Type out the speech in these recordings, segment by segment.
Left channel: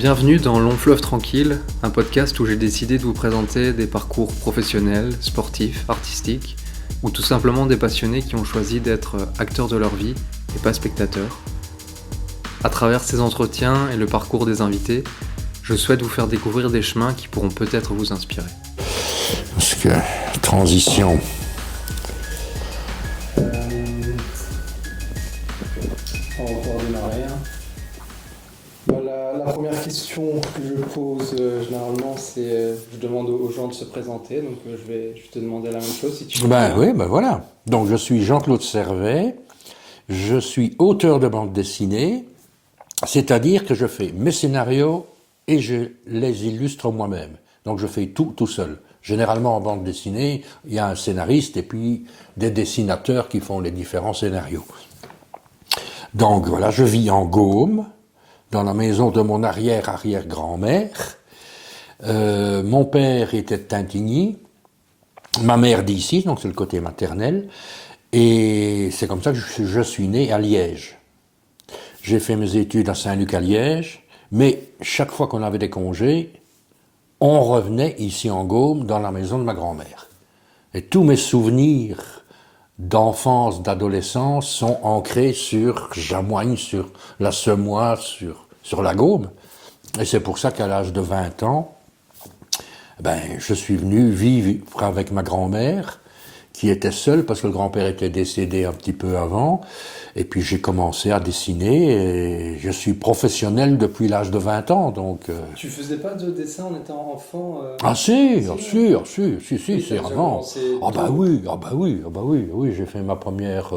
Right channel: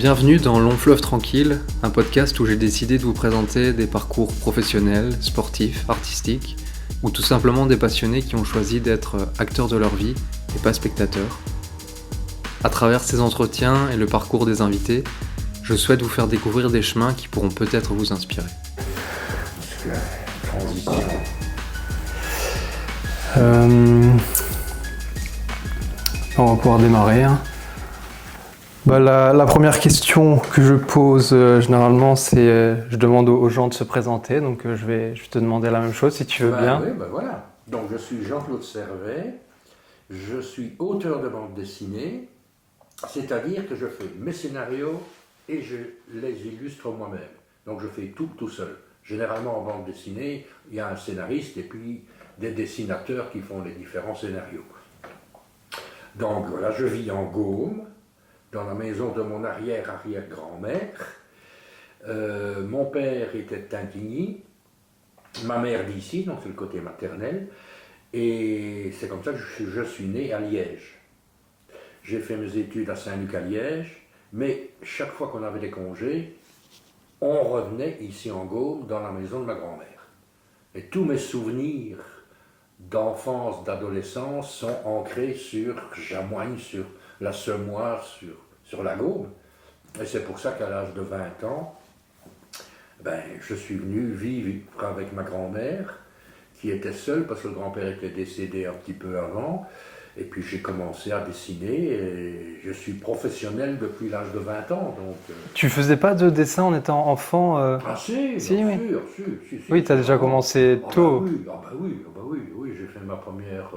Bienvenue dans Long Fleuve Tranquille, un podcast où j'ai décidé de vous présenter des parcours professionnels, sportifs, artistiques, ou tout simplement des passionnés qui ont choisi d'être acteurs de leur vie et pas spectateurs. À travers ces entretiens et le parcours des invités, je souhaite vous faire découvrir des chemins qui pourront peut-être vous inspirer. Parce que, transition. On va pouvoir démarrer. La première question que je pose généralement, c'est je demande aux gens de se présenter. Donc je vais te demander la même chose si tu veux bien. Oui, voilà. Donc je suis Jean-Claude Servet, je suis auteur de bande dessinée, c'est-à-dire que je fais mes scénarios et je les illustre moi-même. Donc je fais tout seul. Généralement en bande dessinée, il y a un scénariste et puis des dessinateurs qui font les différents scénarios. Donc voilà, je vis en Gaume, dans la maison de mon arrière-arrière-grand-mère. Mon père était de Tintigny, ma mère d'ici, donc c'est le côté maternel, et c'est comme ça que je suis né à Liège. J'ai fait mes études à Saint-Luc à Liège, mais chaque fois qu'on avait des congés, on revenait ici en Gaume, dans la maison de ma grand-mère. Et tous mes souvenirs d'enfance, d'adolescence sont ancrés sur Jamoigne, sur la Semoire, sur la Gaume. Et c'est pour ça qu'à l'âge de 20 ans, je suis venu vivre avec ma grand-mère, qui était seule parce que le grand-père était décédé un petit peu avant. Et puis j'ai commencé à dessiner et je suis professionnel depuis l'âge de 20 ans. Donc, Tu faisais pas de dessin en étant enfant Ah si, bien sûr. Oui, tu as déjà commencé tôt. Oui, j'ai fait ma première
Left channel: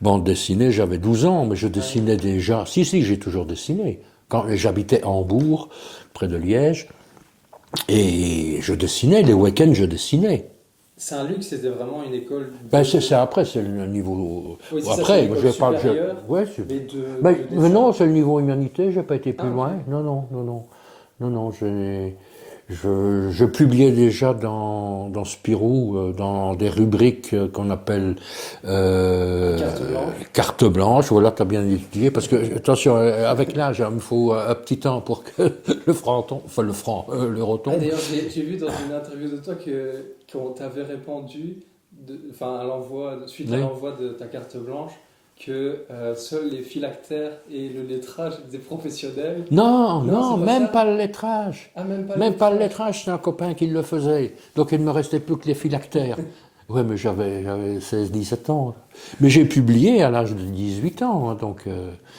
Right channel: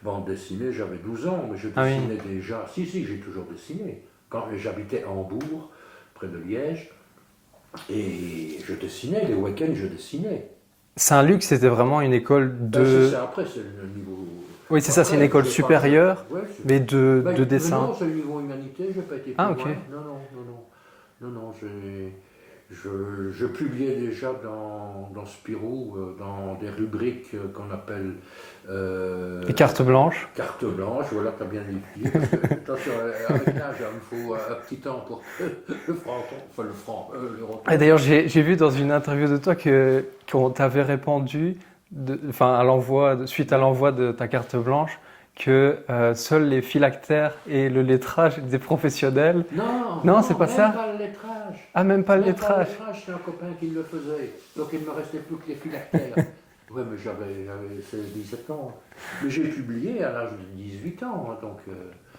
bande dessinée, j'avais 12 ans, mais je dessinais déjà. Si, j'ai toujours dessiné. Quand j'habitais à Hambourg, près de Liège, et je dessinais, les week-ends je dessinais. Saint-Luc, c'était vraiment une école de... C'est ça, après, c'est le niveau... Oui, c'est ça, c'est une école supérieure, mais de dessin. Mais non, c'est le niveau humanité, j'ai pas été plus loin. Okay. Non, je publiais déjà dans Spirou, dans des rubriques qu'on appelle... Les cartes blanches. Cartes blanches, voilà, tu as bien étudié, parce que, attention, avec l'âge, il me faut un petit temps pour que l'euro tombe. Et d'ailleurs, j'ai vu dans une interview de toi qu'on t'avait répondu, suite à l'envoi de ta carte blanche, que seuls les phylactères et le lettrage étaient professionnels. Non, c'est pas même ça. pas le lettrage. Ah, même pas le lettrage. Même pas le lettrage, c'est un copain qui le faisait. Donc il ne me restait plus que les phylactères. Ouais, mais j'avais 16-17 ans. Mais j'ai publié à l'âge de 18 ans. Donc,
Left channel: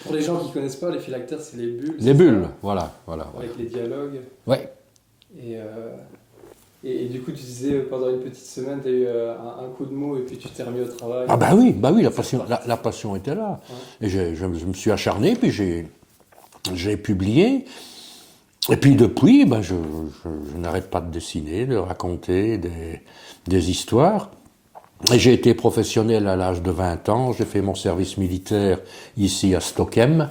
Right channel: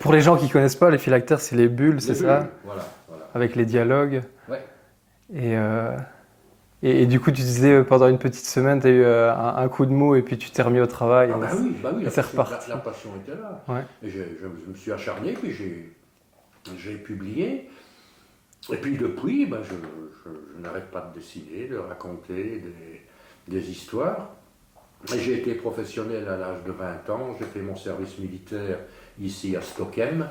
Pour les gens qui ne connaissent pas, les phylactères, c'est les bulles, c'est ça ? Les bulles, voilà. Avec les dialogues. Ouais. Et du coup, tu disais, pendant une petite semaine, tu as eu un coup de mou et puis tu t'es remis au travail. Ah oui, la passion était là. Ouais. Et je me suis acharné, puis j'ai publié. Et puis depuis, je n'arrête pas de dessiner, de raconter des histoires. Et j'ai été professionnel à l'âge de 20 ans, j'ai fait mon service militaire ici à Stockholm.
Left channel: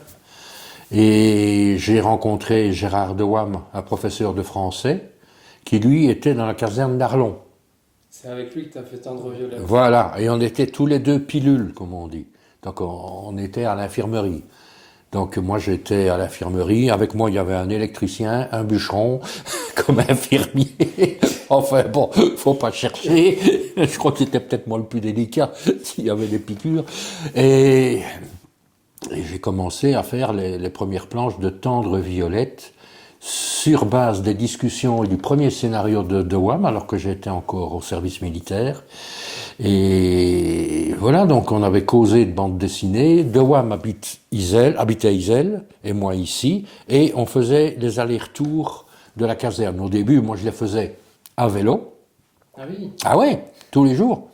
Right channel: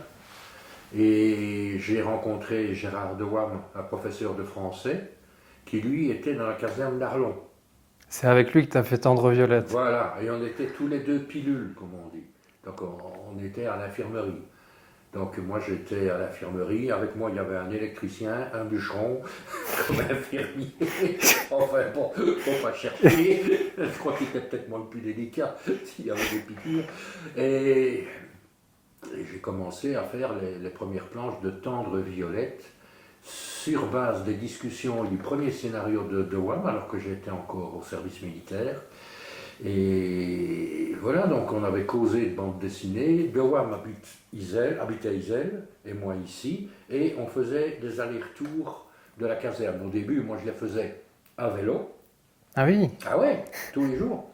Et j'ai rencontré Gérard Dewam, un professeur de français, qui lui était dans la caserne d'Arlon. C'est avec lui que tu as fait Tendre Violette. Voilà, et on était tous les deux pilules, comme on dit. Donc on était à l'infirmerie. Donc moi j'étais à l'infirmerie, avec moi il y avait un électricien, un bûcheron, comme infirmier. Enfin bon, faut pas chercher. Je crois qu'il était peut-être moi le plus délicat s'il y avait des piqûres. Et j'ai commencé à faire les premières planches de Tendre Violette sur base des discussions et du premier scénario de Dewam, alors que j'étais encore au service militaire. Et voilà, donc on avait causé de bande dessinée. Dewam habitait Iselle, et moi ici, et on faisait les allers-retours de la caserne. Au début, moi je les faisais à vélo. Ah oui. Ah ouais, tous les jours.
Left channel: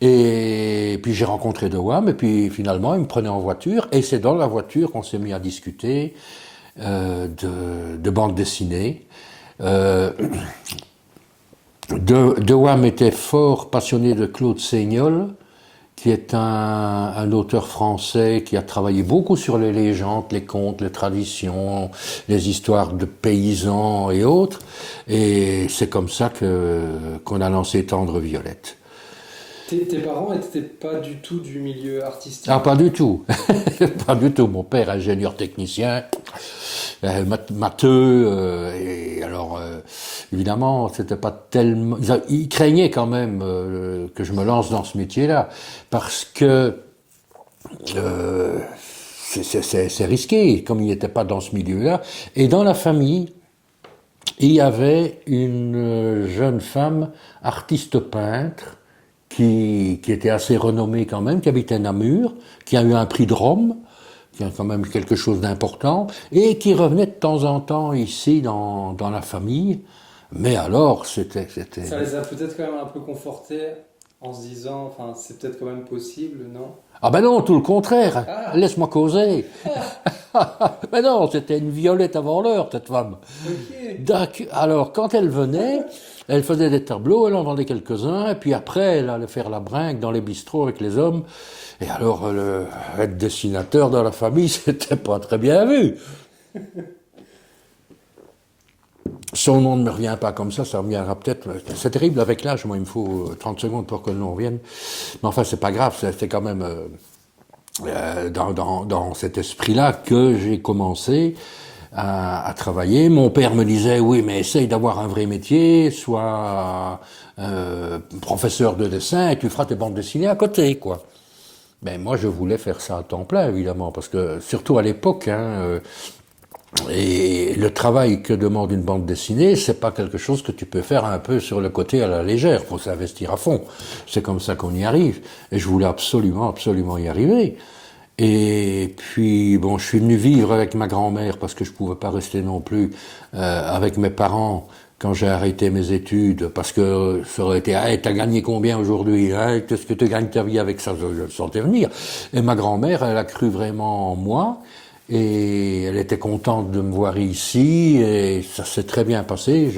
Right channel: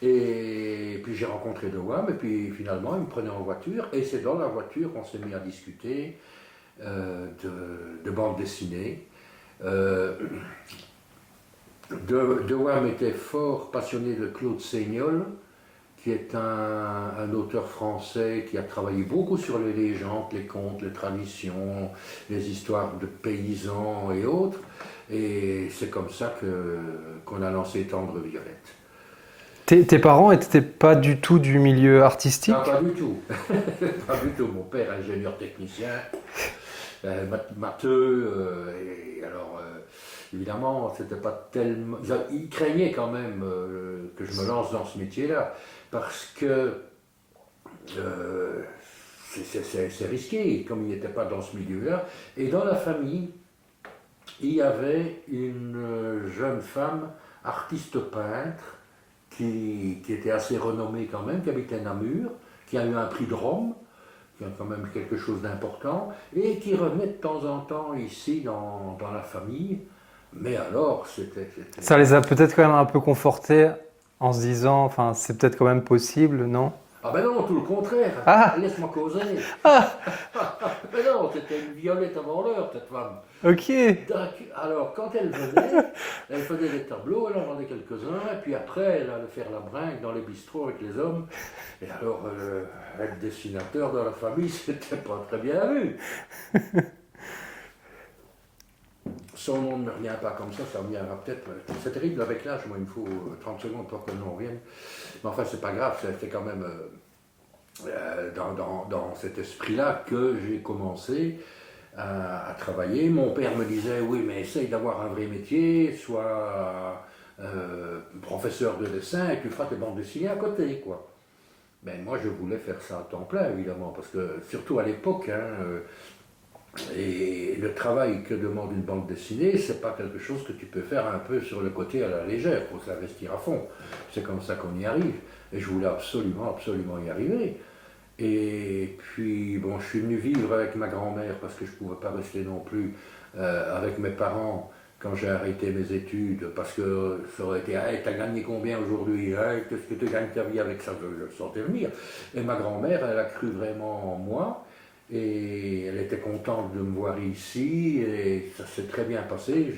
Et puis j'ai rencontré Dewam, et puis finalement il me prenait en voiture, et c'est dans la voiture qu'on s'est mis à discuter de bande dessinée. Dewam était fort passionné de Claude Seignol, qui est un auteur français qui a travaillé beaucoup sur les légendes, les contes, les traditions, les histoires de paysans et autres. Et c'est comme ça qu'on a lancé Tendre Violette. Tes parents n'étaient pas du tout du milieu artistique ? Ah, pas du tout. Pas du tout. Mon père, ingénieur technicien, matheux, et alors évidemment c'était pas tellement... Ils craignaient quand même que je me lance dans ce métier-là, parce que c'est risqué, comme il n'était pas dans ce milieu-là. Et dans la famille, il y avait une jeune femme, artiste peintre, qui était assez renommée quand même, qui habitait Namur, qui a eu un prix de Rome, qui a quand même quelque chose d'important, et qui revenait de temps en temps ici dans la famille. Mais alors, c'était... Ça les a peut-être quand même un peu confortés en se disant, enfin, c'est peut-être quand même possible, non? Ah ben non, tout le contraire. Ah. Laisse-moi causer. Ben non, c'était une violette avant l'heure, cette femme. Ok. Alors, quand elle venait, elle faisait des tableaux, elle en vendait quelques-uns, et puis après, elle allait faire la bringue dans les bistrots avec les hommes. Et alors, être dessinateur dans la famille, c'était pas très bien vu. Son nom ne me revient pas comme ça reviendra peut-être. C'est terrible avec l'âge, moi il me faut 30 secondes pour que le nom revienne. Mais enfin, c'est pas grave, c'est quand même dans cet esprit-là que j'ai commencé à travailler. Mon père me disait, oui, mais essaye d'avoir un vrai métier, sois professeur de dessin et tu feras tes bandes dessinées à côté, quoi. Mais moi, je voulais faire ça à temps plein, évidemment, parce que surtout à l'époque, et le travail que demande une bande dessinée, c'est pas quelque chose que tu peux faire un peu sur le côté à la légère. Il faut s'investir à fond. C'est comme ça qu'on y arrive. Et je voulais absolument, absolument y arriver. Et puis, bon, je suis venu vivre avec ma grand-mère parce que je pouvais pas rester non plus avec mes parents quand j'ai arrêté mes études, parce que ça aurait été, hey, t'as gagné combien aujourd'hui, hein, qu'est-ce que tu gagnes ta vie avec ça, je le sentais venir. Et ma grand-mère, elle a cru vraiment en moi. Et elle était contente de me voir ici, et ça s'est très bien passé.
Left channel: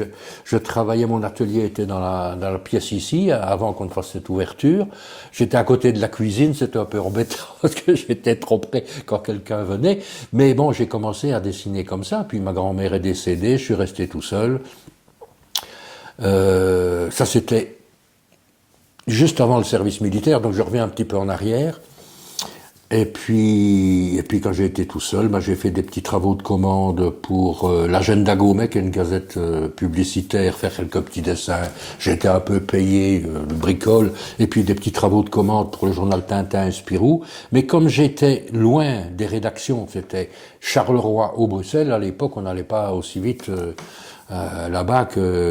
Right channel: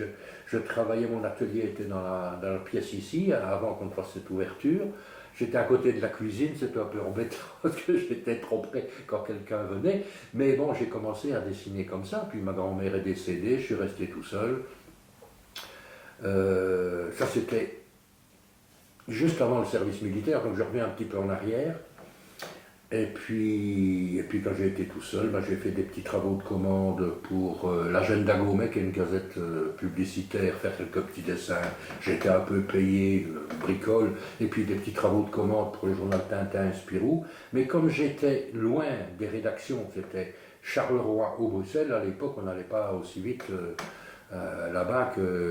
Je travaillais, mon atelier était dans la pièce ici, avant qu'on ne fasse cette ouverture. J'étais à côté de la cuisine, c'était un peu embêtant, parce que j'étais trop près quand quelqu'un venait. Mais bon, j'ai commencé à dessiner comme ça, puis ma grand-mère est décédée, je suis resté tout seul. Ça, c'était juste avant le service militaire, donc je reviens un petit peu en arrière. Et puis quand j'ai été tout seul, j'ai fait des petits travaux de commande pour l'Agenda Gourmet, qui est une gazette publicitaire, faire quelques petits dessins. J'ai été un peu payé, bricole, et puis des petits travaux de commande pour le journal Tintin et Spirou. Mais comme j'étais loin des rédactions, c'était Charleroi ou Bruxelles, à l'époque on n'allait pas aussi vite là-bas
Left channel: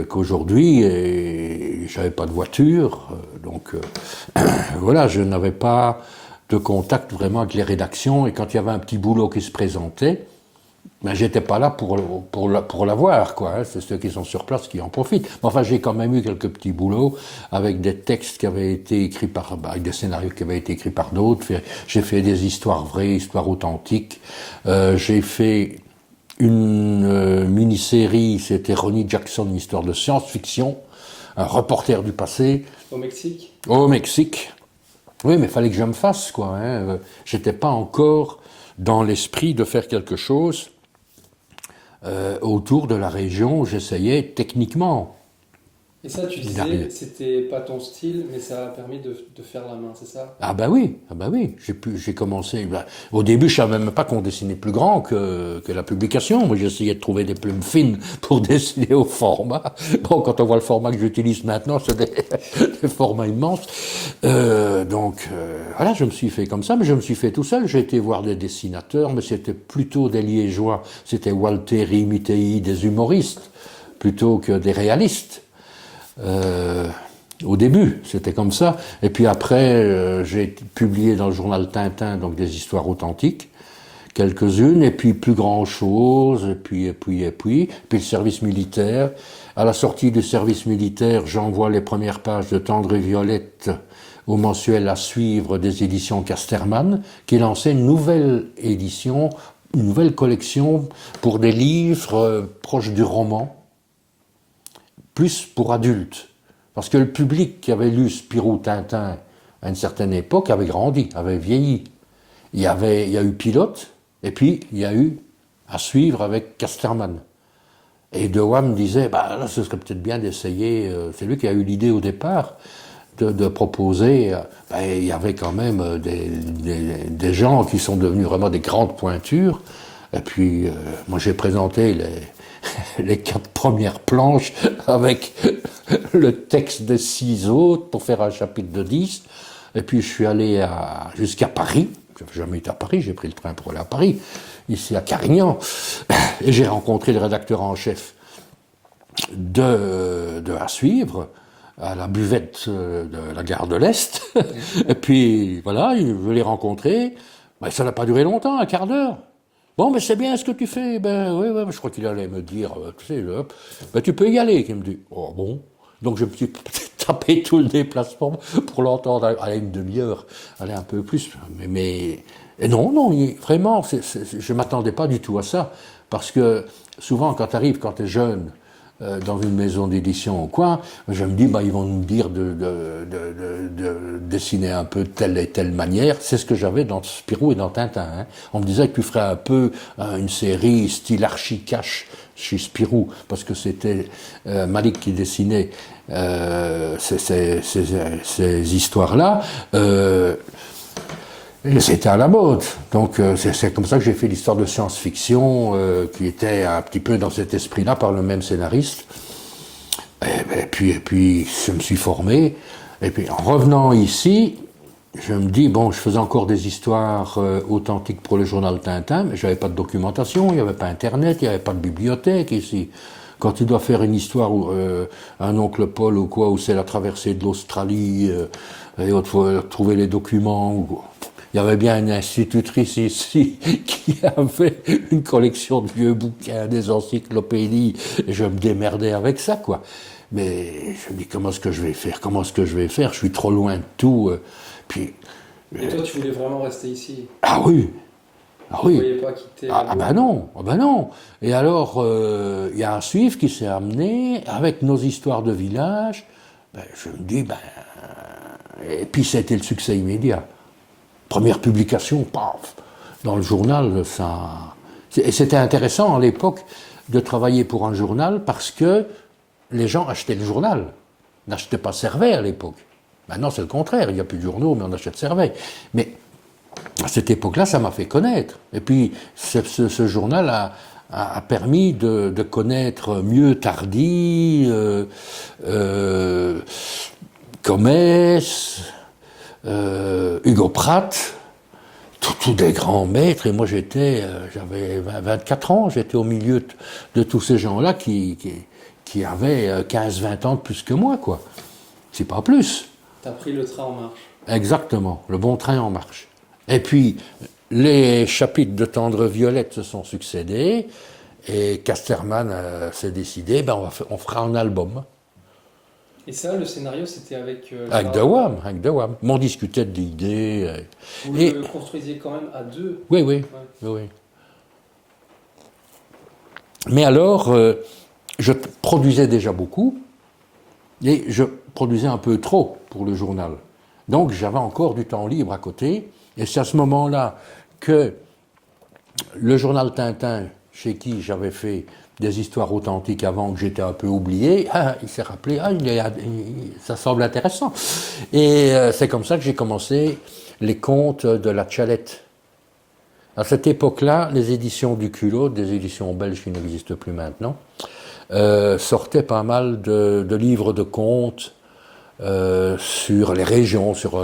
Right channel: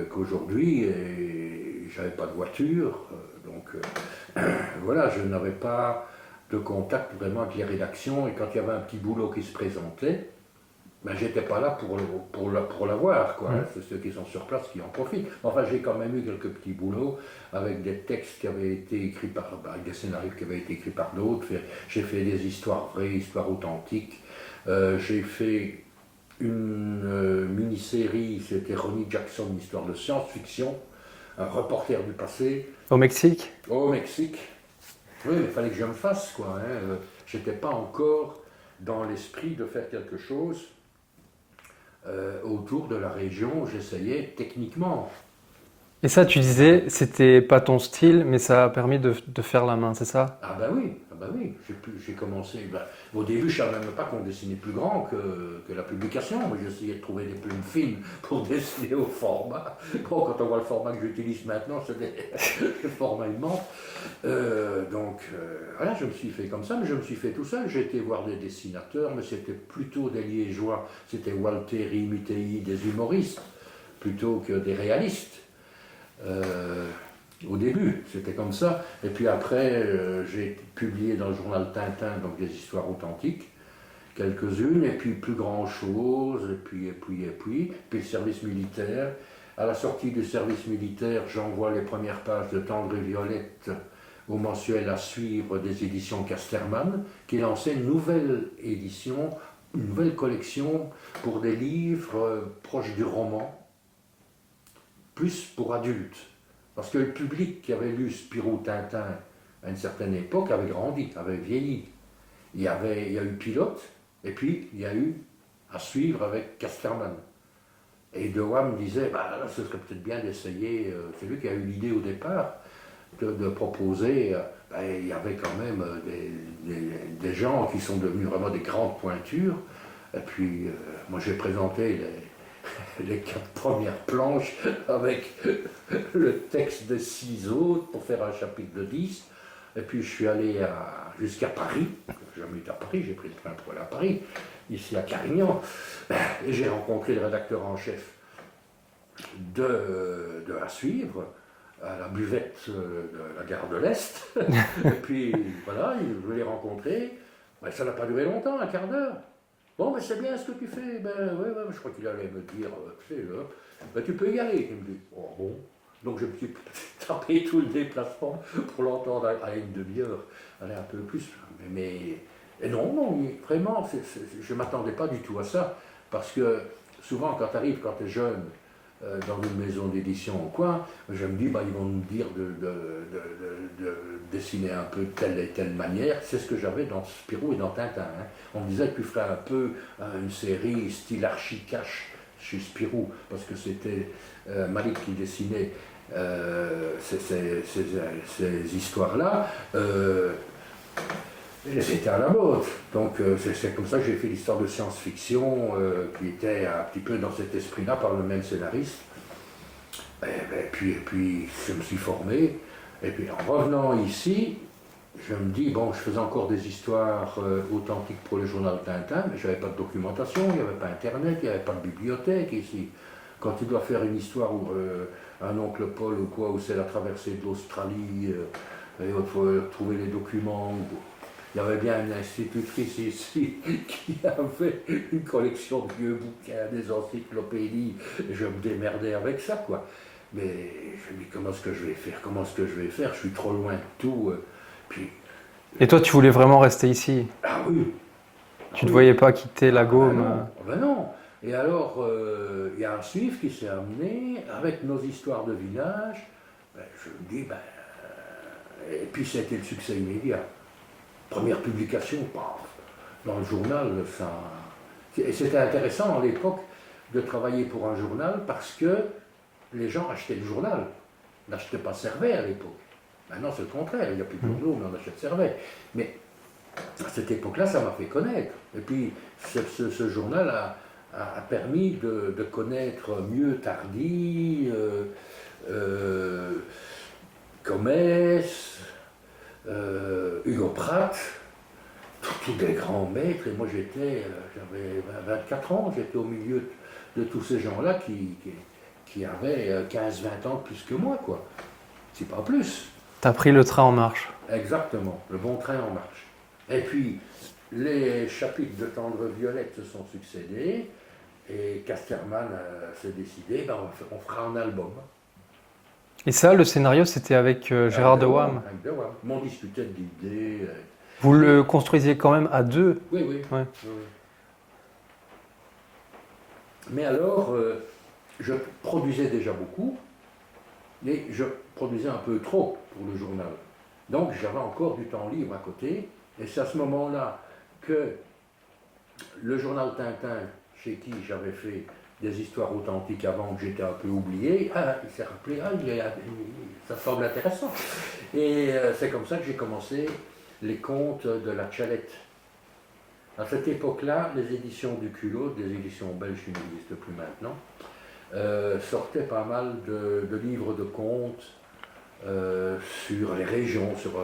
qu'aujourd'hui, et j'avais pas de voiture, donc voilà, je n'avais pas de contact vraiment avec les rédactions, et quand il y avait un petit boulot qui se présentait, j'étais pas là pour l'avoir, quoi. Hein. C'est ceux qui sont sur place qui en profitent. Mais enfin, j'ai quand même eu quelques petits boulots avec des textes qui avaient été écrits avec des scénarios qui avaient été écrits par d'autres. J'ai fait des histoires vraies, histoires authentiques. J'ai fait une mini-série, c'était Ronnie Jackson, une histoire de science-fiction, un reporter du passé. Au Mexique? Au Mexique. Oui, mais il fallait que je me fasse, quoi. Hein. J'étais pas encore dans l'esprit de faire quelque chose autour de la région où j'essayais techniquement. Et ça, tu disais, c'était pas ton style, mais ça a permis de faire la main, c'est ça? Ah bah oui. J'ai commencé. Au début, je savais même pas qu'on dessinait plus grand que la publication. Moi, j'essayais de trouver des plumes fines pour dessiner au format. Bon, quand on voit le format que j'utilise maintenant, c'est des formats immenses. Voilà, je me suis fait comme ça, mais je me suis fait tout seul. J'ai été voir des dessinateurs, mais c'était plutôt des Liégeois. C'était Walteri, Mitei, des humoristes, plutôt que des réalistes. Au début, c'était comme ça. Et puis après, j'ai publié dans le journal Tintin donc des histoires authentiques, quelques-unes, et puis plus grand-chose, et puis le service militaire. À la sortie du service militaire, j'envoie les premières pages de Tendre et Violette au mensuel à suivre des éditions Casterman, qui lançait une nouvelle édition, une nouvelle collection pour des livres proches du roman, plus pour adultes. Parce que le public qui avait lu Spirou, Tintin à une certaine époque avait grandi, avait vieilli. Il y a eu Pilote, et puis il y a eu à suivre avec Casterman. Et De Waal me disait, là, ce serait peut-être bien d'essayer, c'est lui qui a eu l'idée au départ, de proposer, il y avait quand même des gens qui sont devenus vraiment des grandes pointures, Et puis, moi, j'ai présenté les 4 premières planches avec le texte des 6 autres pour faire un chapitre de 10. Et puis, je suis allé jusqu'à Paris. Je n'avais jamais été à Paris, j'ai pris le train pour aller à Paris, ici à Carignan. Et j'ai rencontré le rédacteur en chef de À Suivre, à la buvette de la gare de l'Est. Et puis, voilà, je l'ai rencontré. Ben, ça n'a pas duré longtemps, un quart d'heure. Bon, mais c'est bien ce que tu fais. Ben oui, ouais, je crois qu'il allait me dire, tu sais, ben, tu peux y aller. Il me dit, oh bon. Donc je me suis tapé tout le déplacement pour l'entendre à une demi-heure, aller un peu plus. Et non, vraiment, je ne m'attendais pas du tout à ça. Parce que souvent, quand tu es jeune, dans une maison d'édition ou quoi, je me dis, bah, ils vont nous dire de dessiner un peu de telle et telle manière. C'est ce que j'avais dans Spirou et dans Tintin. Hein. On me disait que tu ferais un peu une série style archi-cache chez Spirou, parce que c'était Malik qui dessinait ces histoires-là. Et c'était à la mode. Donc c'est comme ça que j'ai fait l'histoire de science-fiction qui était un petit peu dans cet esprit-là par le même scénariste. Et puis je me suis formé. Et puis en revenant ici, je me dis, bon, je faisais encore des histoires authentiques pour le journal Tintin, mais je n'avais pas de documentation, il n'y avait pas Internet, il n'y avait pas de bibliothèque ici. Quand tu dois faire une histoire, un oncle Paul ou quoi, où c'est la traversée de l'Australie, et il faut trouver les documents. Il y avait bien une institutrice ici qui avait une collection de vieux bouquins, des encyclopédies, et je me démerdais avec ça, quoi. Mais je me dis, comment est-ce que je vais faire? Je suis trop loin de tout. Et toi, tu voulais vraiment rester ici? Ah oui. Tu ne voyais pas quitter la Gaume? Ben non. Et alors, il y a un suivre qui s'est amené avec nos histoires de village. Ben, je me dis, et puis c'était le succès immédiat. Première publication, paf, dans le journal, ça. Et c'était intéressant à l'époque de travailler pour un journal parce que les gens achetaient le journal, n'achetaient pas Servet à l'époque. Maintenant, c'est le contraire, il n'y a plus de journaux, mais on achète Servet. Mais à cette époque-là, ça m'a fait connaître. Et puis, ce journal a permis de connaître mieux Tardy, Comès, Hugo Pratt, tous des grands maîtres. Et moi, j'avais 24 ans, j'étais au milieu de tous ces gens-là qui avaient 15-20 ans de plus que moi, quoi. C'est pas plus. T'as pris le train en marche. Exactement, le bon train en marche. Et puis, les chapitres de Tendre Violette se sont succédés, et Casterman s'est décidé, on fera un album. Et ça, le scénario, c'était avec Gérard Dewam. Avec Dewam. On discutait d'idées. Vous le construisiez quand même à deux? Oui. Ouais. Oui. Mais alors, je produisais déjà beaucoup, et je produisais un peu trop pour le journal. Donc j'avais encore du temps libre à côté, et c'est à ce moment-là que le journal Tintin, chez qui j'avais fait des histoires authentiques avant, que j'étais un peu oublié, il s'est rappelé, ça semble intéressant. Et c'est comme ça que j'ai commencé les contes de la Tchalette. À cette époque-là, les éditions du Culot, des éditions belges qui n'existent plus maintenant, sortaient pas mal de livres de contes sur les régions, sur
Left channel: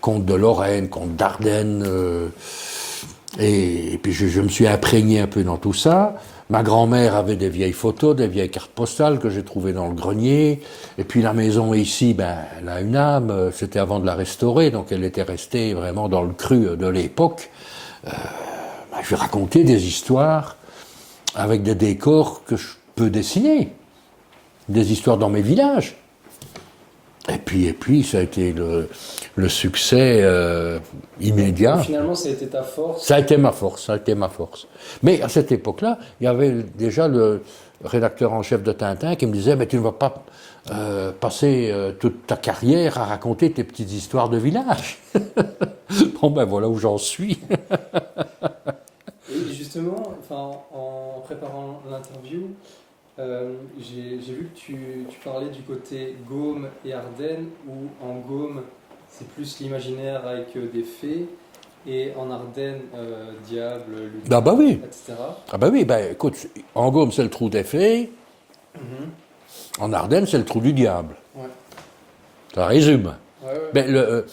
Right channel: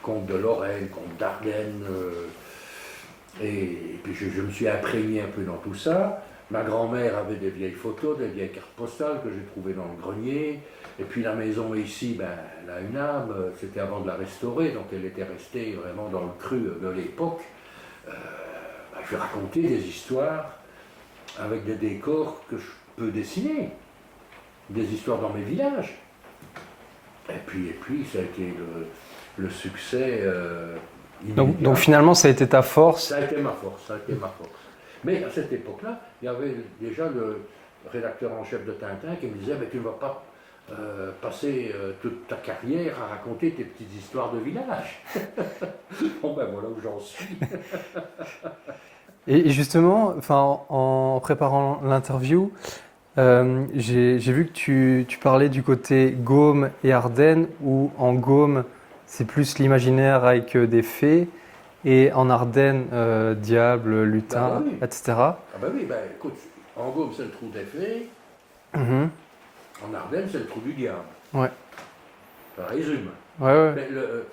contes de Lorraine, contes d'Ardennes. Et puis je me suis imprégné un peu dans tout ça. Ma grand-mère avait des vieilles photos, des vieilles cartes postales que j'ai trouvées dans le grenier. Et puis la maison ici, elle a une âme. C'était avant de la restaurer, donc elle était restée vraiment dans le cru de l'époque. Je vais raconter des histoires avec des décors que je peux dessiner. Des histoires dans mes villages. Et puis ça a été le succès immédiat. Donc finalement, ça a été ta force? Ça a été ma force. Mais à cette époque-là, il y avait déjà le rédacteur en chef de Tintin qui me disait, mais tu ne vas pas passer toute ta carrière à raconter tes petites histoires de village. Bon, voilà où j'en suis. Et justement, en préparant l'interview, j'ai vu que tu parlais du côté Gaume et Ardennes, où en Gaume, c'est plus l'imaginaire avec des fées, Et en Ardennes, Diable, Lutin, Ah bah oui. etc. Ah ben oui, ben écoute, en Gaume c'est le trou des fées, Mhm. en Ardennes c'est le trou du diable. Ouais. Ça résume. Ouais, ouais. Ben,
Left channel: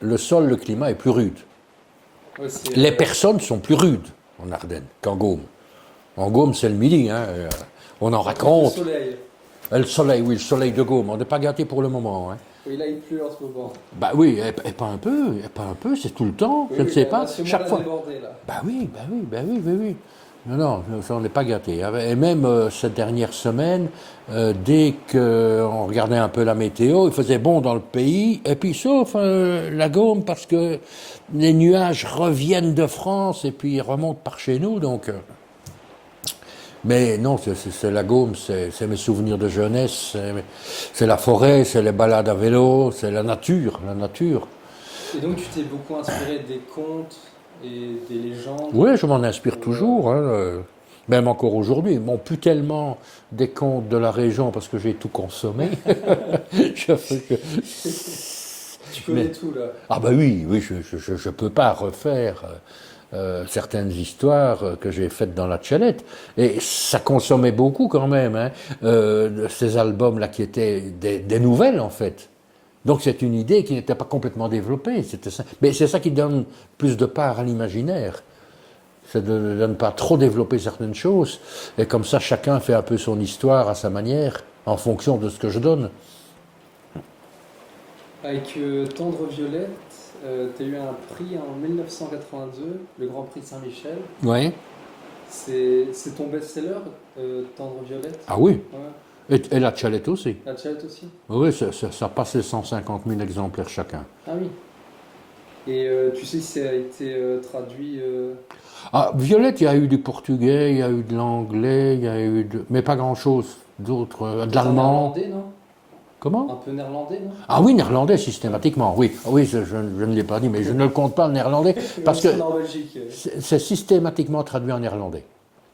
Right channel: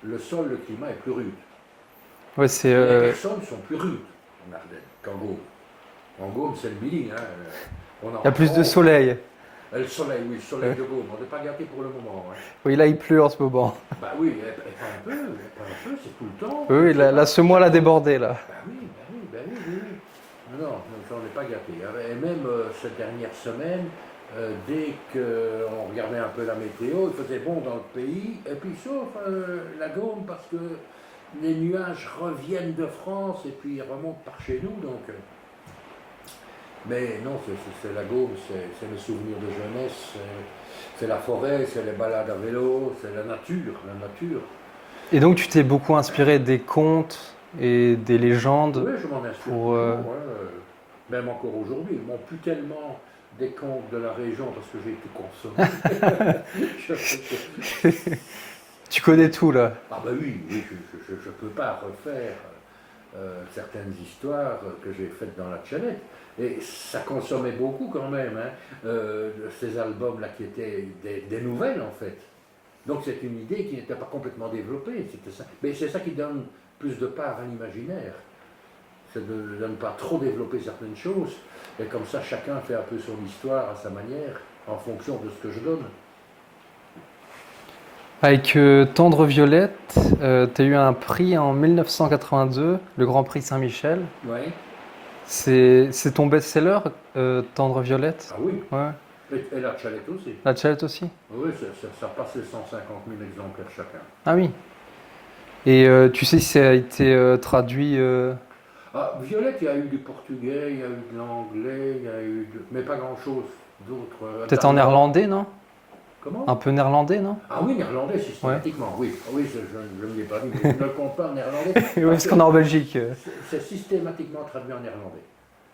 le sol, le climat est plus rude. Ouais, c'est, Les personnes sont plus rudes en Ardennes qu'en Gaume. En Gaume c'est le midi, hein, on en il y a plus de rencontre. soleil. Le soleil, oui, le soleil de Gaume, on n'est pas gâté pour le moment. Hein. Oui, là, il pleut en ce moment. Bah oui, et pas un peu, c'est tout le temps. Oui, Je ne sais pas, ce mois chaque l'a fois. débordé, là. Bah oui, bah oui, bah oui, bah oui. Non, non, ça, on n'est pas gâté. Et même cette dernière semaine, dès qu'on regardait un peu la météo, il faisait bon dans le pays, et puis sauf la Gaume, parce que les nuages reviennent de France et puis ils remontent par chez nous, donc... mais non, c'est la Gaume, c'est mes souvenirs de jeunesse, c'est la forêt, c'est les balades à vélo, c'est la nature, la nature. Et donc, tu t'es beaucoup inspiré des contes et des légendes. Oui, je m'en inspire pour, toujours, hein, même encore aujourd'hui. Bon, plus tellement des contes de la région parce que j'ai tout consommé. Je fais que- Tu connais Mais- tout, là. Ah bah oui, oui, je ne peux pas refaire certaines histoires que j'ai faites dans la Tchalette. Et ça consommait beaucoup quand même, hein, ces albums-là qui étaient des nouvelles en fait. Donc c'est une idée qui n'était pas complètement développée. C'était ça. Mais c'est ça qui donne plus de part à l'imaginaire. C'est de ne pas trop développer certaines choses. Et comme ça, chacun fait un peu son histoire à sa manière, en fonction de ce que je donne. Avec Tendre Violette, tu as eu un prix en 1982, le Grand Prix Saint-Michel. Oui. C'est ton best-seller, Tendre Violette? Ah oui. Ouais. Et la Tchalette aussi. La Tchalette aussi? Oui, ça passe les 150 000 exemplaires chacun. Ah oui. Et tu sais si ça a été traduit Ah, Violette, il y a eu du portugais, il y a eu de l'anglais, il y a eu de... mais pas grand-chose d'autre. peut-être en néerlandais, non? Comment? Un peu néerlandais, non? Ah oui, néerlandais systématiquement, oui. Oui, je ne l'ai pas dit, mais je ne le compte pas le néerlandais. Parce qu'on est en Belgique. C'est systématiquement traduit en néerlandais.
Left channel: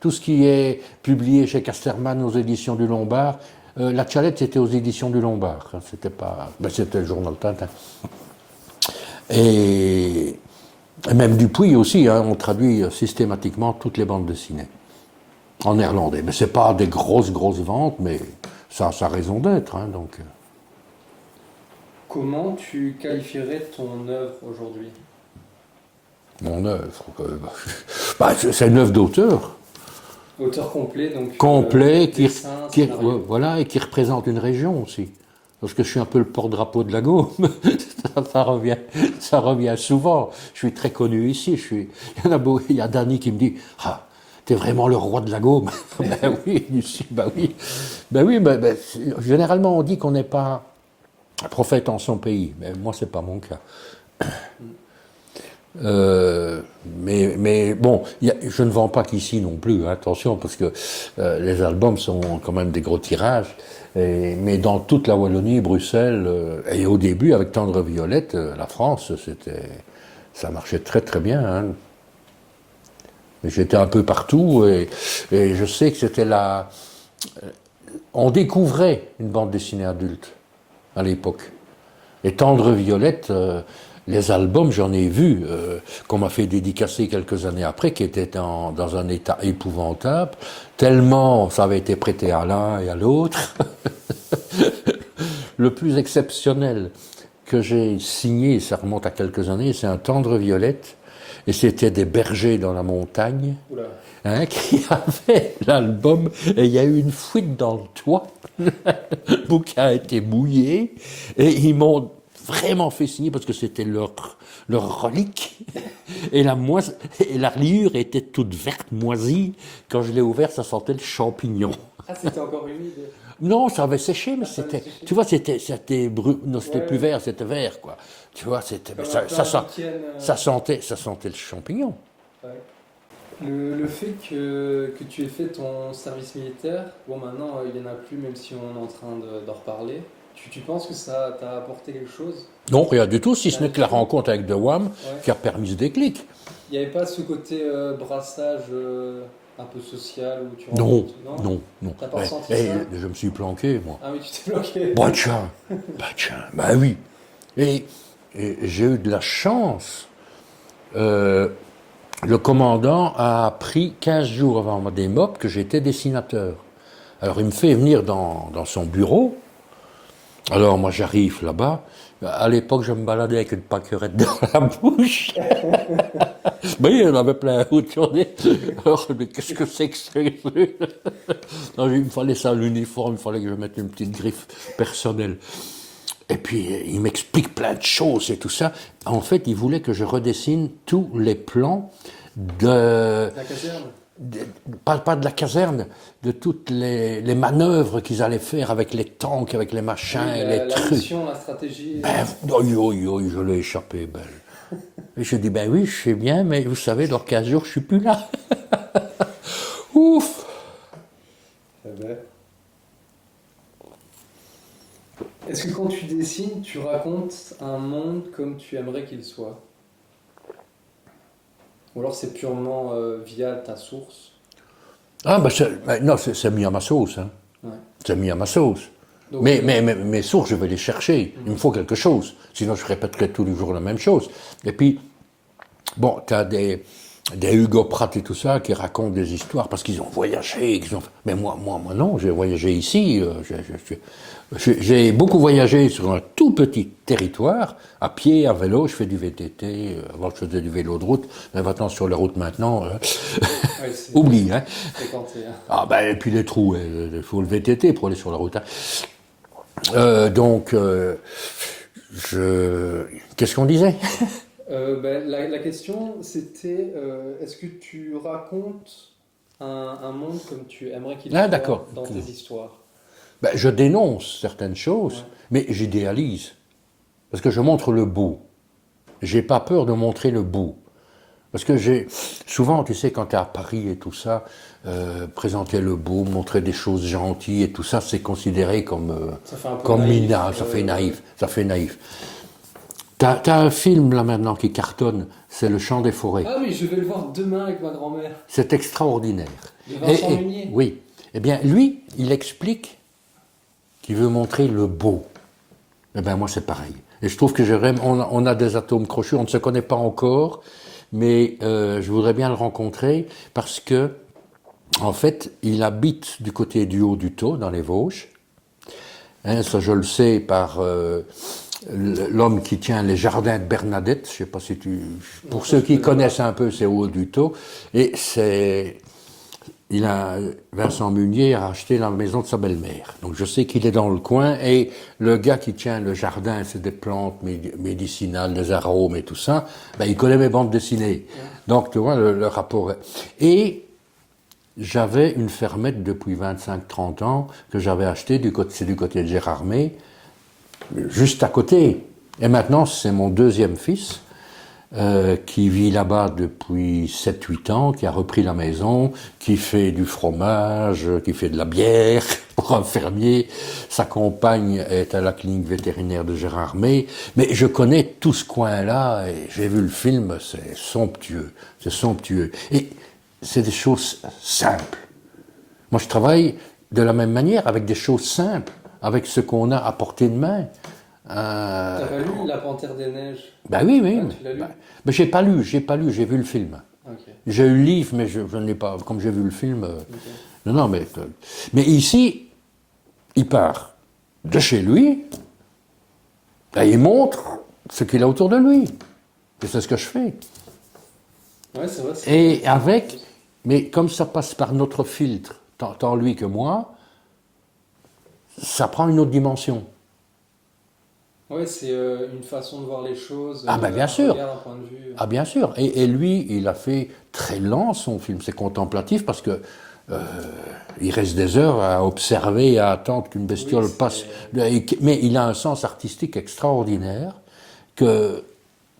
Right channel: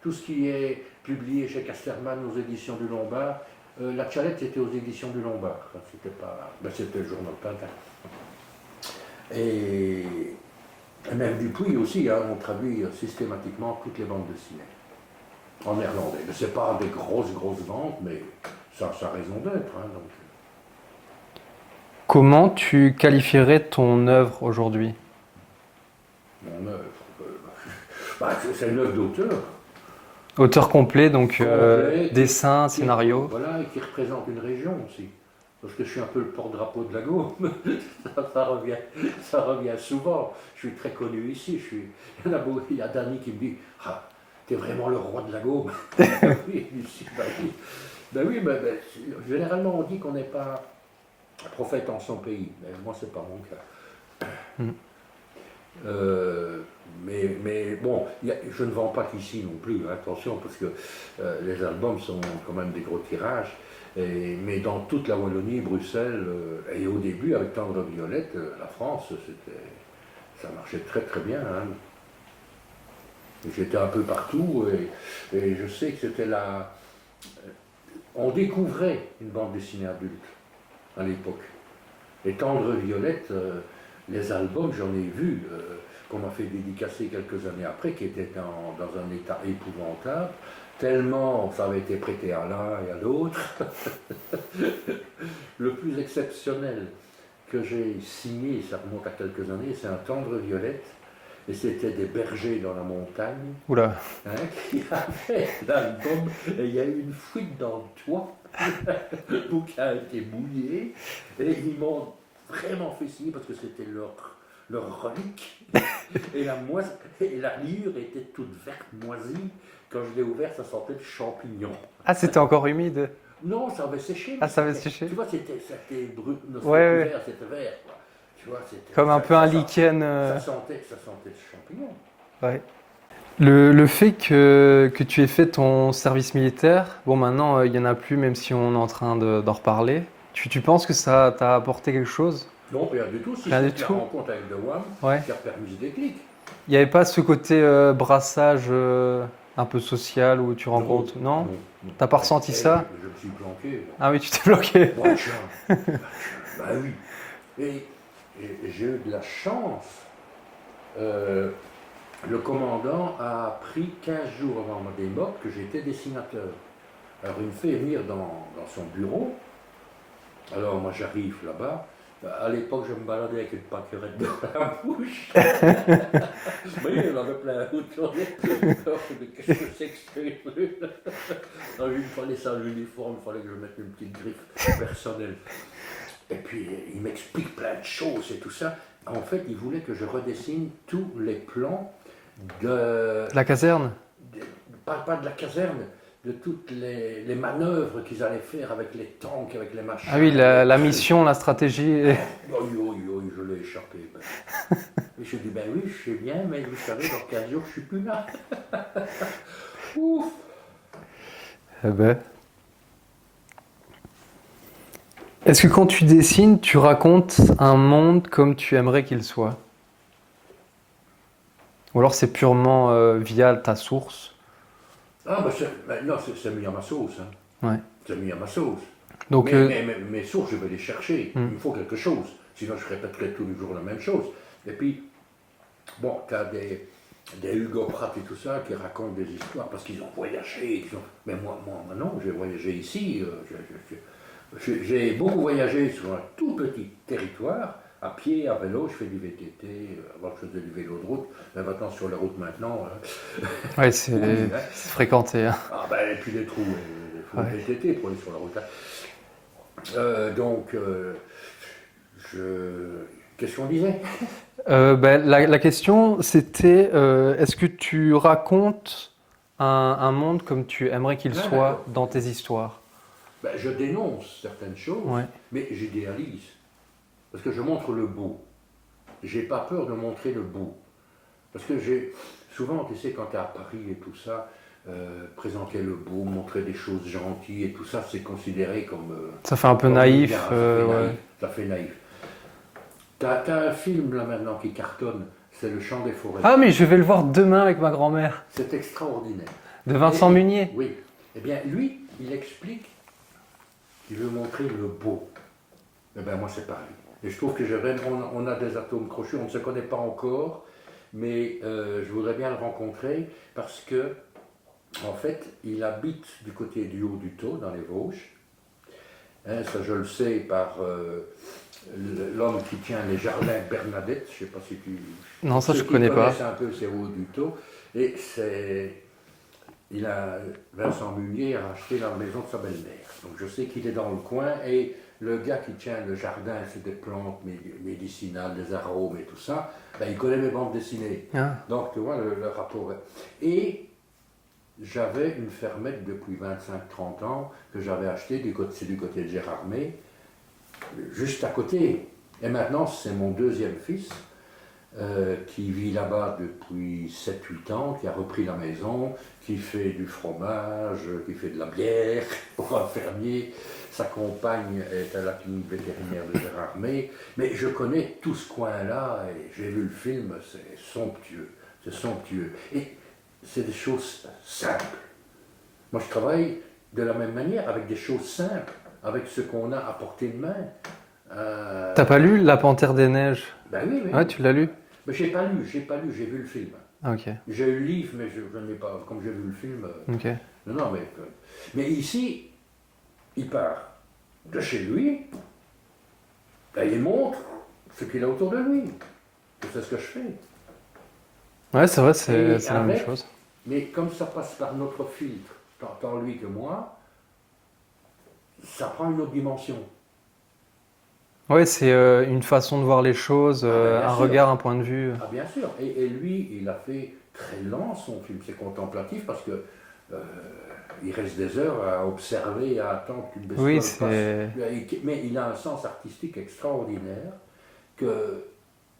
Tout ce qui est publié chez Casterman aux éditions du Lombard, la Tchalette c'était aux éditions du Lombard, hein, c'était pas, ben, c'était le journal Tintin. Et même Dupuis aussi, hein, on traduit systématiquement toutes les bandes dessinées en néerlandais. Mais c'est pas des grosses ventes, mais ça a sa raison d'être, hein, donc. Comment tu qualifierais ton œuvre aujourd'hui? Mon œuvre, bah, c'est une œuvre d'auteur. Auteur complet, donc Complet, dessin, scénario. Voilà, et qui représente une région aussi. Parce que je suis un peu le porte-drapeau de la Gaume. Ça revient souvent. Je suis très connu ici. Il y a Dany qui me dit ah, t'es vraiment le roi de la Gaume. Ben oui, ici, ben oui. Ben oui, généralement on dit qu'on n'est pas prophète en son pays. Mais moi, c'est pas mon cas. Mais bon, je ne vends pas qu'ici non plus, hein, attention, parce que les albums sont quand même des gros tirages. Mais dans toute la Wallonie, Bruxelles, et au début, avec Tendre Violette, la France, ça marchait très très bien. Hein. J'étais un peu partout, et je sais que c'était là. On découvrait une bande dessinée adulte à l'époque. Et Tendre Violette. Les albums, j'en ai vu, qu'on m'a fait dédicacer quelques années après, qui étaient dans un état épouvantable, tellement ça avait été prêté à l'un et à l'autre. Le plus exceptionnel que j'ai signé, ça remonte à quelques années, c'est un Tendre Violette, et c'était des bergers dans la montagne, Oula. hein, qui avaient l'album, et il y a eu une fuite dans le toit, le bouquin a été mouillé, et ils m'ont vraiment fait signer parce que c'était leur relique. Et la reliure était toute verte, moisie. Quand je l'ai ouvert, ça sentait le champignon. Ah, c'était encore humide. Non, ça avait séché. Mais ça avait séché. Tu vois, c'était non, c'était plus vert, c'était vert, quoi. Tu vois, c'était comme un peu un lichen. Ça sentait le champignon. Ouais. Le fait que tu aies fait ton service militaire, bon maintenant il n'y en a plus, même si on est en train d'en reparler. Tu penses que ça t'a apporté quelque chose? Non, rien du tout, si ce Rien n'est du que la tout. rencontre avec The Wham qui a permis ce déclic. Il n'y avait pas ce côté brassage un peu social où tu rencontres? Non. T'as pas ressenti ça? Je me suis planqué, moi. Ah oui, tu t'es bloqué. Bah tiens, bah oui. Et j'ai eu de la chance le commandant a appris 15 jours avant ma démob que j'étais dessinateur. Alors il me fait venir dans son bureau. Alors moi j'arrive là-bas. À l'époque, je me baladais avec une pâquerette dans la bouche. Mais il y en avait plein autour. Alors, mais qu'est-ce que c'est que ça? Non, il me fallait ça, l'uniforme, il fallait que je mette une petite griffe personnelle. Et puis, il m'explique plein de choses et tout ça. En fait, il voulait que je redessine tous les plans de... La caserne? Pas de la caserne, de toutes les manœuvres qu'ils allaient faire avec les tanks, avec les machins. Ah oui, la mission, la stratégie. Je l'ai échappé. Et je dis, ben oui, je sais bien, mais vous savez, dans 15 jours, je suis plus là. Ouf. Eh ben. Est-ce que quand tu dessines, tu racontes un monde comme tu aimerais qu'il soit? Ou alors c'est purement via ta source? Ah, non, c'est mis à ma sauce. Hein. Ouais. C'est mis à ma sauce. Donc, mais mes sources, je vais les chercher. Il me faut quelque chose. Sinon, je répéterai tous les jours la même chose. Et puis, bon, tu as des Hugo Pratt et tout ça qui racontent des histoires parce qu'ils ont voyagé. Mais moi, non, j'ai voyagé ici. J'ai beaucoup voyagé sur un tout petit territoire, à pied, à vélo. Je fais du VTT. Avant, je faisais du vélo de route. Mais maintenant, sur les routes maintenant, ouais, c'est oublie. Hein. Fréquenté. Hein. Ah ben, et puis les trous, il faut le VTT pour aller sur la route. Hein. Qu'est-ce qu'on disait? La question, c'était est-ce que tu racontes un monde comme tu aimerais qu'il soit dans tes histoires? Je dénonce certaines choses, ouais. Mais j'idéalise. Parce que je montre le beau. J'ai pas peur de montrer le beau. Parce que souvent, tu sais, quand tu es à Paris et tout ça, présenter le beau, montrer des choses gentilles et tout ça, c'est considéré comme... ça fait un peu naïf. Ça fait naïf. T'as un film là maintenant qui cartonne, c'est Le Chant des Forêts. Ah mais je vais le voir demain avec ma grand-mère. C'est extraordinaire. De Vincent Munier. Oui. Eh bien, lui, il explique qu'il veut montrer le beau. Eh bien, moi, c'est pareil. Et je trouve que on a des atomes crochus, on ne se connaît pas encore, mais je voudrais bien le rencontrer parce que, en fait, il habite du côté du Haut-du-Taux, dans les Vosges. Hein, ça, je le sais par l'homme qui tient les jardins de Bernadette. Je ne sais pas si tu... Non, pour ceux qui connaissent un peu, c'est au Haut-du-Taux. Et Vincent Munier a acheté la maison de sa belle-mère. Donc je sais qu'il est dans le coin et le gars qui tient le jardin, c'est des plantes médicinales, des arômes et tout ça, il connaît mes bandes dessinées. Ah. Donc tu vois le rapport. Et j'avais une fermette depuis 25-30 ans que j'avais achetée, c'est du côté de Gérardmer, juste à côté. Et maintenant c'est mon deuxième fils. Qui vit là-bas depuis 7-8 ans, qui a repris la maison, qui fait du fromage, qui fait de la bière pour un fermier. Sa compagne est à la clinique vétérinaire de Gérardmer. Mais je connais tout ce coin-là et j'ai vu le film, c'est somptueux. C'est somptueux. Et c'est des choses simples. Moi, je travaille de la même manière avec des choses simples, avec ce qu'on a à portée de main. T'as pas lu La Panthère des Neiges? Ben oui. Ouais, tu l'as lu? Mais j'ai pas lu, j'ai vu le film. Okay. J'ai eu le livre, mais je n'ai pas, comme j'ai vu le film. Okay. Non, mais ici, il part de chez lui, et il montre ce qu'il a autour de lui. Et c'est ce que je fais. Ouais, c'est vrai. Et avec, mais comme ça passe par notre filtre, tant lui que moi, ça prend une autre dimension. Ouais, c'est une façon de voir les choses, un regard, un point de vue. Ah bien sûr, et lui, il a fait très lent son film, c'est contemplatif parce que il reste des heures à observer, à attendre qu'une bestiole passe. Mais il a un sens artistique extraordinaire que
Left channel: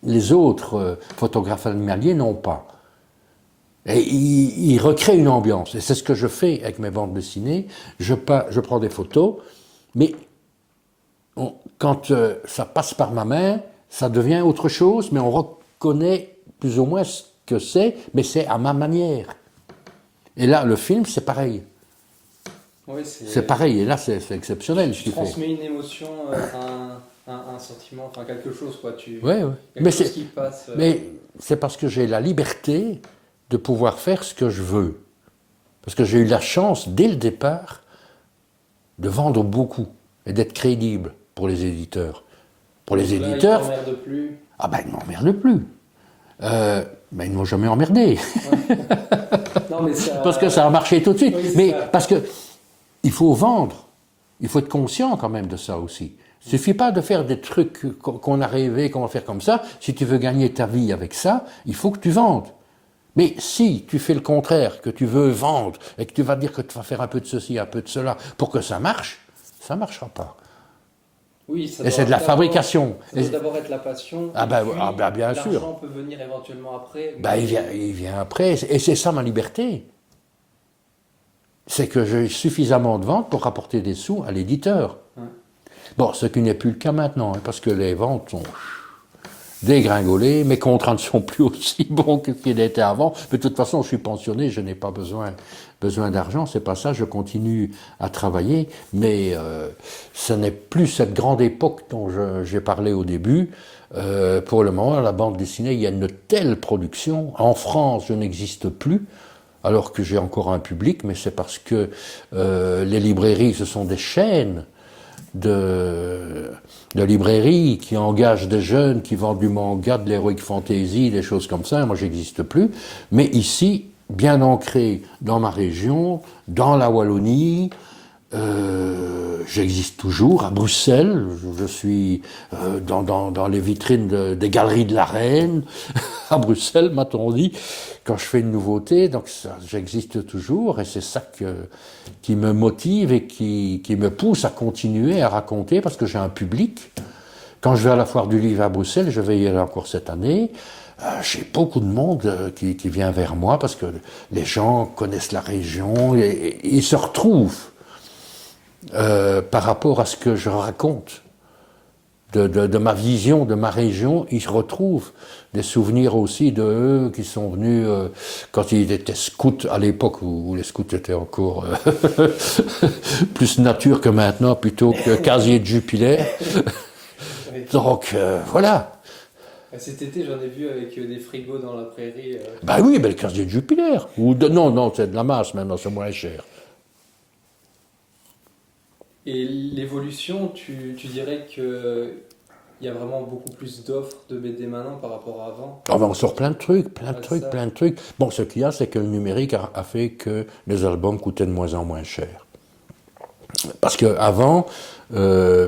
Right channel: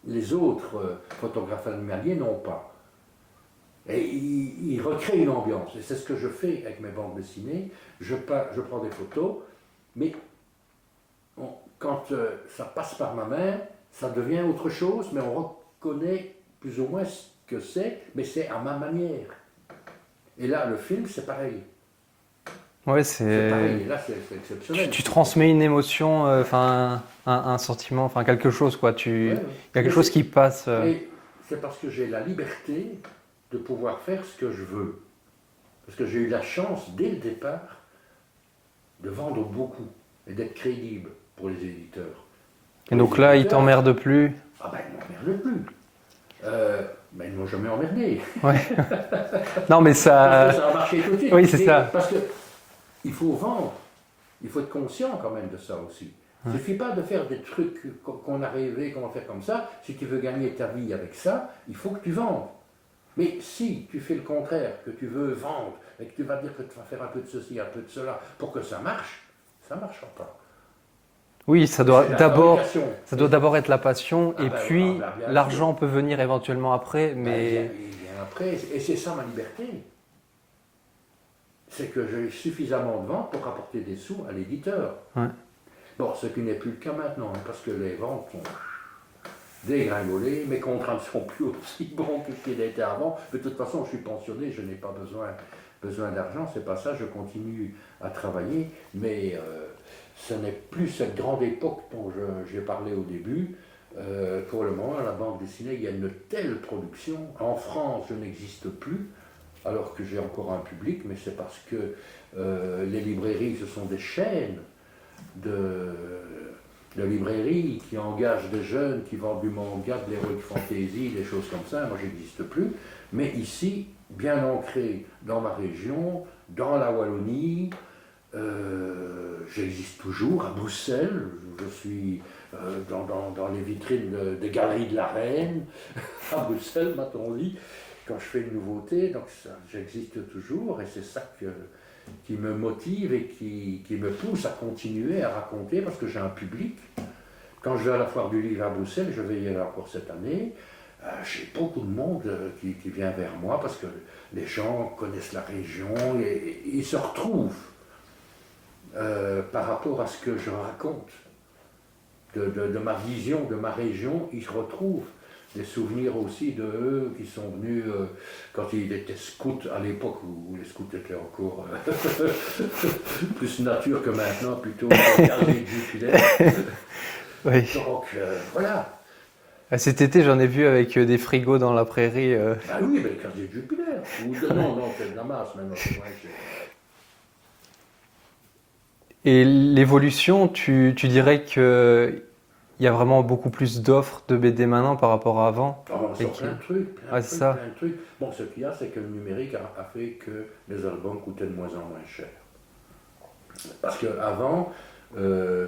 les autres photographes animaliers n'ont pas. Et il recrée une ambiance, et c'est ce que je fais avec mes bandes dessinées. Je prends des photos, mais quand ça passe par ma main, ça devient autre chose, mais on reconnaît plus ou moins ce que c'est, mais c'est à ma manière. Et là, le film, c'est pareil. Ouais, c'est pareil, et là, c'est exceptionnel. Tu transmets une émotion, un sentiment, quelque chose, quoi. Il y a quelque chose qui passe. Mais c'est parce que j'ai la liberté de pouvoir faire ce que je veux. Parce que j'ai eu la chance, dès le départ, de vendre beaucoup et d'être crédible pour les éditeurs. Pour donc là, ils t'emmerdent plus? Ah ben, ils ne m'emmerdent plus. Ben, ils ne m'ont jamais emmerdé. Ouais. Non, mais ça... Parce que ça a marché tout de suite. Oui, c'est mais ça. Parce qu'il faut vendre. Il faut être conscient quand même de ça aussi. Il ne suffit pas de faire des trucs qu'on a rêvé, qu'on va faire comme ça. Si tu veux gagner ta vie avec ça, il faut que tu vendes. Mais si tu fais le contraire, que tu veux vendre, et que tu vas dire que tu vas faire un peu de ceci, un peu de cela, pour que ça marche, ça ne marchera pas. Oui, ça Et doit c'est de la fabrication. Ça doit d'abord être la passion, Ah et ben, puis bien l'argent sûr. peut venir éventuellement après. Ben, Mais... il vient après, et c'est ça ma liberté. C'est que j'ai suffisamment de ventes pour rapporter des sous à l'éditeur. Ouais. Bon, ce qui n'est plus le cas maintenant, hein, parce que les ventes sont dégringolées, mes contrats ne sont plus aussi bons que ce qu'ils étaient avant. Mais de toute façon, je suis pensionné, je n'ai pas besoin d'argent, c'est pas ça, je continue à travailler, mais ce n'est plus cette grande époque dont j'ai parlé au début. Pour le moment, à la bande dessinée, il y a une telle production. En France, je n'existe plus, alors que j'ai encore un public, mais c'est parce que les librairies, ce sont des chaînes de librairies qui engagent des jeunes qui vendent du manga, de l'heroic fantasy, des choses comme ça. Moi, j'existe plus. Mais ici, bien ancré dans ma région, dans la Wallonie, j'existe toujours à Bruxelles. Je suis dans les vitrines des galeries de la Reine, à Bruxelles, m'a-t-on dit, quand je fais une nouveauté. Donc j'existe toujours, et c'est ça qui me motive et qui me pousse à continuer à raconter, parce que j'ai un public. Quand je vais à la foire du livre à Bruxelles, je vais y aller encore cette année, j'ai beaucoup de monde qui vient vers moi, parce que les gens connaissent la région et ils se retrouvent par rapport à ce que je raconte de ma vision, de ma région. Ils retrouvent des souvenirs aussi de eux qui sont venus quand ils étaient scouts, à l'époque où les scouts étaient encore plus nature que maintenant, plutôt que casier de Jupiler. Oui. Donc voilà. Cet été, j'en ai vu avec des frigos dans la prairie. Ben oui, ben le casier de Jupiler. Non, c'est de la masse maintenant, c'est moins cher. Et l'évolution, tu dirais qu'il y a vraiment beaucoup plus d'offres de BD maintenant par rapport à avant? On sort plein de trucs, plein ça. de trucs. Bon, ce qu'il y a, c'est que le numérique a fait que les albums coûtaient de moins en moins cher. Parce qu'avant,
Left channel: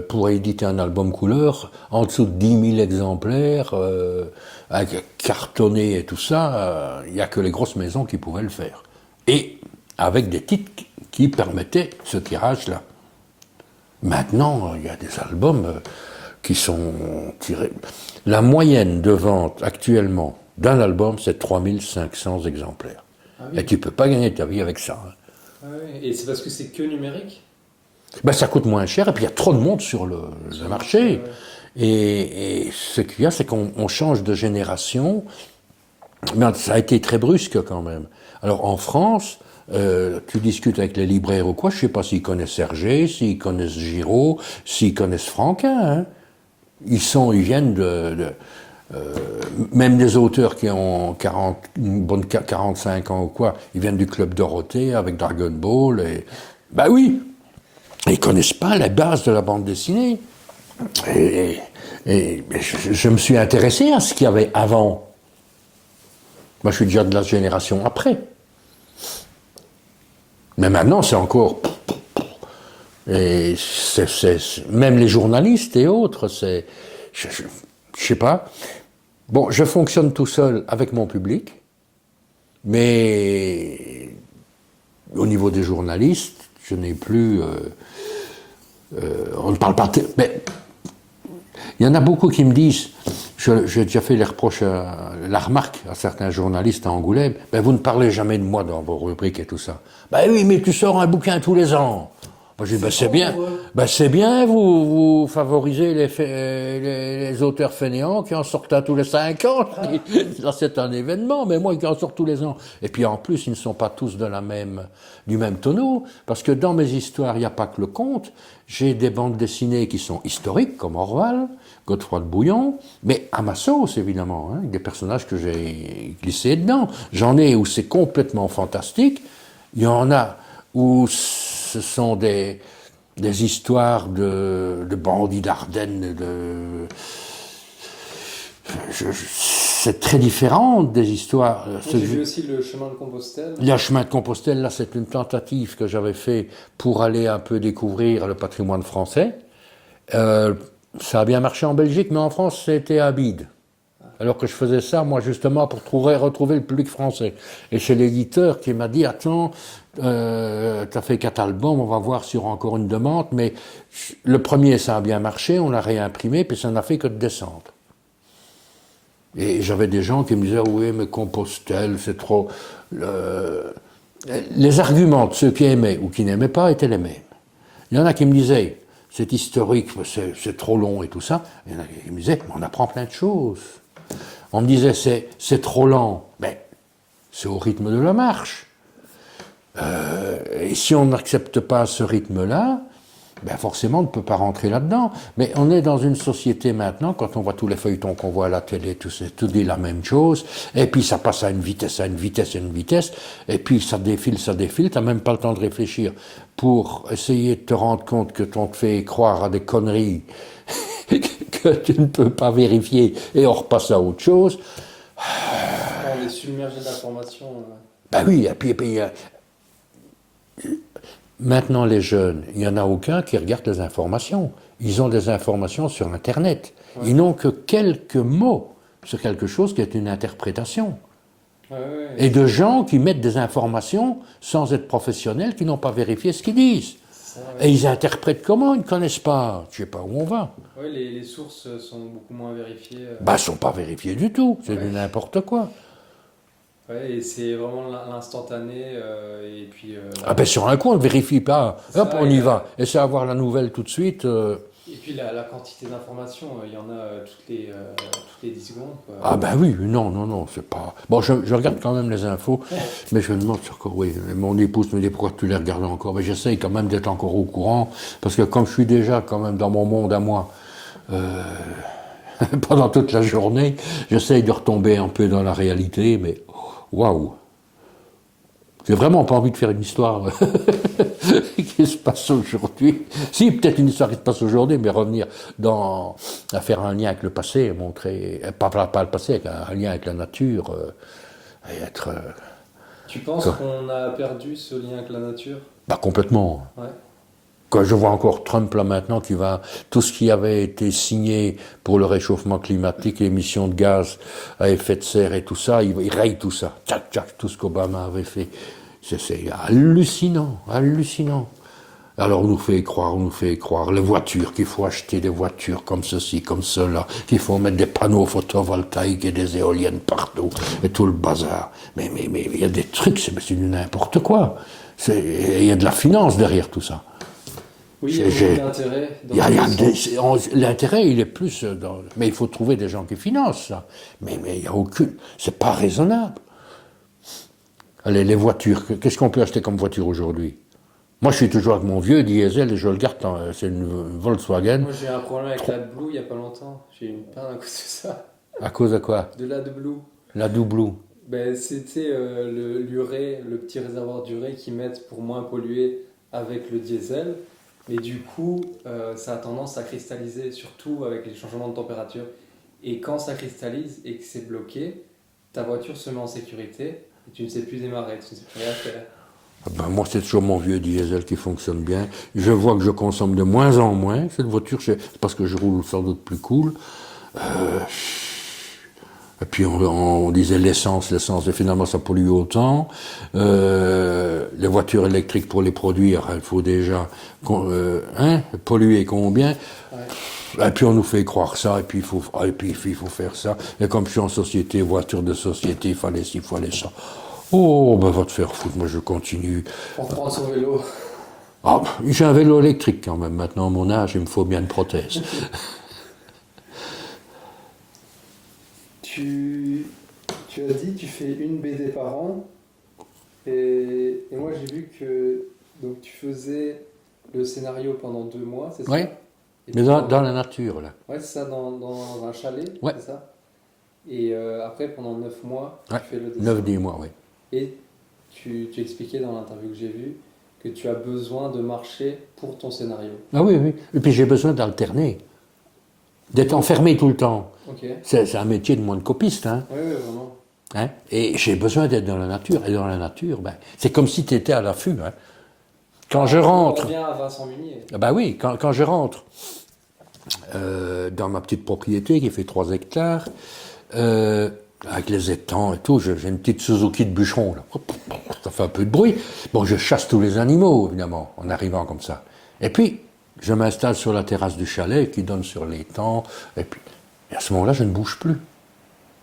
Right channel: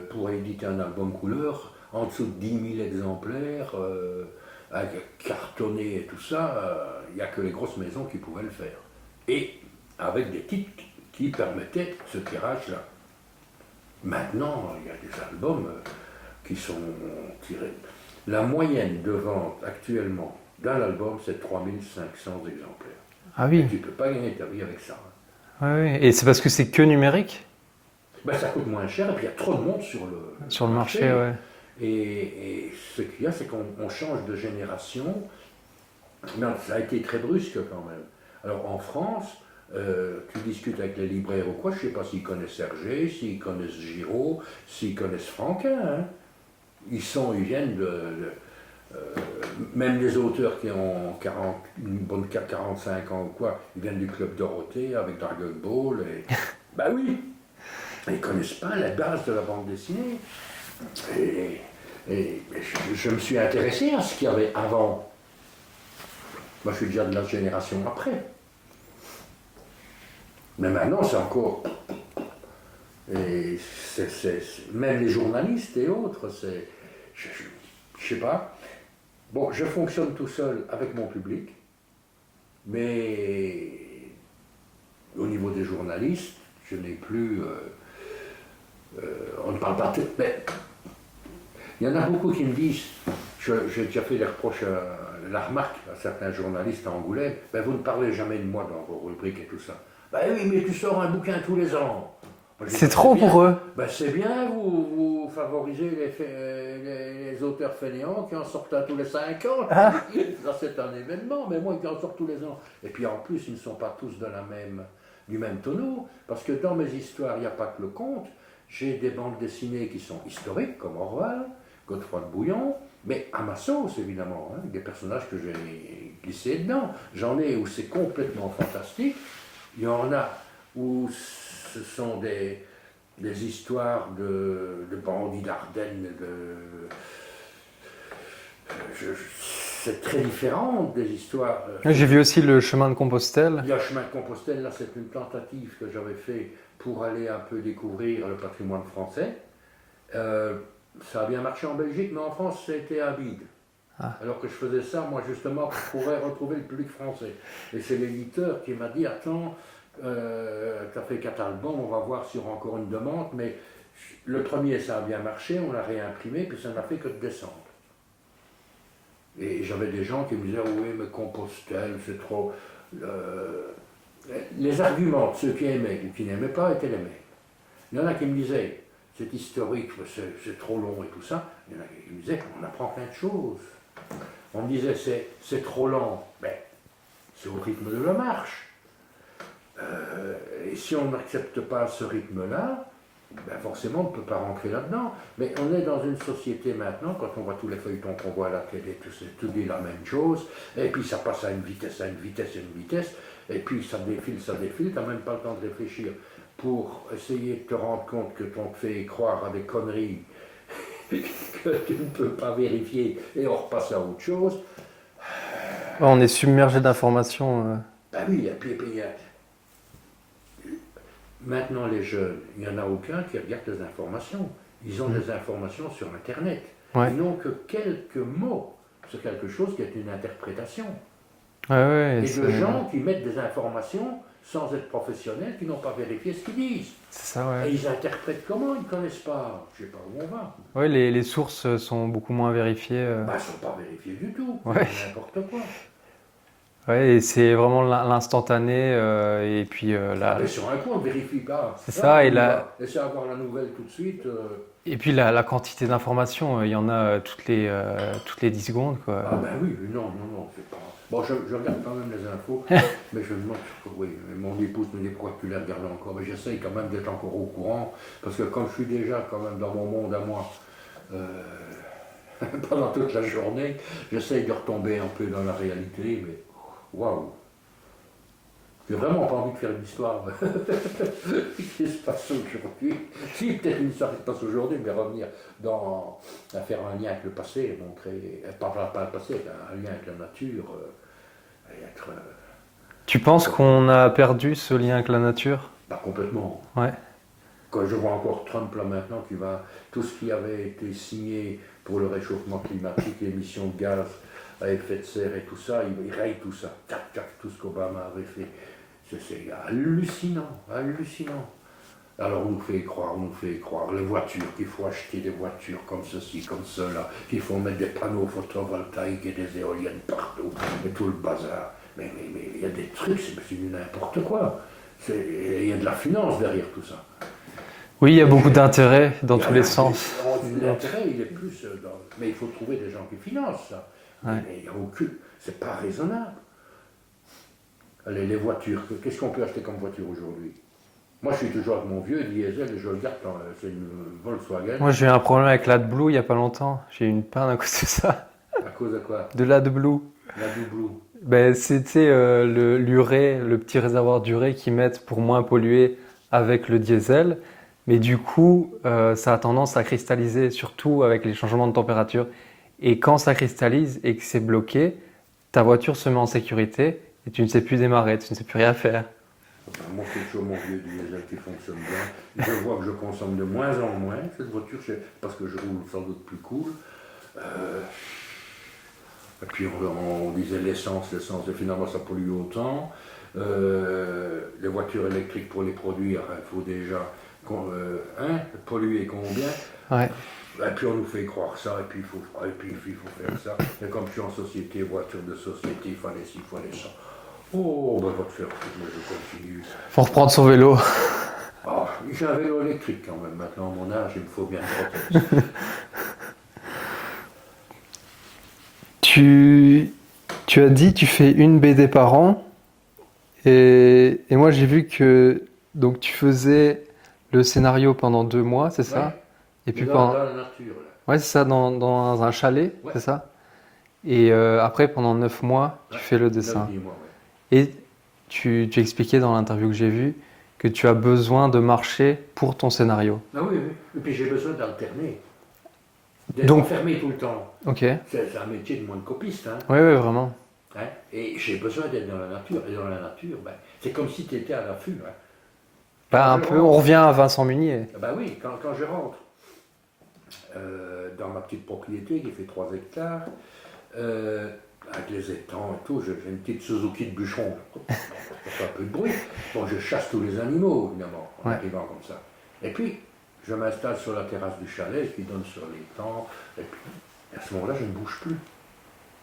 pour éditer un album couleur, en dessous de 10 000 exemplaires, avec cartonné et tout ça, il n'y a que les grosses maisons qui pouvaient le faire. Et avec des titres qui permettaient ce tirage-là. Maintenant, il y a des albums qui sont tirés. La moyenne de vente actuellement d'un album, c'est 3500 exemplaires. Ah oui. Et tu ne peux pas gagner ta vie avec ça. Ah oui. Et c'est parce que c'est que numérique? Ben, ça coûte moins cher, et puis il y a trop de monde sur le marché. Ouais. Et ce qu'il y a, c'est qu'on change de génération, mais ça a été très brusque quand même. Alors en France, tu discutes avec les libraires ou quoi, je ne sais pas s'ils connaissent Hergé, s'ils connaissent Giraud, s'ils connaissent Franquin. Hein. Ils viennent même des auteurs qui ont 45 ans ou quoi, ils viennent du Club Dorothée avec Dragon Ball. Ben oui, ils ne connaissent pas la base de la bande dessinée. Et je me suis intéressé à ce qu'il y avait avant. Moi, je suis déjà de la génération après. Mais maintenant, c'est encore... Et même les journalistes et autres, je sais pas. Bon, je fonctionne tout seul avec mon public, mais au niveau des journalistes, je n'ai plus... on ne parle pas... Mais il y en a beaucoup qui me disent, j'ai déjà fait la remarque à certains journalistes à Angoulême, ben vous ne parlez jamais de moi dans vos rubriques et tout ça. Ben oui, mais tu sors un bouquin tous les ans. Moi, j'ai dit, C'est trop bien. pour eux. C'est bien, vous favorisez les auteurs fainéants qui en sortent un tous les 5 ans. Ça, c'est un événement, mais moi, qui en sortent tous les ans. Et puis en plus, ils ne sont pas tous du même tonneau, parce que dans mes histoires, il n'y a pas que le conte. J'ai des bandes dessinées qui sont historiques, comme Orwell, Godefroy de Bouillon, mais à ma sauce, évidemment, hein, des personnages que j'ai glissés dedans. J'en ai où c'est complètement fantastique. Il y en a où ce sont des histoires de bandits d'Ardennes, c'est très différent des histoires. J'ai vu aussi le chemin de Compostelle. Le chemin de Compostelle, là, c'est une tentative que j'avais fait pour aller un peu découvrir le patrimoine français. Ça a bien marché en Belgique, mais en France, c'était à bide. Alors que je faisais ça, moi, justement, pour pouvoir retrouver le public français. Et c'est l'éditeur qui m'a dit, attends, t'as fait 4 albums, on va voir s'il y aura encore une demande. Mais le premier, ça a bien marché, on l'a réimprimé, puis ça n'a fait que de descendre. Et j'avais des gens qui me disaient, oui, mais Compostelle, c'est trop... Les arguments de ceux qui aimaient ou qui n'aimaient pas étaient les mêmes. Il y en a qui me disaient, c'est historique, c'est trop long et tout ça. Il y en a qui me disaient, on apprend plein de choses. On me disait, c'est trop lent. Mais c'est au rythme de la marche. Et si on n'accepte pas ce rythme-là, forcément, on ne peut pas rentrer là-dedans. Mais on est dans une société maintenant, quand on voit tous les feuilletons qu'on voit à la télé, tout dit la même chose, et puis ça passe à une vitesse, et puis ça défile, t'as même pas le temps de réfléchir pour essayer de te rendre compte que on te fait croire à des conneries que tu ne peux pas vérifier, et on repasse à autre chose. On est submergé d'informations. Oui, et puis maintenant, les jeunes, il n'y en a aucun qui regarde les informations. Ils ont des informations sur Internet. Ouais. Ils n'ont que quelques mots sur quelque chose qui est une interprétation. Et de gens qui mettent des informations sans être professionnels, qui n'ont pas vérifié ce qu'ils disent. Ça, Et ils interprètent comment? Ils ne connaissent pas. Je ne sais pas où on va. Oui, les sources sont beaucoup moins vérifiées. Elles ne sont pas vérifiées du tout. C'est n'importe quoi. Oui, et c'est vraiment l'instantané, et puis... sur un coup, on ne vérifie pas. Hop, on y va. Et c'est avoir la nouvelle tout de suite. Et puis la quantité d'informations, il y en a toutes les 10 secondes, quoi. Oui, non, c'est pas... Bon, je regarde quand même les infos, mais je me demande encore, oui, mon épouse me dit pourquoi tu les regardes encore. Mais j'essaye quand même d'être encore au courant, parce que comme je suis déjà quand même dans mon monde à moi, pendant toute la journée, j'essaye de retomber un peu dans la réalité, mais... Waouh! J'ai vraiment pas envie de faire une histoire qui se passe aujourd'hui. Si, peut-être une histoire qui se passe aujourd'hui, mais revenir à faire un lien avec le passé, montrer, pas le passé, un lien avec la nature, et être... Tu penses qu'on a perdu ce lien avec la nature? Complètement. Ouais. Quand je vois encore Trump là maintenant qui va, tout ce qui avait été signé pour le réchauffement climatique, l'émission de gaz à effet de serre et tout ça, il raye tout ça. Tchac, tout ce qu'Obama avait fait. C'est hallucinant. Alors on nous fait croire, les voitures, qu'il faut acheter des voitures comme ceci, comme cela, qu'il faut mettre des panneaux photovoltaïques et des éoliennes partout, et tout le bazar. Mais il y a des trucs, c'est du n'importe quoi. Il y a de la finance derrière tout ça. Oui, il y a beaucoup d'intérêt dans tous les sens. L'intérêt, il est plus mais il faut trouver des gens qui financent ça. Mais il n'y a aucune... C'est pas raisonnable. Allez, les voitures, qu'est-ce qu'on peut acheter comme voiture aujourd'hui? Moi, je suis toujours avec mon vieux diesel et je le garde, c'est une Volkswagen. Moi, j'ai eu un problème avec l'AdBlue il n'y a pas longtemps. J'ai eu une panne à cause de ça. À cause de quoi? De l'AdBlue. L'AdBlue. C'était l'urée, le petit réservoir d'urée qu'ils mettent pour moins polluer avec le diesel. Mais du coup, ça a tendance à cristalliser, surtout avec les changements de température. Et quand ça cristallise et que c'est bloqué, ta voiture se met en sécurité et tu ne sais plus démarrer, tu ne sais plus rien faire. Moi, c'est toujours mon vieux diesel qui fonctionne bien. Je vois que je consomme de moins en moins cette voiture, parce que je roule sans doute plus cool. Et puis on disait l'essence, finalement ça pollue autant. Les voitures électriques pour les produire, il faut déjà polluer combien. Ouais. Et puis on nous fait croire ça, et puis il faut faire ça. Et comme je suis en société, voiture de société, il fallait ci, il fallait ça. Oh, va te faire foutre, moi je continue. Pour reprendre son vélo. Ah, j'ai un vélo électrique quand même. Maintenant, à mon âge, il me faut bien une prothèse. Tu as dit tu fais une BD par an et moi j'ai vu que donc tu faisais le scénario pendant 2 mois, c'est Ouais. ça? Et Mais puis dans la nature, là. ouais, c'est ça, dans un chalet, Ouais. c'est ça? Et après, pendant 9 mois, tu Ouais. fais le dessin. 9-10 mois, oui. Et tu expliquais dans l'interview que j'ai vue que tu as besoin de marcher pour ton scénario. Ah oui, oui. Et puis j'ai besoin d'alterner. D'être enfermé tout le temps. Ok. C'est un métier de moins de copiste, hein. Oui, oui, vraiment. Hein. Et j'ai besoin d'être dans la nature. Et dans la nature, ben, c'est comme si tu étais à l'affût. Hein. Quand Enfin, je rentre. on revient à Vincent Munier. Ah ben oui, quand je rentre dans ma petite propriété qui fait 3 hectares, avec les étangs et tout, j'ai une petite Suzuki de bûcheron. Là. Ça fait un peu de bruit. Bon, je chasse tous les animaux, évidemment, en arrivant comme ça. Et puis, je m'installe sur la terrasse du chalet qui donne sur l'étang. Et puis, à ce moment-là, je ne bouge plus.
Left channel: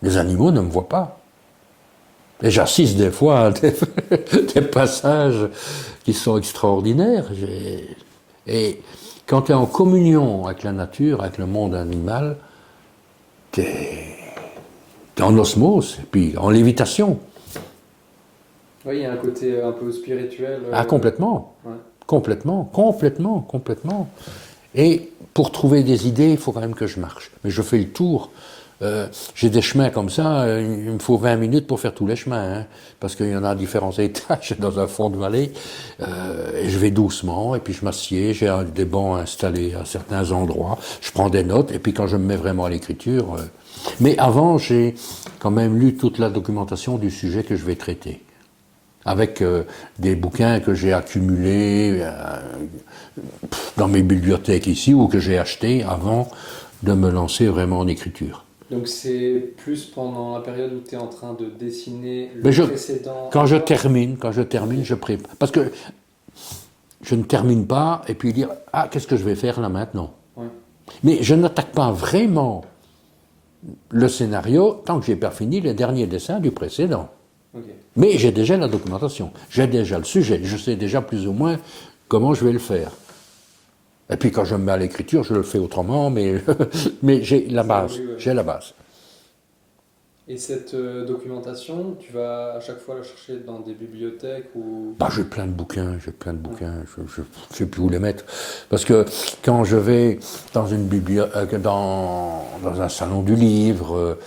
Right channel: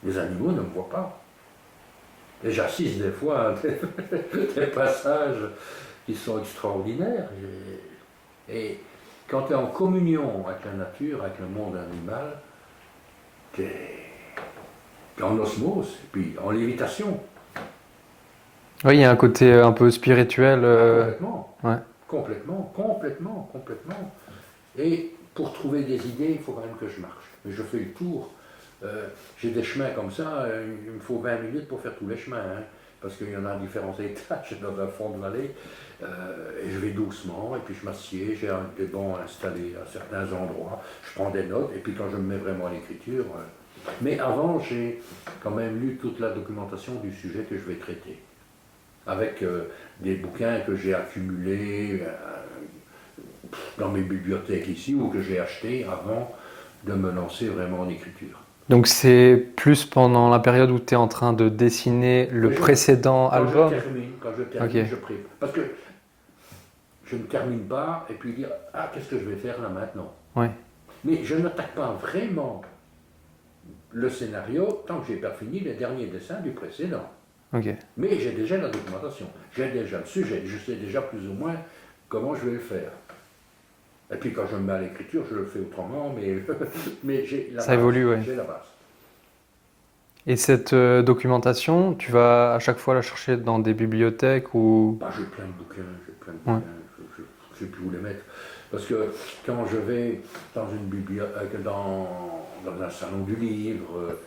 Les animaux ne me voient pas. Et j'assiste des fois à des passages qui sont extraordinaires. Et quand tu es en communion avec la nature, avec le monde animal, tu es en osmose, et puis en lévitation. Oui, il y a un côté un peu spirituel. Ah, complètement. Ouais. Complètement. Et pour trouver des idées, il faut quand même que je marche. Mais je fais le tour. J'ai des chemins comme ça, il me faut 20 minutes pour faire tous les chemins, hein, parce qu'il y en a à différents étages dans un fond de vallée. Et je vais doucement, et puis je m'assieds, j'ai des bancs installés à certains endroits, je prends des notes, et puis quand je me mets vraiment à l'écriture... Mais avant, j'ai quand même lu toute la documentation du sujet que je vais traiter, avec des bouquins que j'ai accumulés dans mes bibliothèques ici, ou que j'ai achetés avant de me lancer vraiment en écriture. Donc c'est plus pendant la période où tu es en train de dessiner le précédent Quand album. je termine, Okay. je prépare. Parce que je ne termine pas et puis dire « Ah, qu'est-ce que je vais faire là maintenant ?» Ouais. Mais je n'attaque pas vraiment le scénario tant que je n'ai pas fini les derniers dessins du précédent. Ok. Mais j'ai déjà la documentation, j'ai déjà le sujet, je sais déjà plus ou moins comment je vais le faire. Et puis quand je me mets à l'écriture, je le fais autrement, mais, mais j'ai la Ça base. évolue, ouais. J'ai la base. Et cette documentation, tu vas à chaque fois la chercher dans des bibliothèques ou... Bah, j'ai plein de bouquins, je ne sais plus où les mettre. Parce que quand je vais dans une bibliothèque, dans un salon du livre,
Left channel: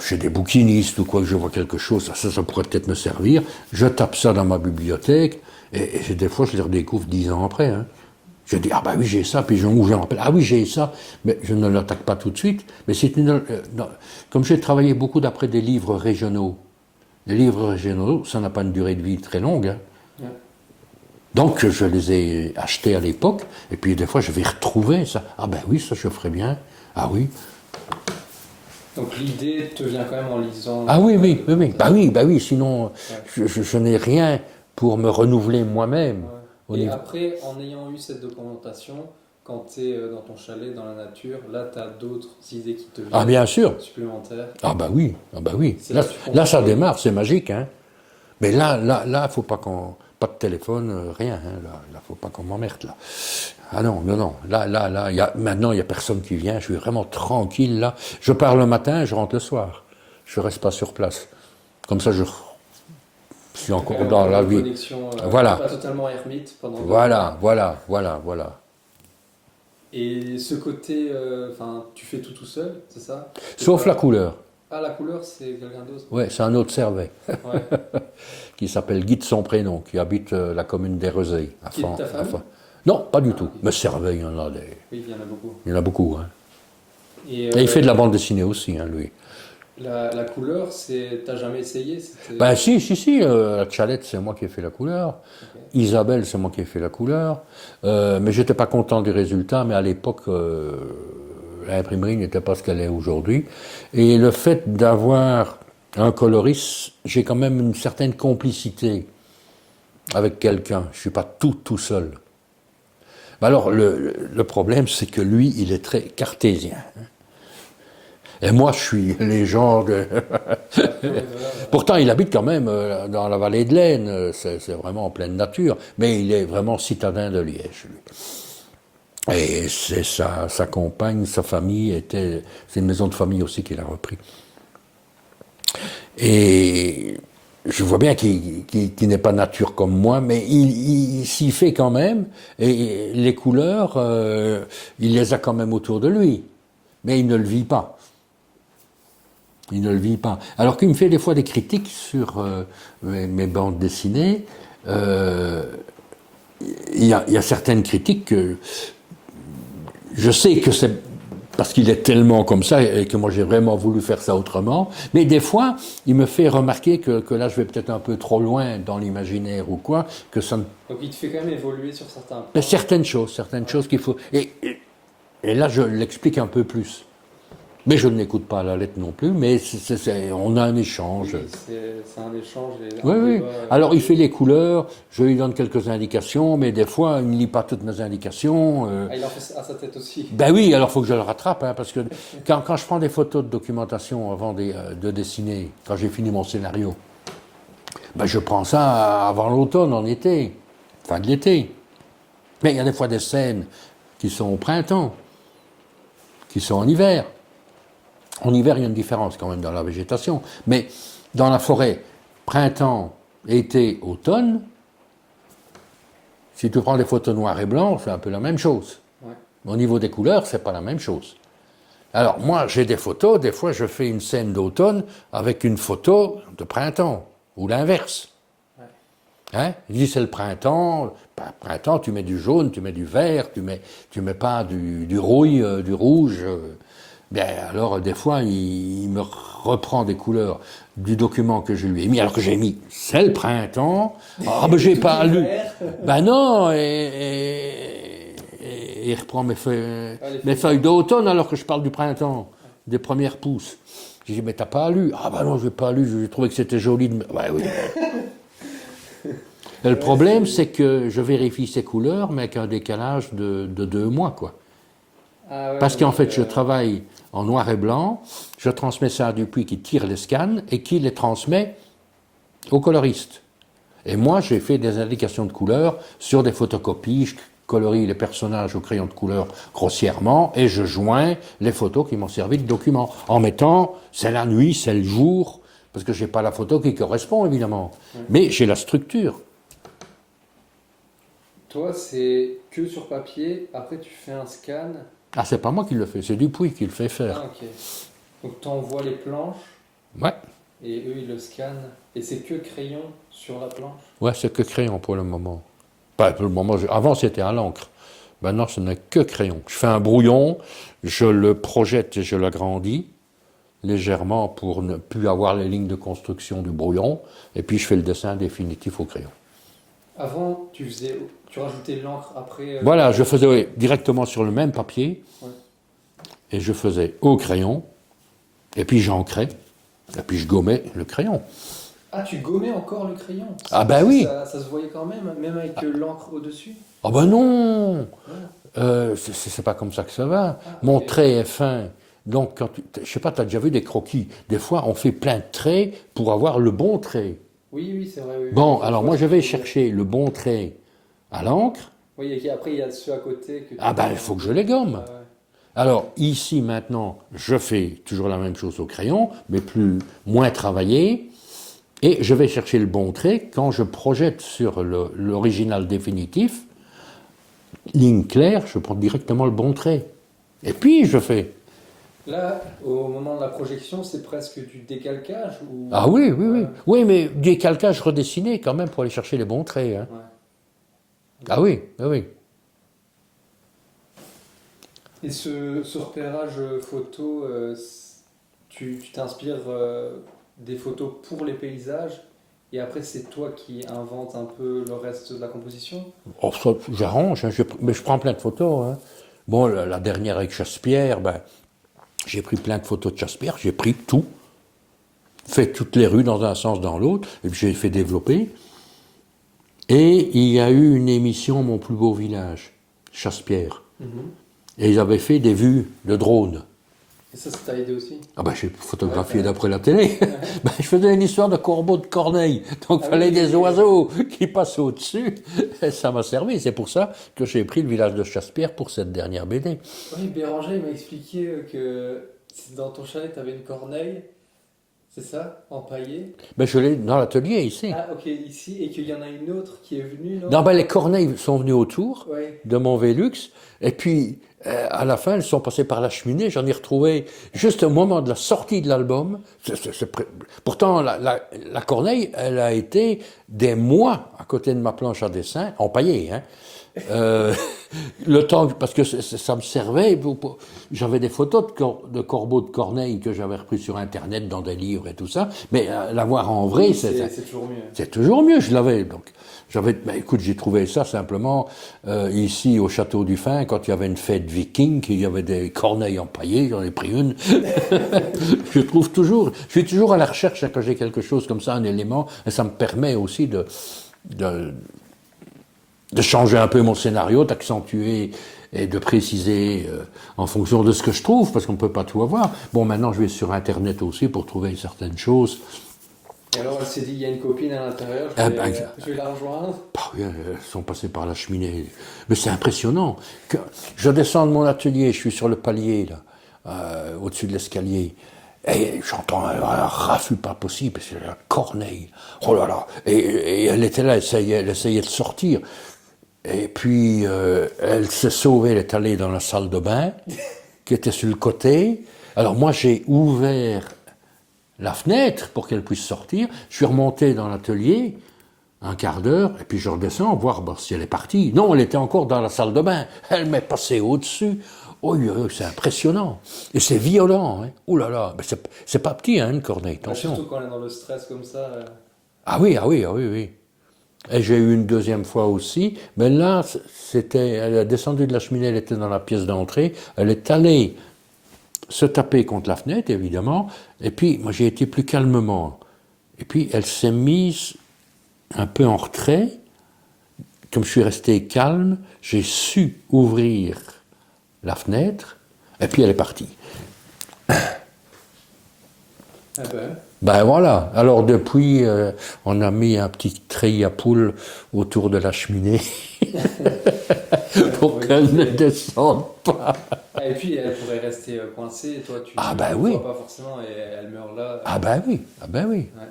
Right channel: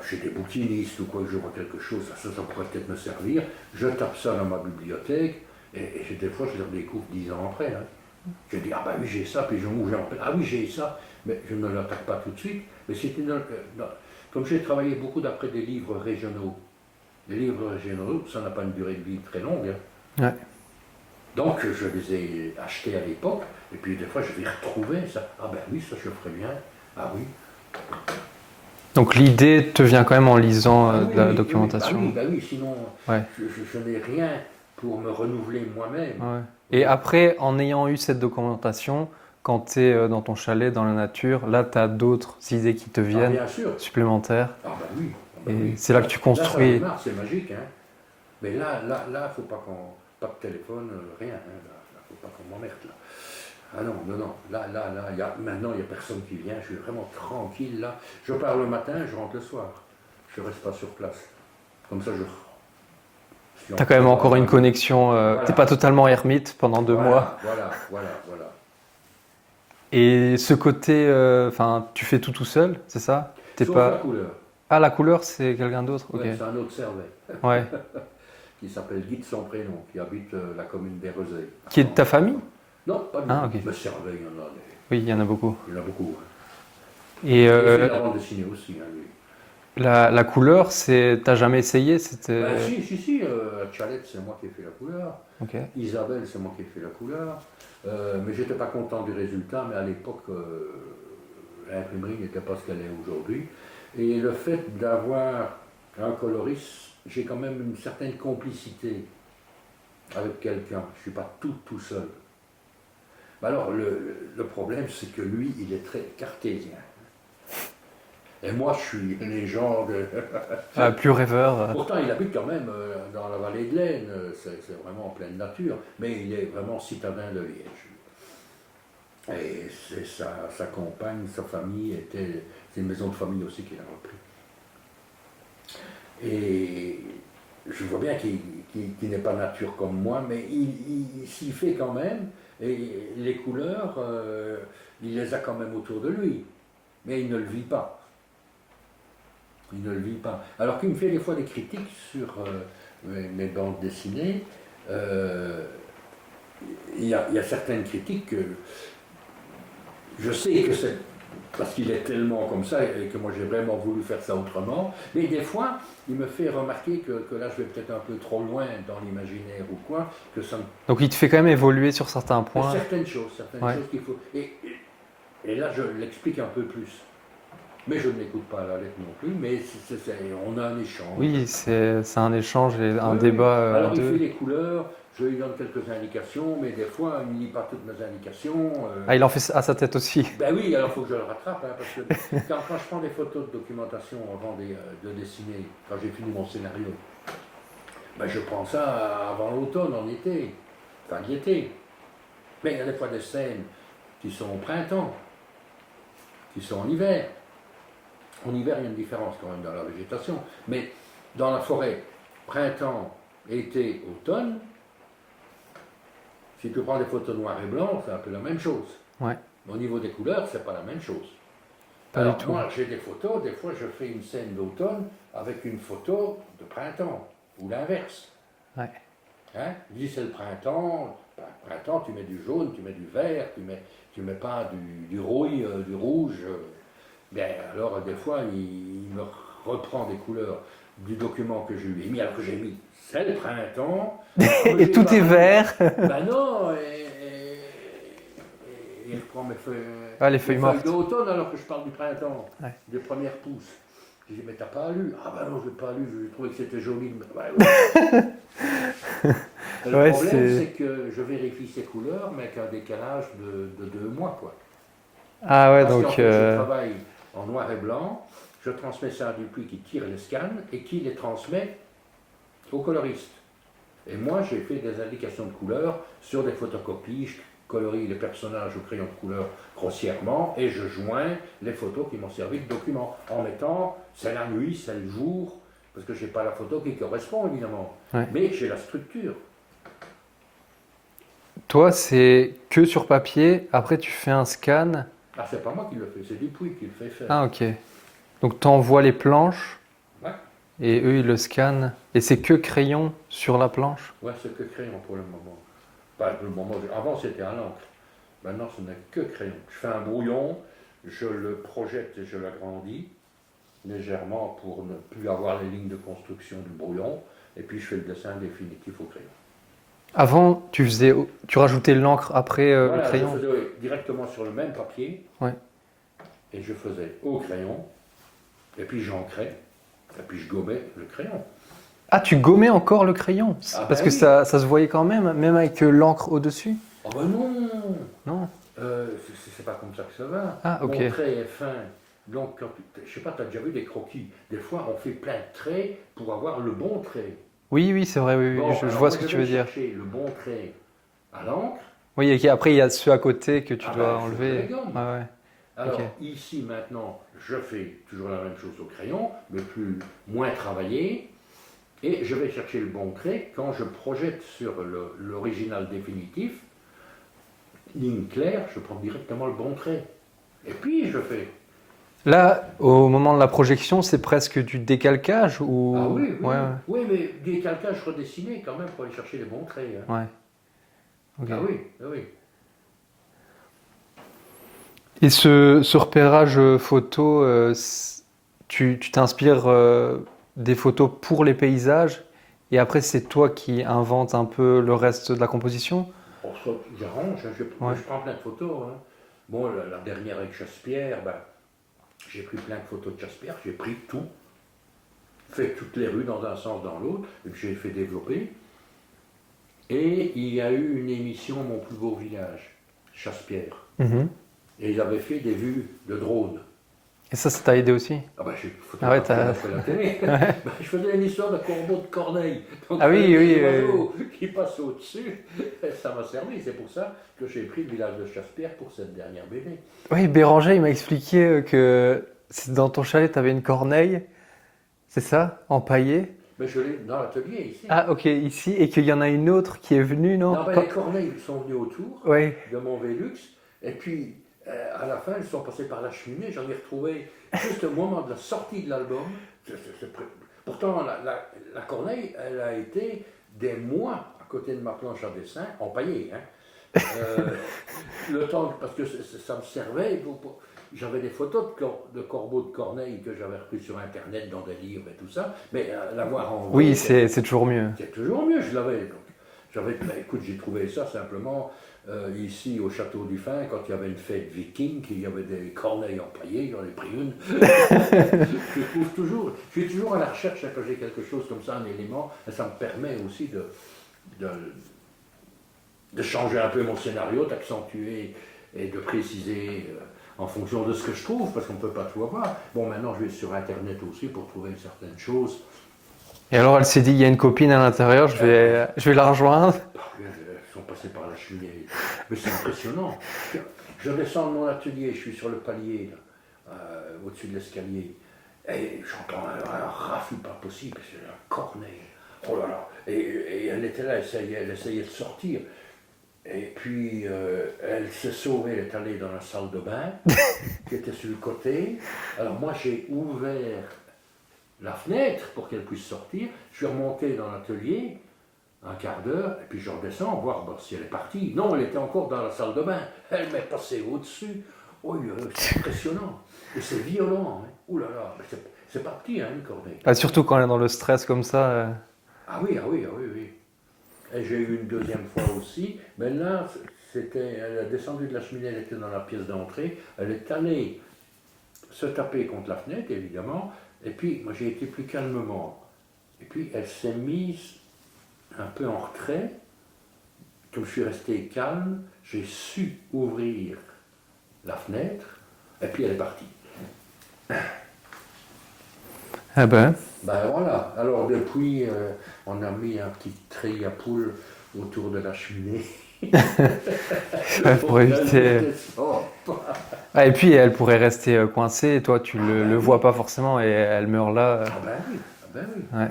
chez des bouquinistes ou quoi, que je vois quelque chose, ça pourrait peut-être me servir, je tape ça dans ma bibliothèque, et des fois je les redécouvre 10 ans après. Hein. Je dis, ah bah oui, j'ai ça, puis je me rappelle, ah oui, j'ai ça, mais je ne l'attaque pas tout de suite. Mais c'est comme j'ai travaillé beaucoup d'après des livres régionaux, les livres régionaux, ça n'a pas une durée de vie très longue. Hein. Ouais. Donc je les ai achetés à l'époque, et puis des fois je vais retrouver ça. Ah ben oui, ça je ferais bien. Ah oui. Donc l'idée te vient quand même en lisant Ah oui, la oui, documentation. bah oui, sinon Ouais. je n'ai rien pour me renouveler moi-même. Ouais. Oui. Et après, en ayant eu cette documentation, quand tu es dans ton chalet, dans la nature, là, tu as d'autres idées qui te viennent. Ah bien sûr. Supplémentaires. Ah bah oui, C'est là que tu construis. Là ça démarre, c'est magique. Hein. Mais là, faut pas qu'on... Pas de téléphone, rien. Hein. Là, faut pas qu'on m'emmerde, là. Ah non. Là, maintenant, il n'y a personne qui vient. Je suis vraiment tranquille, là. Je pars le matin, je rentre le soir. Je reste pas sur place. Comme ça, je suis Tu as quand même encore une vie. connexion. Voilà. Tu n'es pas totalement ermite pendant 2 mois. Voilà. Et ce côté, tu fais tout seul, c'est ça? Sauf la couleur. Ah, la couleur, c'est quelqu'un d'autre? Oui, Okay. c'est un autre Servet. Ouais. Qui s'appelle Guy de son prénom, qui habite la commune d'Érezé. Qui est de ta famille? Non, pas du tout. Okay. Mais Servet, il y en a des... Oui, il y en a beaucoup. Il y en a beaucoup. Hein. Et il fait de la bande dessinée aussi, hein, lui. La couleur, t'as jamais essayé? Ben si, Chalette, c'est moi qui ai fait la couleur. Okay. Isabelle, c'est moi qui ai fait la couleur. Mais j'étais pas content du résultat, mais à l'époque, l'imprimerie n'était pas ce qu'elle est aujourd'hui. Et le fait d'avoir un coloriste, j'ai quand même une certaine complicité avec quelqu'un. Je suis pas tout seul. Mais alors, le problème, c'est que lui, il est très cartésien. Et moi, je suis les gens de... Plus rêveur. Pourtant, il habite quand même dans la vallée de l'Aisne, c'est vraiment en pleine nature, mais il est vraiment citadin de Liège. Et c'est sa compagne, sa famille, c'est une maison de famille aussi qu'il a repris. Et je vois bien qu'il n'est pas nature comme moi, mais il s'y fait quand même, et les couleurs, il les a quand même autour de lui, mais il ne le vit pas. Il ne le vit pas. Alors qu'il me fait des fois des critiques sur mes bandes dessinées, il y a certaines critiques que je sais que c'est parce qu'il est tellement comme ça et que moi j'ai vraiment voulu faire ça autrement, mais des fois il me fait remarquer que là je vais peut-être un peu trop loin dans l'imaginaire ou quoi, que ça ne... Donc il te fait quand même évoluer sur certains points. Certaines choses qu'il faut... Et là je l'explique un peu plus. Mais je ne l'écoute pas à la lettre non plus, mais on a un échange. Oui, c'est un échange et un débat. Alors il fait les couleurs, je lui donne quelques indications, mais des fois il ne lit pas toutes mes indications. Il en fait à sa tête aussi. Ben oui, alors il faut que je le rattrape, hein, parce que quand je prends des photos de documentation avant de dessiner, quand j'ai fini mon scénario, ben je prends ça avant l'automne, en été, fin de l'été. Mais il y a des fois des scènes qui sont au printemps, qui sont en hiver. En hiver, il y a une différence quand même dans la végétation. Mais dans la forêt, printemps, été, automne, si tu prends des photos noires et blancs, c'est un peu la même chose. Ouais. Au niveau des couleurs, c'est pas la même chose. Alors moi, j'ai des photos, des fois je fais une scène d'automne avec une photo de printemps, ou l'inverse. Ouais. Hein? Je dis c'est le printemps, printemps, tu mets du jaune, tu mets du vert, tu mets pas du rouille, du rouge. Bien, alors, des fois, il me reprend des couleurs du document que je lui ai mis, alors que j'ai mis, c'est le printemps. Ah, ben, j'ai tout pas est lu. vert. Ben non, et il reprend mes feuilles d'automne alors que je parle du printemps, des premières pousses. J'ai dit, mais t'as pas lu? Ah ben non, j'ai pas lu, j'ai trouvé que c'était joli. Ouais, oui. Le problème, c'est que je vérifie ces couleurs, mais avec un décalage de 2 mois, quoi. Ah ouais, parce qu'en fait, je travaille en noir et blanc, je transmets ça à Dupuis qui tire les scans et qui les transmet au coloriste. Et moi, j'ai fait des indications de couleurs sur des photocopies, je colorie les personnages au crayon de couleur grossièrement et je joins les photos qui m'ont servi de document, en mettant c'est la nuit, c'est le jour, parce que je n'ai pas la photo qui correspond évidemment, mais j'ai la structure. Toi, c'est que sur papier, après tu fais un scan. Ah, c'est pas moi qui le fais, c'est Dupuis qui le fait faire. Ah, ok. Donc tu envoies les planches. Ouais. Et eux, ils le scannent. Et c'est que crayon sur la planche? Ouais, c'est que crayon pour le moment. Pas pour le moment. Avant, c'était à l'encre. Maintenant, ce n'est que crayon. Je fais un brouillon, je le projette et je l'agrandis légèrement pour ne plus avoir les lignes de construction du brouillon. Et puis, je fais le dessin définitif au crayon. Avant, tu rajoutais l'encre après. Voilà, je faisais directement sur le même papier. Ouais. Et je faisais au crayon. Et puis, j'ancrais. Et puis, je gommais le crayon. Ah, tu gommais encore le crayon? Ah, parce ben oui. que ça se voyait quand même avec l'encre au-dessus? Ah ben non. Non. C'est pas comme ça que ça va. Ah, Mon ok. trait est fin. Donc, je sais pas, tu as déjà vu des croquis. Des fois, on fait plein de traits pour avoir le bon trait. Oui, c'est vrai. Oui, Bon, je alors vois moi, ce que je tu vais veux dire. chercher le bon trait à l'encre. Oui, et après, il y a ceux à côté que tu Ah ben, dois il faut que je enlever. les gomme. Ah, ouais. Alors, Ok. ici, maintenant, je fais toujours la même chose au crayon, mais moins travaillé. Et je vais chercher le bon trait. Quand je projette sur l'original définitif, ligne claire, je prends directement le bon trait. Et puis, je fais. Là, au moment de la projection, c'est presque du décalcage ou... Ah oui, Ouais, ouais. oui, mais décalcage redessiné quand même pour aller chercher les bons traits. Hein. Ouais. Okay. Ah oui, ah oui. Et ce repérage photo, tu t'inspires des photos pour les paysages et après c'est toi qui inventes un peu le reste de la composition? Oh, j'arrange, hein, je prends plein de photos. Hein. Bon, la dernière avec Chassepierre, ben, j'ai pris plein de photos de Chassepierre, j'ai pris tout, fait toutes les rues dans un sens, dans l'autre, et puis j'ai fait développer. Et il y a eu une émission Mon plus beau village, Chassepierre. Mm-hmm. Et ils avaient fait des vues de drone. Et ça t'a aidé aussi? Ah ben, j'ai photographié Ah ouais, d'après la télé. Ben, je faisais une histoire de corbeau de Corneille. Donc, il fallait des oiseaux qui passent au-dessus. Et ça m'a servi. C'est pour ça que j'ai pris le village de Chassepierre pour cette dernière BD. Oui, Béranger, il m'a expliqué que dans ton chalet, tu avais une corneille, c'est ça? Empaillée? Ben, je l'ai dans l'atelier ici. Ah, ok, ici. Et qu'il y en a une autre qui est venue, non? Non, ben, les corneilles sont venues autour Oui. de mon Vélux. Et puis, à la fin, elles sont passées par la cheminée. J'en ai retrouvé juste au moment de la sortie de l'album. Pourtant, la corneille, elle a été des mois à côté de ma planche à dessin, empaillée. Hein. Le temps, parce que ça me servait. J'avais des photos de corbeaux de corneille que j'avais repris sur Internet dans des livres et tout ça. Mais l'avoir en vrai, Oui, c'est toujours mieux. C'est toujours mieux, je l'avais. Donc, écoute, j'ai trouvé ça simplement ici au Château du Fin, quand il y avait une fête viking, il y avait des corneilles empaillées, j'en ai pris une. Je suis toujours à la recherche quand j'ai quelque chose comme ça, un élément, et ça me permet aussi de changer un peu mon scénario, d'accentuer et de préciser en fonction de ce que je trouve, parce qu'on ne peut pas tout avoir. Bon, maintenant, je vais sur Internet aussi pour trouver certaines choses. Et alors, elle s'est dit, il y a une copine à l'intérieur, je vais la rejoindre. Bah oui, elles sont passées par la cheminée. Mais c'est impressionnant. Je descends de mon atelier, je suis sur le palier, là, au-dessus de l'escalier. Et j'entends un raffut pas possible, c'est la corneille. Oh là là. Et elle était là, elle essayait de sortir. Et puis, elle s'est sauvée, elle est allée dans la salle de bain, qui était sur le côté. Alors moi, j'ai ouvert la fenêtre pour qu'elle puisse sortir. Je suis remonté dans l'atelier, un quart d'heure, et puis je redescends, voir si elle est partie. Non, elle était encore dans la salle de bain. Elle m'est passée au-dessus. Oh, c'est impressionnant. Et c'est violent. Hein. Ouh là là, mais c'est pas petit, hein, une corneille. Ah, surtout quand elle est dans le stress comme ça. Ah oui. Et j'ai eu une deuxième fois aussi, mais là, elle a descendu de la cheminée, elle était dans la pièce d'entrée, elle est allée se taper contre la fenêtre, évidemment, et puis moi j'ai été plus calmement. Et puis elle s'est mise un peu en retrait, comme je suis resté calme, j'ai su ouvrir la fenêtre, et puis elle est partie. Ah ben. Ben voilà, alors depuis, on a mis un petit treillis à poules autour de la cheminée pour qu'elle ne descende pas. Ah, et puis elle pourrait rester coincée, et toi tu le oui. vois pas forcément, et elle meurt là. Ah ben oui. Ouais.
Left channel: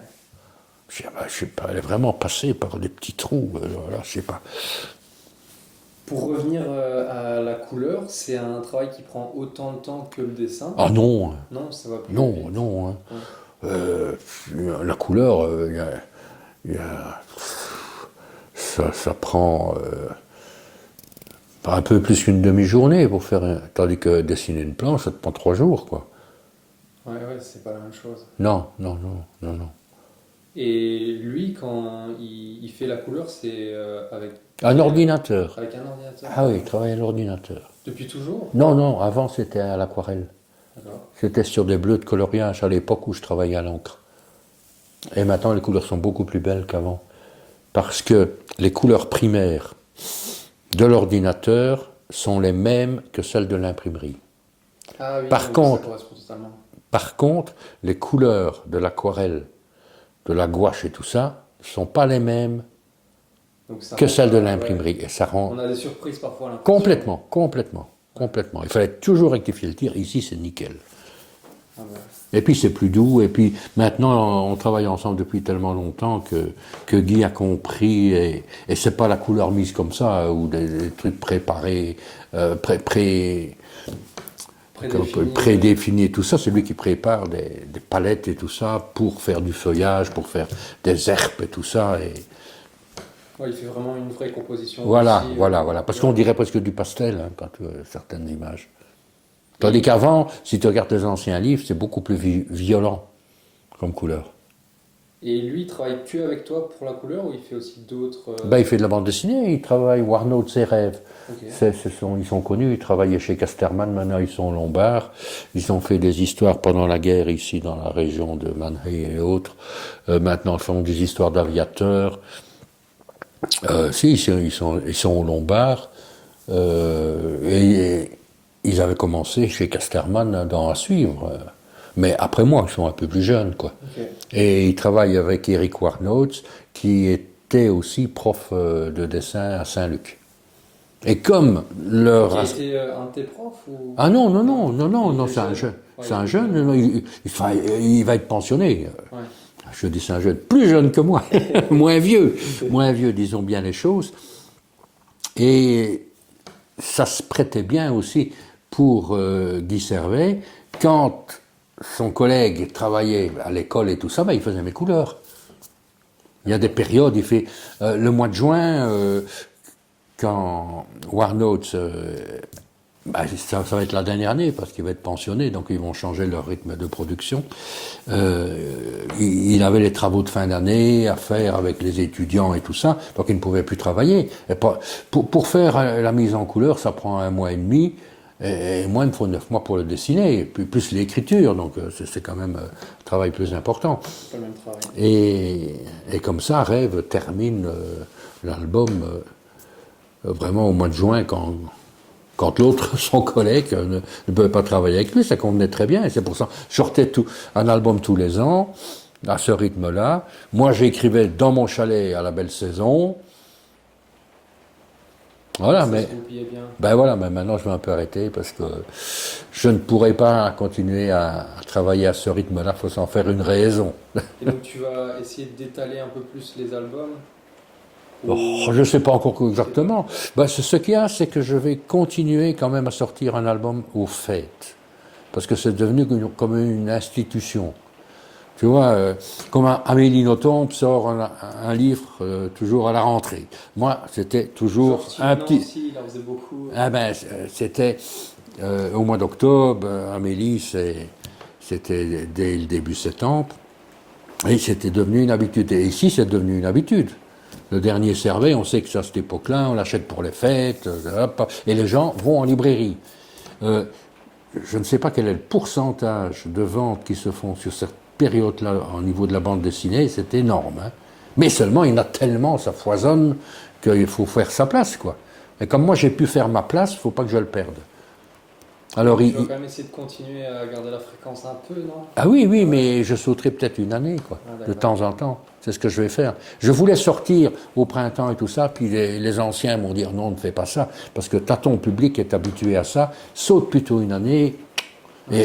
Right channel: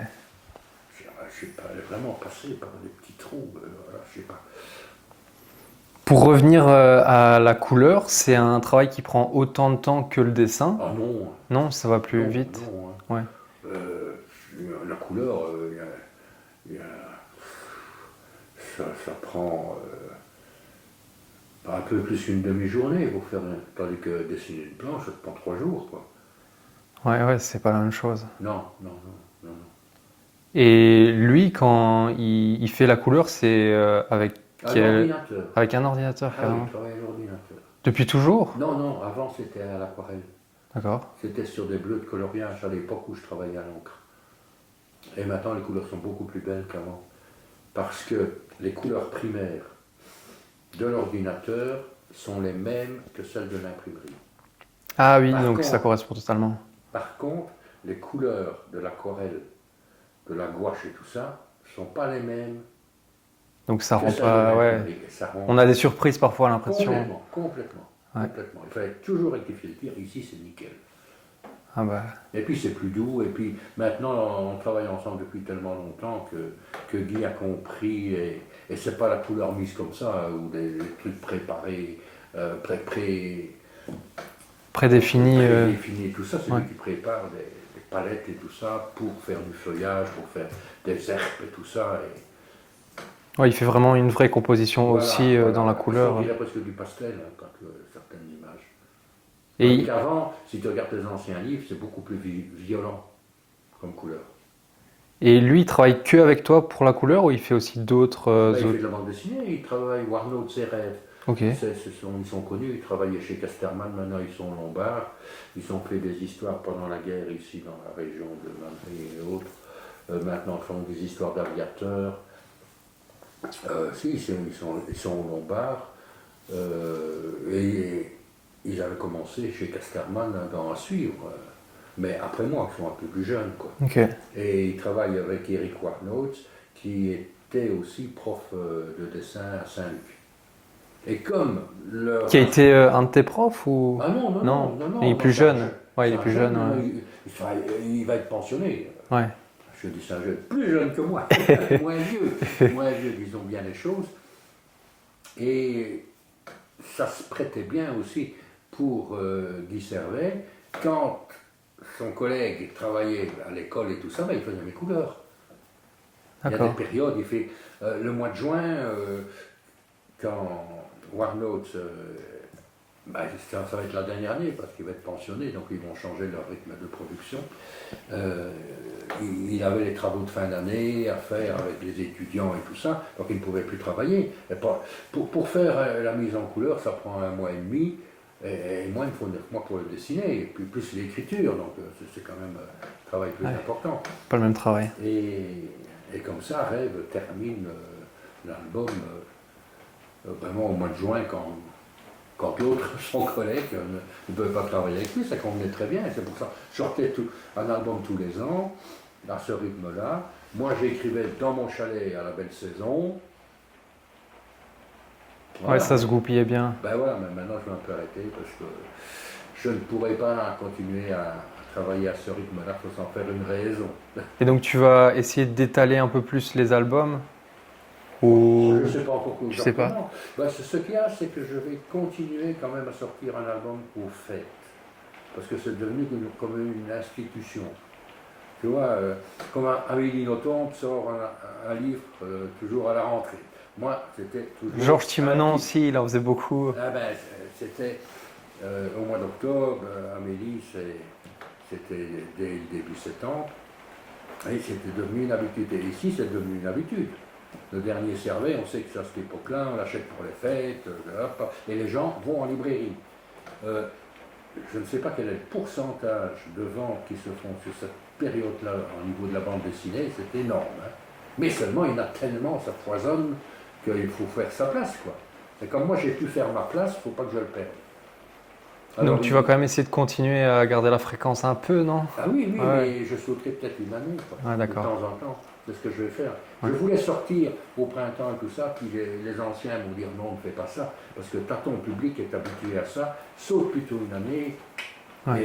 Je sais pas, elle est vraiment passée par des petits trous, là, je sais pas. Pour revenir à la couleur, c'est un travail qui prend autant de temps que le dessin? Ah non. Non, ça va plus vite. Non. Hein. Ouais. La couleur, ça prend un peu plus qu'une demi-journée pour faire. Tandis que dessiner une planche, ça te prend 3 jours, quoi. Ouais, c'est pas la même chose. Non. Et lui, quand il fait la couleur, c'est avec un ordinateur. Avec un ordinateur. Ah oui, il travaille à l'ordinateur. Depuis toujours? Non, avant c'était à l'aquarelle. D'accord. C'était sur des bleus de coloriage à l'époque où je travaillais à l'encre. Et maintenant, les couleurs sont beaucoup plus belles qu'avant. Parce que les couleurs primaires de l'ordinateur sont les mêmes que celles de l'imprimerie. Ah oui, donc ça correspond totalement. Par contre, les couleurs de l'aquarelle, de la gouache et tout ça, ne sont pas les mêmes donc ça que celles de l'imprimerie. Ouais. Et ça rend... On a des surprises parfois à l'impression. Complètement. Il fallait toujours rectifier le tir. Ici, c'est nickel. Ah bah. Et puis, c'est plus doux. Et puis, maintenant, on travaille ensemble depuis tellement longtemps que Guy a compris. Et c'est pas la couleur mise comme ça, ou des trucs préparés, prédéfinis et tout ça. C'est lui qui prépare des palettes et tout ça pour faire du feuillage, pour faire des herbes et tout ça. Et... Ouais, il fait vraiment une vraie composition aussi. Voilà. Parce qu'on dirait presque du pastel hein, quand tu vois certaines images. Tandis qu'avant, si tu regardes les anciens livres, c'est beaucoup plus violent comme couleur. Et lui, il travaille que avec toi pour la couleur ou il fait aussi d'autres... Il fait de la bande dessinée, il travaille Warnaud de ses rêves. Okay. Ils sont connus, ils travaillaient chez Casterman, maintenant ils sont Lombards. Ils ont fait des histoires pendant la guerre ici dans la région de Mannheim et autres. Maintenant ils font des histoires d'aviateurs. Ils sont Lombards. Et ils avaient commencé chez Casterman à suivre. Mais après moi, ils sont un peu plus jeunes, quoi. Ok. Et ils travaillent avec Eric Warnots, qui était aussi prof de dessin à Saint-Luc. Et comme leur... Qui a été un de tes profs ou... Ah non, Il est non, plus c'est un jeune. jeune. Ouais, C'est il est un plus jeune, jeune, non, hein. il va être pensionné. Ouais. Je dis c'est un jeune, plus jeune que moi, moins vieux, disons bien les choses. Et ça se prêtait bien aussi pour Guy Servet, quand son collègue travaillait à l'école et tout ça, ben, il faisait mes couleurs. Il y a des périodes, il fait le mois de juin, quand Warnots, ben, ça va être la dernière année parce qu'il va être pensionné, donc ils vont changer leur rythme de production. Il avait les travaux de fin d'année à faire avec les étudiants et tout ça, donc il ne pouvait plus travailler. Et pour faire la mise en couleur, ça prend 1 mois et demi, et moi il me faut 9 mois pour le dessiner, et plus l'écriture, donc c'est quand même un travail plus important. Pas le même travail. Et comme ça, Rêve termine l'album vraiment au mois de juin, quand l'autre, son collègue, ne pouvait pas travailler avec lui, ça convenait très bien. Et c'est pour ça que je sortais un album tous les ans, à ce rythme-là. Moi, j'écrivais dans mon chalet à la belle saison. Voilà, Ouais, ça se goupillait bien. Ben voilà, mais maintenant je vais un peu arrêter parce que je ne pourrais pas continuer à travailler à ce rythme-là, il faut s'en faire une raison. Et donc tu vas essayer d'étaler un peu plus les albums ou... Je ne sais pas encore Je sais pas. exactement. Ben, ce qu'il y a, c'est que je vais continuer quand même à sortir un album aux fêtes. Parce que c'est devenu comme une institution. Tu vois, comme Amélie Nothomb sort un livre toujours à la rentrée. Moi, c'était toujours Georges Simenon aussi, il en faisait beaucoup. Ah ben, c'était au mois d'octobre, Amélie, c'était dès le début septembre, et c'était devenu une habitude. Et ici, c'est devenu une habitude. Le dernier Servet, on sait que c'est à cette époque-là, on l'achète pour les fêtes, et les gens vont en librairie. Je ne sais pas quel est le pourcentage de ventes qui se font sur cette période-là au niveau de la bande dessinée, c'est énorme. Hein. Mais seulement, il y en a tellement, ça foisonne, qu'il faut faire sa place, quoi. Et comme moi, j'ai pu faire ma place, il ne faut pas que je le perde. Alors, tu vas quand même essayer de continuer à garder la fréquence un peu, non? Ah oui, Ouais. mais je sauterai peut-être une année, quoi, Ah, de d'accord. temps en temps. C'est ce que je vais faire. Je voulais sortir au printemps et tout ça, puis les anciens m'ont dit non, ne fais pas ça, parce que ton public est habitué à ça, saute plutôt une année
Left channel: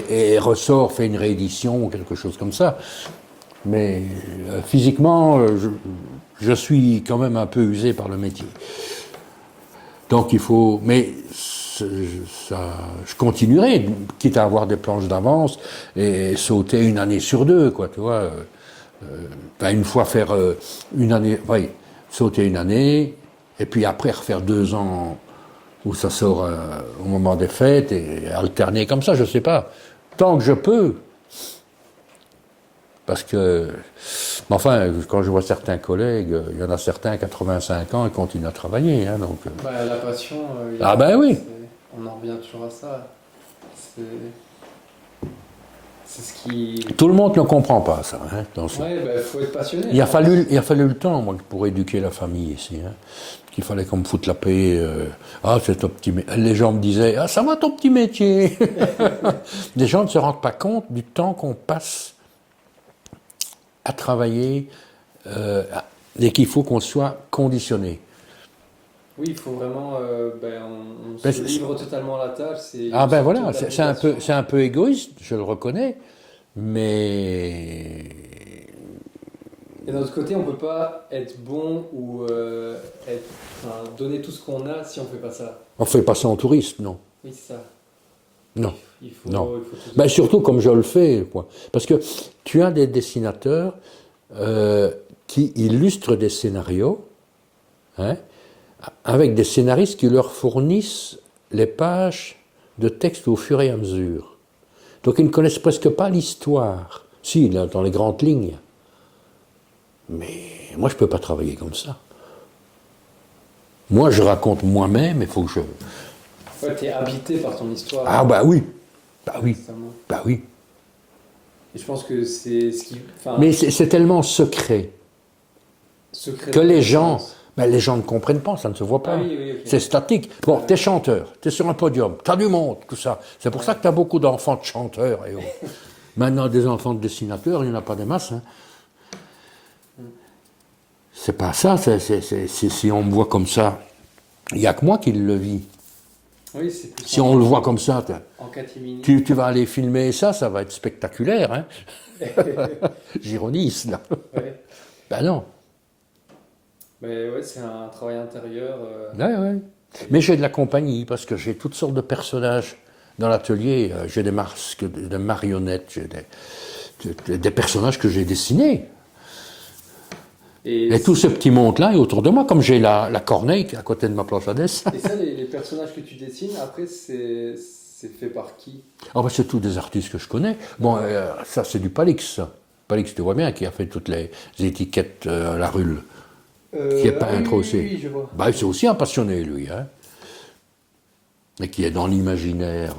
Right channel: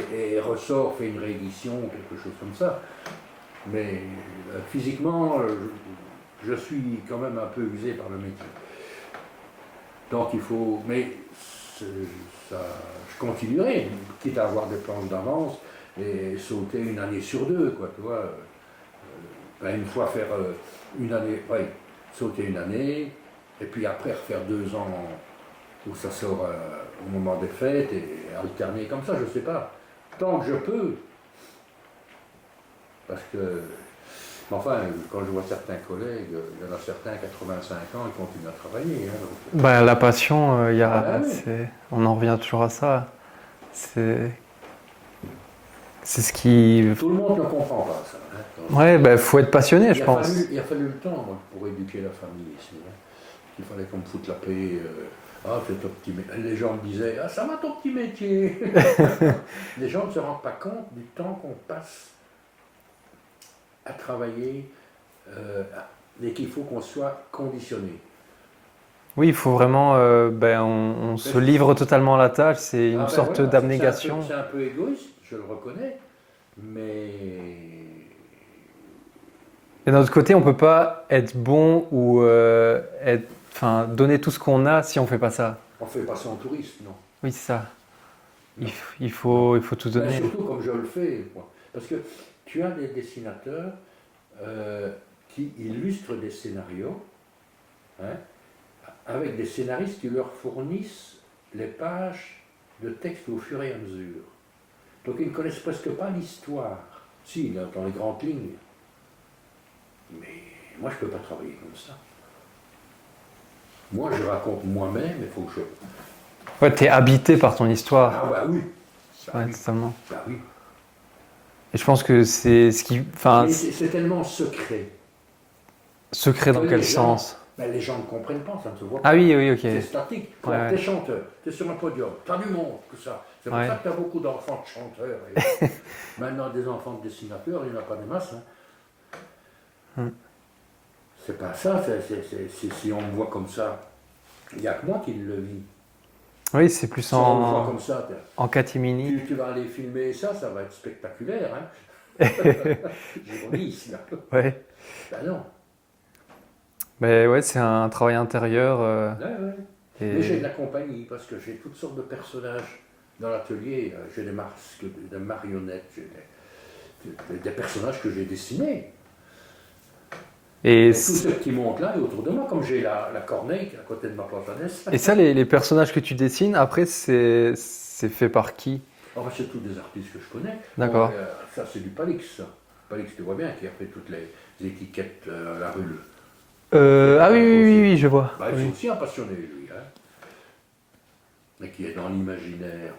et ressort, fait une réédition ou quelque chose comme ça. Mais physiquement, je suis quand même un peu usé par le métier. Donc il faut... Mais je continuerai, quitte à avoir des planches d'avance et sauter une année sur deux, quoi, tu vois. Une fois faire une année, oui, sauter une année, et puis après refaire 2 ans où ça sort au moment des fêtes, et alterner comme ça, je sais pas. Tant que je peux. Parce que, enfin, quand je vois certains collègues, il y en a certains, 85 ans, ils continuent à travailler. Hein, donc, Bah, la passion, il y a, Ah ben oui. on en revient toujours à ça. C'est ce qui... Tout le monde ne comprend pas ça. Hein, Ouais, ben faut être passionné, il je a pense. fallu le temps, moi, pour éduquer la famille ici. Hein, qu'il fallait qu'on me foute la paix. C'est ton petit métier. Les gens me disaient, ah, ça va ton petit métier. Les gens ne se rendent pas compte du temps qu'on passe à travailler et qu'il faut qu'on soit conditionné. Oui, il faut vraiment... on se livre totalement à la tâche, c'est une sorte Voilà, d'abnégation. c'est un peu égoïste, je le reconnais, mais... Et d'un autre côté, on ne peut pas être bon ou donner tout ce qu'on a si on ne fait pas ça. On ne fait pas ça en touriste, non. Oui, c'est ça. Non. Il faut tout donner. Ben, surtout comme je le fais, quoi. Parce que tu as des dessinateurs qui illustrent des scénarios, hein, avec des scénaristes qui leur fournissent les pages de texte au fur et à mesure. Donc ils ne connaissent presque pas l'histoire. Si, dans les grandes lignes. Mais moi, je ne peux pas travailler comme ça. Moi, je raconte moi-même, il faut que je... Ouais, tu es habité par ton histoire. Ah bah oui. Bah oui. Totalement. Bah oui. Et je pense que c'est ce qui... Mais c'est tellement secret secret que dans les quel gens... sens? Mais les gens ne comprennent pas, ça ne se voit pas. Ah oui, oui, ok. C'est statique. Bon, Ouais. t'es chanteur, t'es sur un podium, t'as du monde, tout ça. C'est pour Ouais. ça que t'as beaucoup d'enfants de chanteurs. Et maintenant, des enfants de dessinateurs, il n'y en a pas des masses. Hein. C'est pas ça, si on me voit comme ça, il n'y a que moi qui le vis. Oui, c'est plus Si on le voit comme ça, en catimini. tu vas aller filmer ça, ça va être spectaculaire. Hein. J'ironise, là. Ouais. Ben non. Mais ouais, c'est un travail intérieur. Ouais, ouais. Et- Mais j'ai de la compagnie parce que j'ai toutes sortes de personnages dans l'atelier. J'ai des masques, des marionnettes, j'ai des personnages que j'ai dessinés. Et tout ce petit monde-là est autour de moi, comme j'ai la corneille qui est à côté de ma planche à dessin. Et ça, les personnages que tu dessines, après, c'est fait par qui? Oh, bah, c'est tous des artistes que je connais. D'accord. Bon, ça, c'est du Palix. Ça. Palix, tu vois bien, qui a fait toutes les étiquettes à la Rulle. Ah oui, peintre oui, aussi. oui, je vois. Bah, c'est Oui. aussi un passionné, lui. Hein. Et qui est dans l'imaginaire.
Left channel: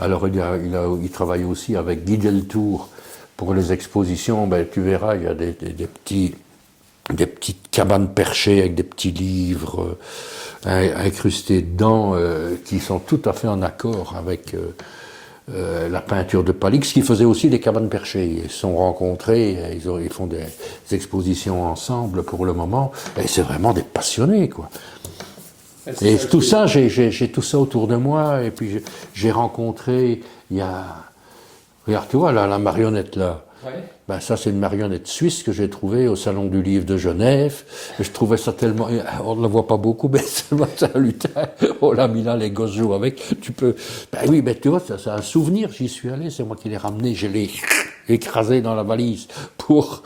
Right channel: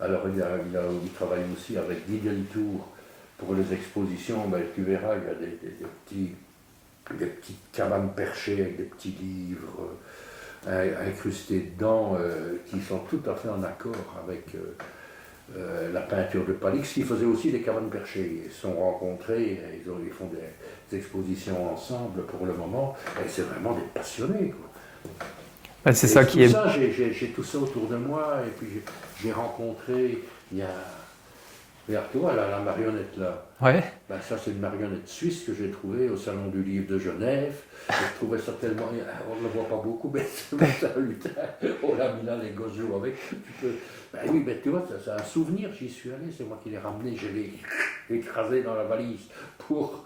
Alors, il travaille aussi avec Guy Deltour pour les expositions. Ben, tu verras, il y a des petites cabanes perchées avec des petits livres incrustés dedans qui sont tout à fait en accord avec la peinture de Palix, qui faisait aussi des cabanes perchées. Ils se sont rencontrés, ils font des expositions ensemble pour le moment, et c'est vraiment des passionnés, quoi. Ah, c'est Et ça tout qui est... ça, j'ai tout ça autour de moi, et puis j'ai rencontré, il y a... Regarde, tu vois, là, la marionnette, là. Ouais. Ben, ça, c'est une marionnette suisse que j'ai trouvée au Salon du Livre de Genève. Et je trouvais ça tellement... On ne le voit pas beaucoup, mais c'est un lutin. On l'a mis là, les gosses jouent avec. Tu peux... Ben oui, ben tu vois, c'est un souvenir. J'y suis allé, c'est moi qui l'ai ramené. Je l'ai écrasé dans la valise pour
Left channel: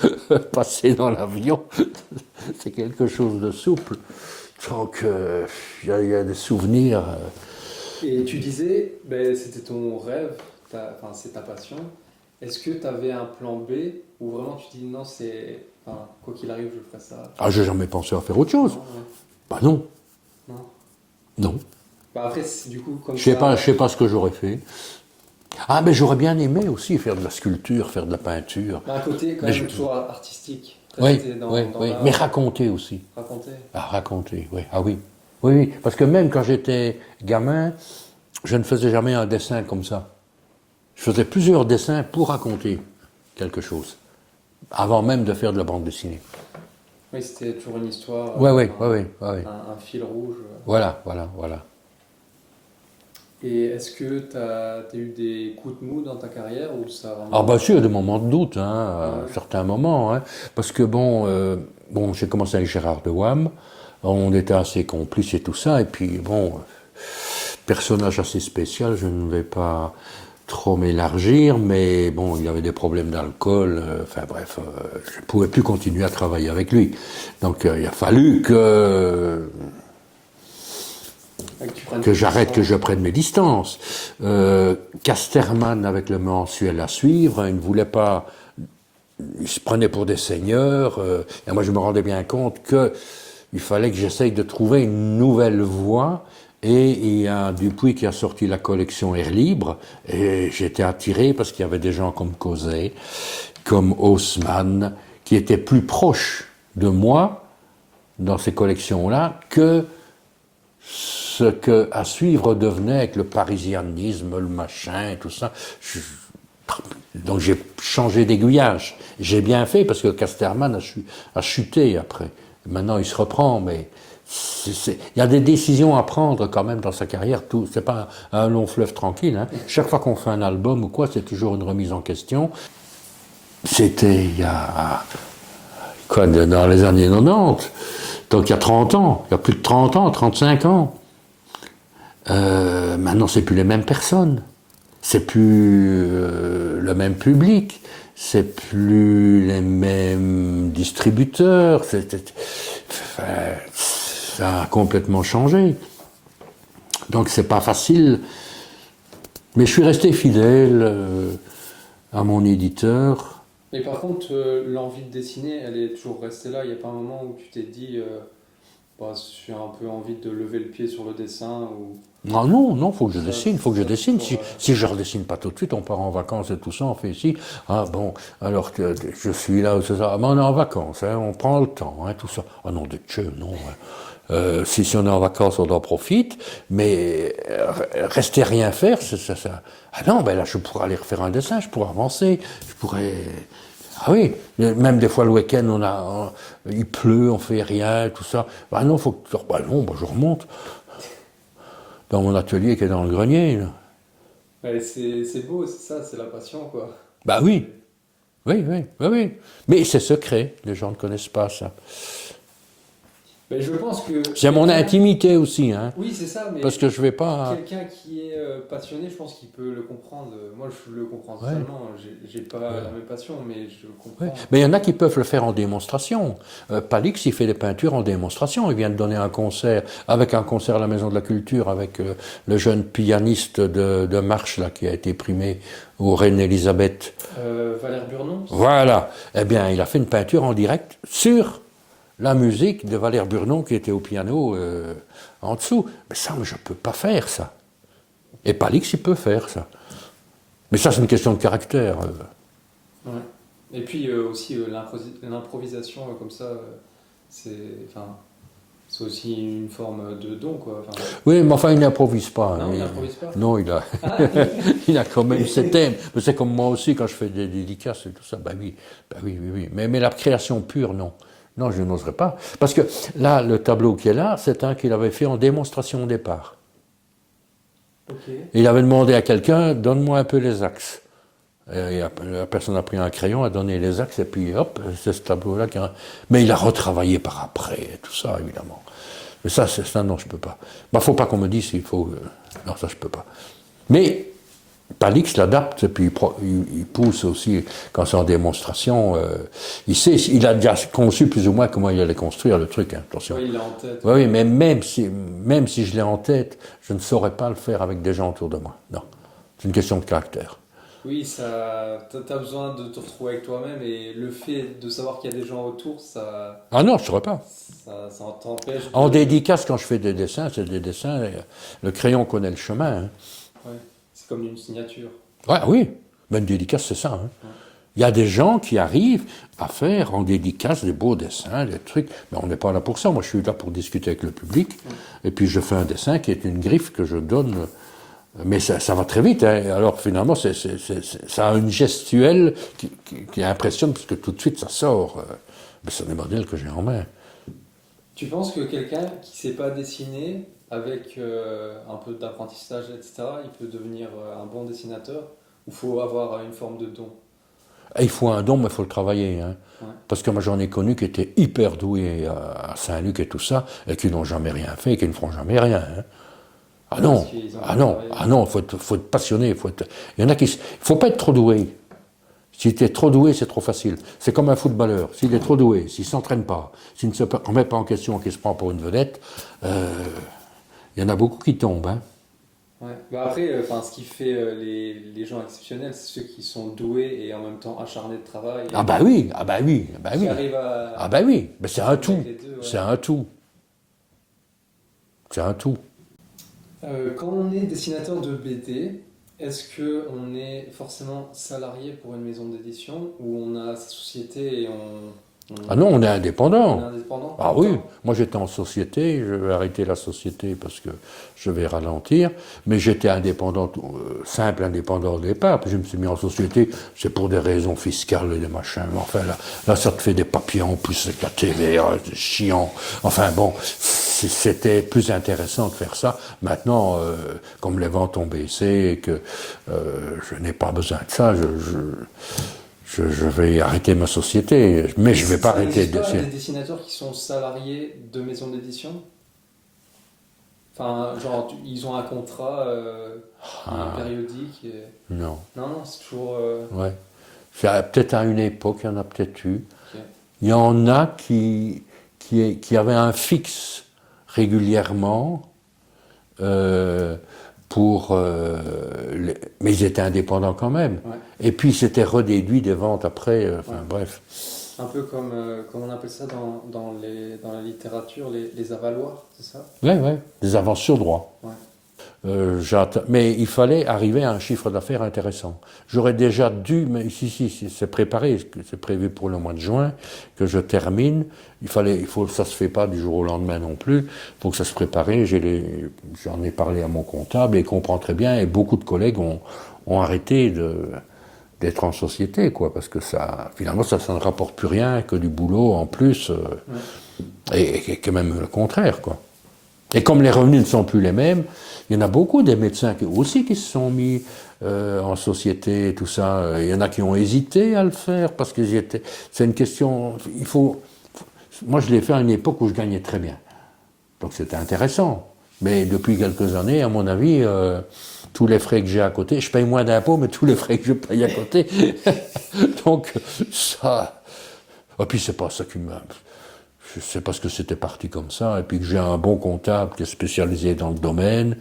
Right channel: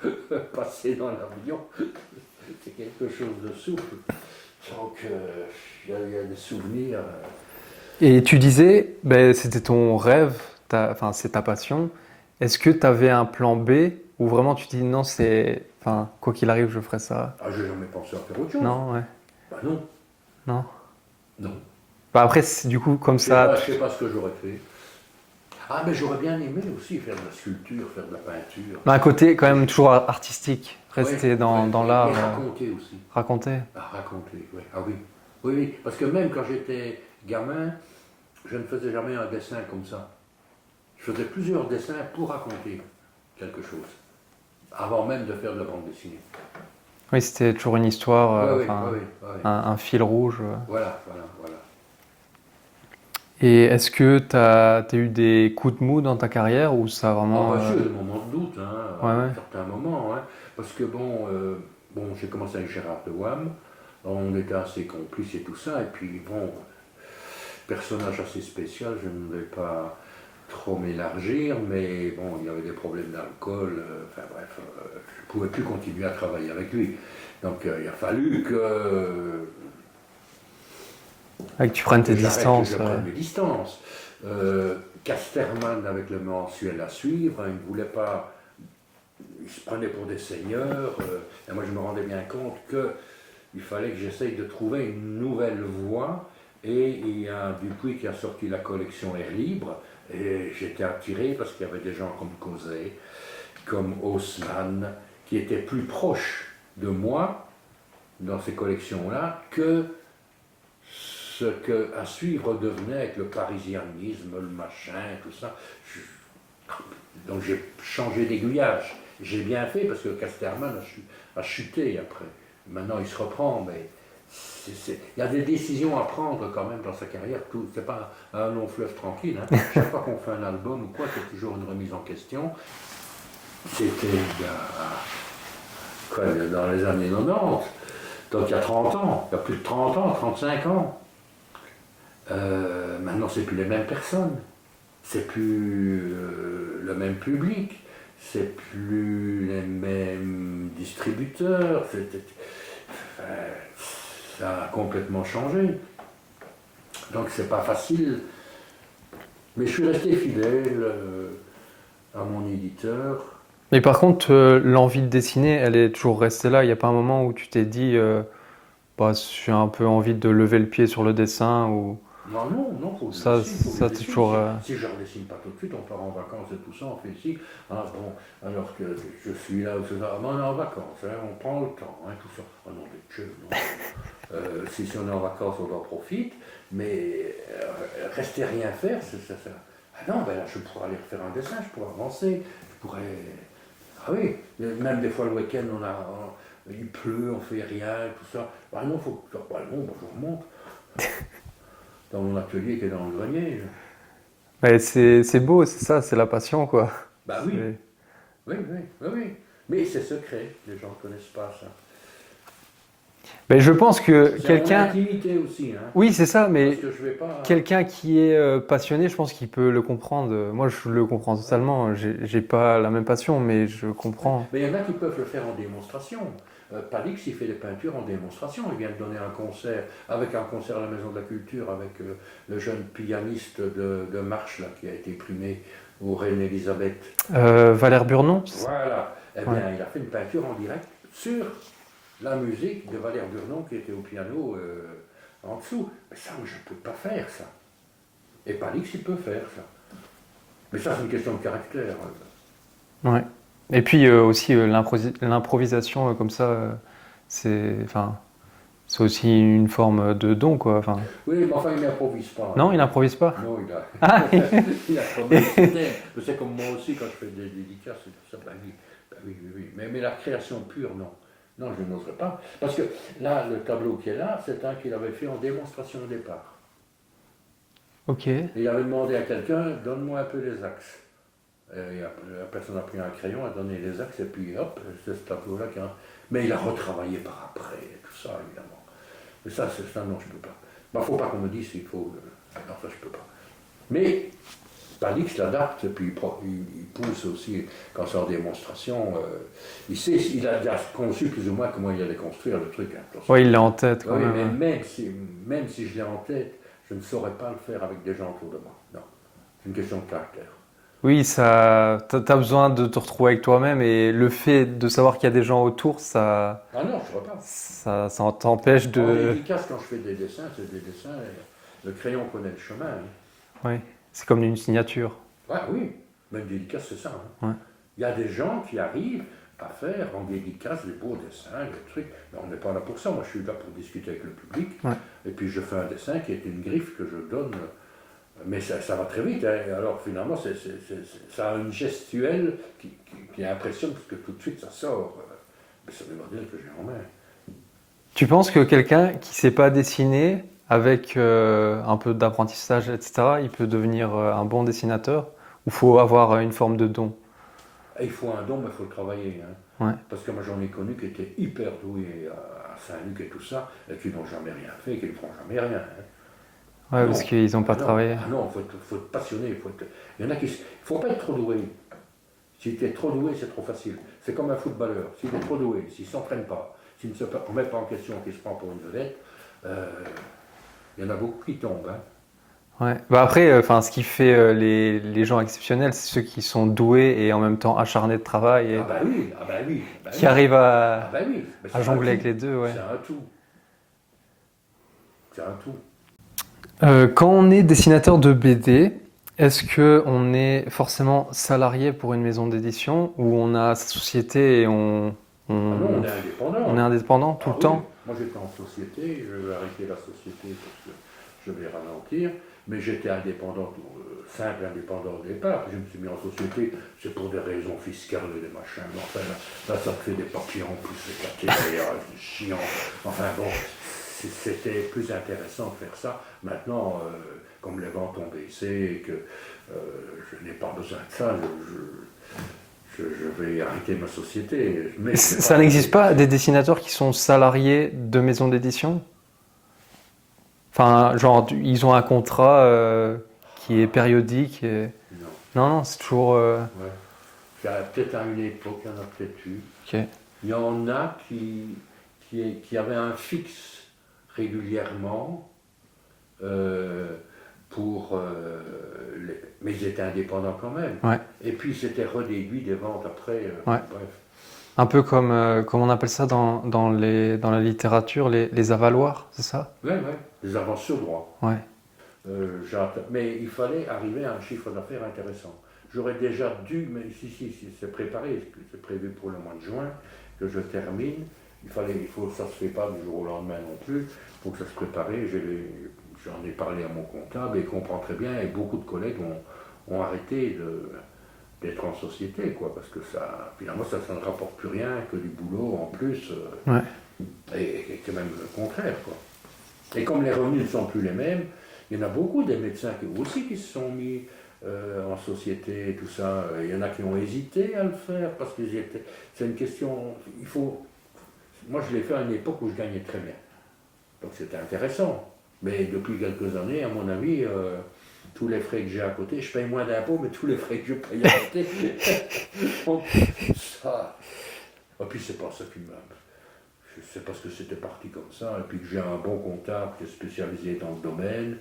passer dans l'avion. C'est quelque chose de souple. Donc, il y a des souvenirs. Et tu disais, ben, c'était ton rêve, enfin, c'est ta passion. Est-ce que tu avais un plan B ou vraiment tu dis non, c'est, enfin, quoi qu'il arrive, je ferai ça? Ah, j'ai jamais pensé à faire autre chose. Non, ouais. Bah non, Non. non. Bah après, du coup, comme Je ça. sais pas ce que j'aurais fait. Ah, mais j'aurais bien aimé aussi faire de la sculpture, faire de la peinture. Mais un côté quand même toujours artistique. Rester Oui, dans, oui, dans oui. l'art. Mais raconter aussi. Raconter. Ah, raconter, oui. Ah oui. Oui, oui. Parce que même quand j'étais gamin, je ne faisais jamais un dessin comme ça. Je faisais plusieurs dessins pour raconter quelque chose. Avant même de faire de la bande dessinée. Oui, c'était toujours une histoire. Oui, oui, enfin, oui, oui. un fil rouge. Voilà, voilà, voilà. Et est-ce que tu as eu des coups de mou dans ta carrière ou ça a vraiment. Ah bah sûr, il y a des moments de doute, hein, Ouais, à ouais. certains moments. Hein, parce que bon, j'ai commencé avec Gérard de Wam, on était assez complices et tout ça, et puis bon, personnage assez spécial, je ne vais pas trop m'élargir, mais bon, il avait des problèmes d'alcool, enfin bref, je ne pouvais plus continuer à travailler avec lui. Donc il a fallu que Que tu prennes que tes j'arrête, que distances, je prenne mes distances. Casterman, avec le mensuel à suivre, il ne voulait pas. Il se prenait pour des seigneurs. Et moi, je me rendais bien compte qu'il fallait que j'essaye de trouver une nouvelle voie. Et il y a Dupuis qui a sorti la collection Air Libre. Et j'étais attiré parce qu'il y avait des gens comme Causet, comme Haussmann, qui étaient plus proches de moi dans ces collections-là que ce que à suivre devenait avec le parisianisme, le machin et tout ça. Donc j'ai changé d'aiguillage. J'ai bien fait parce que Casterman a chuté après. Maintenant il se reprend, mais il y a des décisions à prendre quand même dans sa carrière. C'est pas un long fleuve tranquille. Hein. Chaque fois qu'on fait un album ou quoi, c'est toujours une remise en question. C'était il y a quoi, dans les années 90. Donc il y a 30 ans, il y a plus de 30 ans, 35 ans. Maintenant, c'est plus les mêmes personnes, c'est plus le même public, c'est plus les mêmes distributeurs, ça a complètement changé. Donc c'est pas facile, mais je suis resté fidèle à mon éditeur. Mais par contre, l'envie de dessiner, elle est toujours restée là. Il n'y a pas un moment où tu t'es dit, bah, j'ai un peu envie de lever le pied sur le dessin ou... Non, faut que je dessine, faut que je c'est dessine. toujours, Si je ne redessine pas tout de suite, on part en vacances et tout ça, on fait ici. Ah bon, alors que je suis là, c'est ça. Ah, ben, on est en vacances, hein, on prend le temps, hein, tout ça. Ah non, de Dieu, non. Si on est en vacances, on en profite, mais rester rien faire, c'est ça. Ah non, ben là, je pourrais aller refaire un dessin, je pourrais avancer, je pourrais... Ah oui, même des fois le week-end, il pleut, on fait rien, tout ça. Ah non, faut que... Bah non, bah, je remonte dans mon atelier qui est dans le grenier. Là. Mais c'est beau, c'est ça, c'est la passion, quoi. Bah oui, C'est- oui. Mais c'est secret, les gens ne connaissent pas ça. Mais je pense que C'est mon quelqu'un... intimité aussi, hein, Oui, c'est ça, mais parce que je vais pas... quelqu'un qui est passionné, je pense qu'il peut le comprendre. Moi, je le comprends totalement. J'ai pas la même passion, mais je comprends. Mais il y en a qui peuvent le faire en démonstration. Palix, il fait des peintures en démonstration. Il vient de donner un concert, avec un concert à la Maison de la Culture, avec le jeune pianiste de Marche, là, qui a été primé au Reine-Élisabeth. Valère Burnon? Voilà. Eh bien, il a fait une peinture en direct sur la musique de Valère Burnon, qui était au piano en dessous. Mais ça, je ne peux pas faire ça. Et Palix, il peut faire ça. Mais ça, c'est une question de caractère. Ouais. Et puis aussi l'improvisation comme ça, enfin, c'est aussi une forme de don, quoi. Enfin, Oui, mais enfin, il n'improvise pas. non, hein. il n'improvise pas. Non, il a quand même ses thèmes. Mais c'est comme moi aussi, quand je fais des dédicaces et tout ça. Oui. Mais la création pure, non. Non, je n'oserais pas. Parce que là, le tableau qui est là, c'est un qu'il avait fait en démonstration au départ. Ok. Il avait demandé à quelqu'un, donne-moi un peu les axes. Et la personne a pris un crayon, a donné les axes, et puis hop, c'est ce tableau-là. Mais il a retravaillé par après, et tout ça, évidemment. Mais ça, non, je ne peux pas. Il ne faut pas qu'on me dise s'il faut... non, ça, je ne peux pas. Mais Palix l'adapte, et puis il pousse aussi, quand c'est en démonstration, il a déjà conçu plus ou moins comment il allait construire le truc. Hein, Oui, il l'a en tête. oui, mais même si je l'ai en tête, je ne saurais pas le faire avec des gens autour de moi. Non, c'est une question de caractère. Oui, t'as besoin de te retrouver avec toi-même et le fait de savoir qu'il y a des gens autour, Ah non, je ne saurais pas. ça t'empêche de... En dédicace, quand je fais des dessins, c'est des dessins, le crayon connaît le chemin. Hein. Oui, c'est comme une signature. Ouais, oui, mais une dédicace, c'est ça. Hein. Ouais. Il y a des gens qui arrivent à faire en dédicace des beaux dessins, des trucs, mais on n'est pas là pour ça. Moi, je suis là pour discuter avec le public, et puis je fais un dessin qui est une griffe que je donne, mais ça va très vite. Hein. Alors finalement, ça a une gestuelle qui impressionne, parce que tout de suite, ça sort. Mais c'est des modèles que j'ai en main. Tu penses que quelqu'un qui ne sait pas dessiner, avec un peu d'apprentissage, etc., il peut devenir un bon dessinateur? Ou faut avoir une forme de don? Et il faut un don, mais il faut le travailler. Hein. Ouais. Parce que moi, j'en ai connu qui étaient hyper doués à Saint-Luc et tout ça, et qui n'ont jamais rien fait, et qui ne feront jamais rien. Hein. Ah non, parce qu'ils n'ont pas travaillé. Ah non, faut être passionné. Il y en a qui... Il ne faut pas être trop doué. Si tu es trop doué, c'est trop facile. C'est comme un footballeur. S'il est trop doué, s'il ne s'entraîne pas, s'il ne se remet pas en question, qu'il se prend pour une vedette, il y en a beaucoup qui tombent. Hein. Ouais. Bah après, ce qui fait les gens exceptionnels, c'est ceux qui sont doués et en même temps acharnés de travail. Et qui arrivent à, Ah bah oui, mais c'est à un jongler tout. avec les deux. Ouais. C'est un tout. C'est un tout. Quand on est dessinateur de BD, est-ce qu'on est forcément salarié pour une maison d'édition ou on a sa société et Ah non, on est indépendant. On est indépendant tout Ah le oui, temps? moi j'étais en société, je vais arrêter la société parce que je vais ralentir, mais j'étais indépendant, simple indépendant au départ, puis je me suis mis en société, c'est pour des raisons fiscales et des machins, mais enfin là ça te fait des papiers en plus avec la télé, c'est chiant, enfin bon, c'était plus intéressant de faire ça. Maintenant, comme les ventes ont baissé et que je n'ai pas besoin de ça, je vais arrêter ma société, mais je vais pas. Ça n'existe pas des dessinateurs qui sont salariés de maisons d'édition? Enfin, genre, ils ont un contrat qui est périodique et... Non. Non, c'est toujours... Ouais. Peut-être à une époque, il y en a peut-être eu. Ok. Il y en a qui avaient un fixe régulièrement mais ils étaient indépendants quand même. Ouais. Et puis c'était redéduit des ventes après. Ouais. Bref. Un peu comme on appelle ça dans la littérature, les avaloirs, c'est ça? Ouais, ouais, des avances sur droit. Ouais. Mais il fallait arriver à un chiffre d'affaires intéressant. J'aurais déjà dû, mais si, c'est préparé, c'est prévu pour le mois de juin que je termine. Ça se fait pas du jour au lendemain non plus. Il faut que ça se prépare. J'en ai parlé à mon comptable et il comprend très bien. Et beaucoup de collègues ont arrêté d'être en société, quoi, parce que finalement, ça ne rapporte plus rien que du boulot en plus, Ouais. et que même le contraire, quoi. Et comme les revenus ne sont plus les mêmes, il y en a beaucoup des médecins qui se sont mis en société, tout ça. Il y en a qui ont hésité à le faire parce que c'est une question. Moi, je l'ai fait à une époque où je gagnais très bien, donc c'était intéressant. Mais depuis quelques années, à mon avis, tous les frais que j'ai à côté, je paye moins d'impôts, mais tous les frais que je paye à côté, donc ça. Et puis c'est pas ça qui m'a. C'est parce que c'était parti comme ça, et puis que j'ai un bon comptable qui est spécialisé dans le domaine,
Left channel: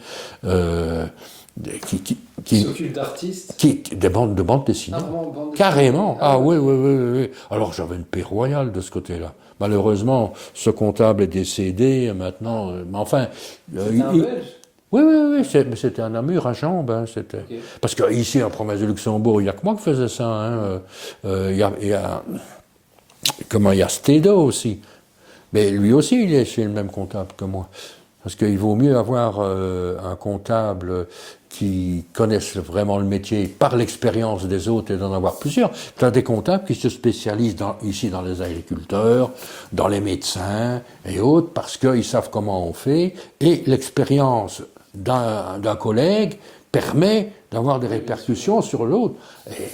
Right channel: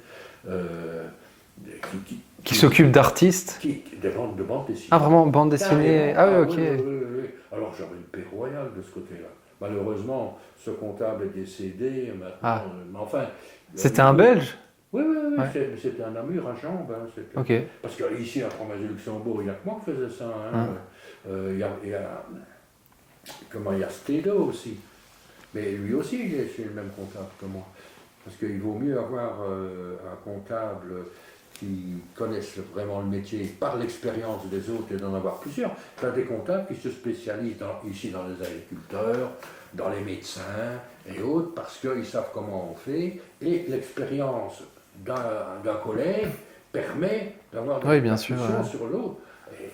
Qui s'occupe d'artistes? de bande dessinée. Ah, vraiment, bande dessinée? Carrément. Ah ok. oui, oui, oui, oui. Alors j'avais une paix royale de ce côté-là. Malheureusement, ce comptable est décédé maintenant. Mais enfin. C'était un Belge? Oui, oui, oui. Ouais. Mais c'était un Namur à Jambes. Hein, Ok. Parce qu'ici, en province de Luxembourg, il n'y a que moi qui faisais ça. Hein. Il y a Stedo aussi. Mais lui aussi, il est chez le même comptable que moi. Parce qu'il vaut mieux avoir un comptable qui connaisse vraiment le métier par l'expérience des autres et d'en avoir plusieurs. Tu as des comptables qui se spécialisent ici dans les agriculteurs, dans les médecins et autres, parce qu'ils savent comment on fait. Et l'expérience d'un collègue permet d'avoir des répercussions sur l'autre. Et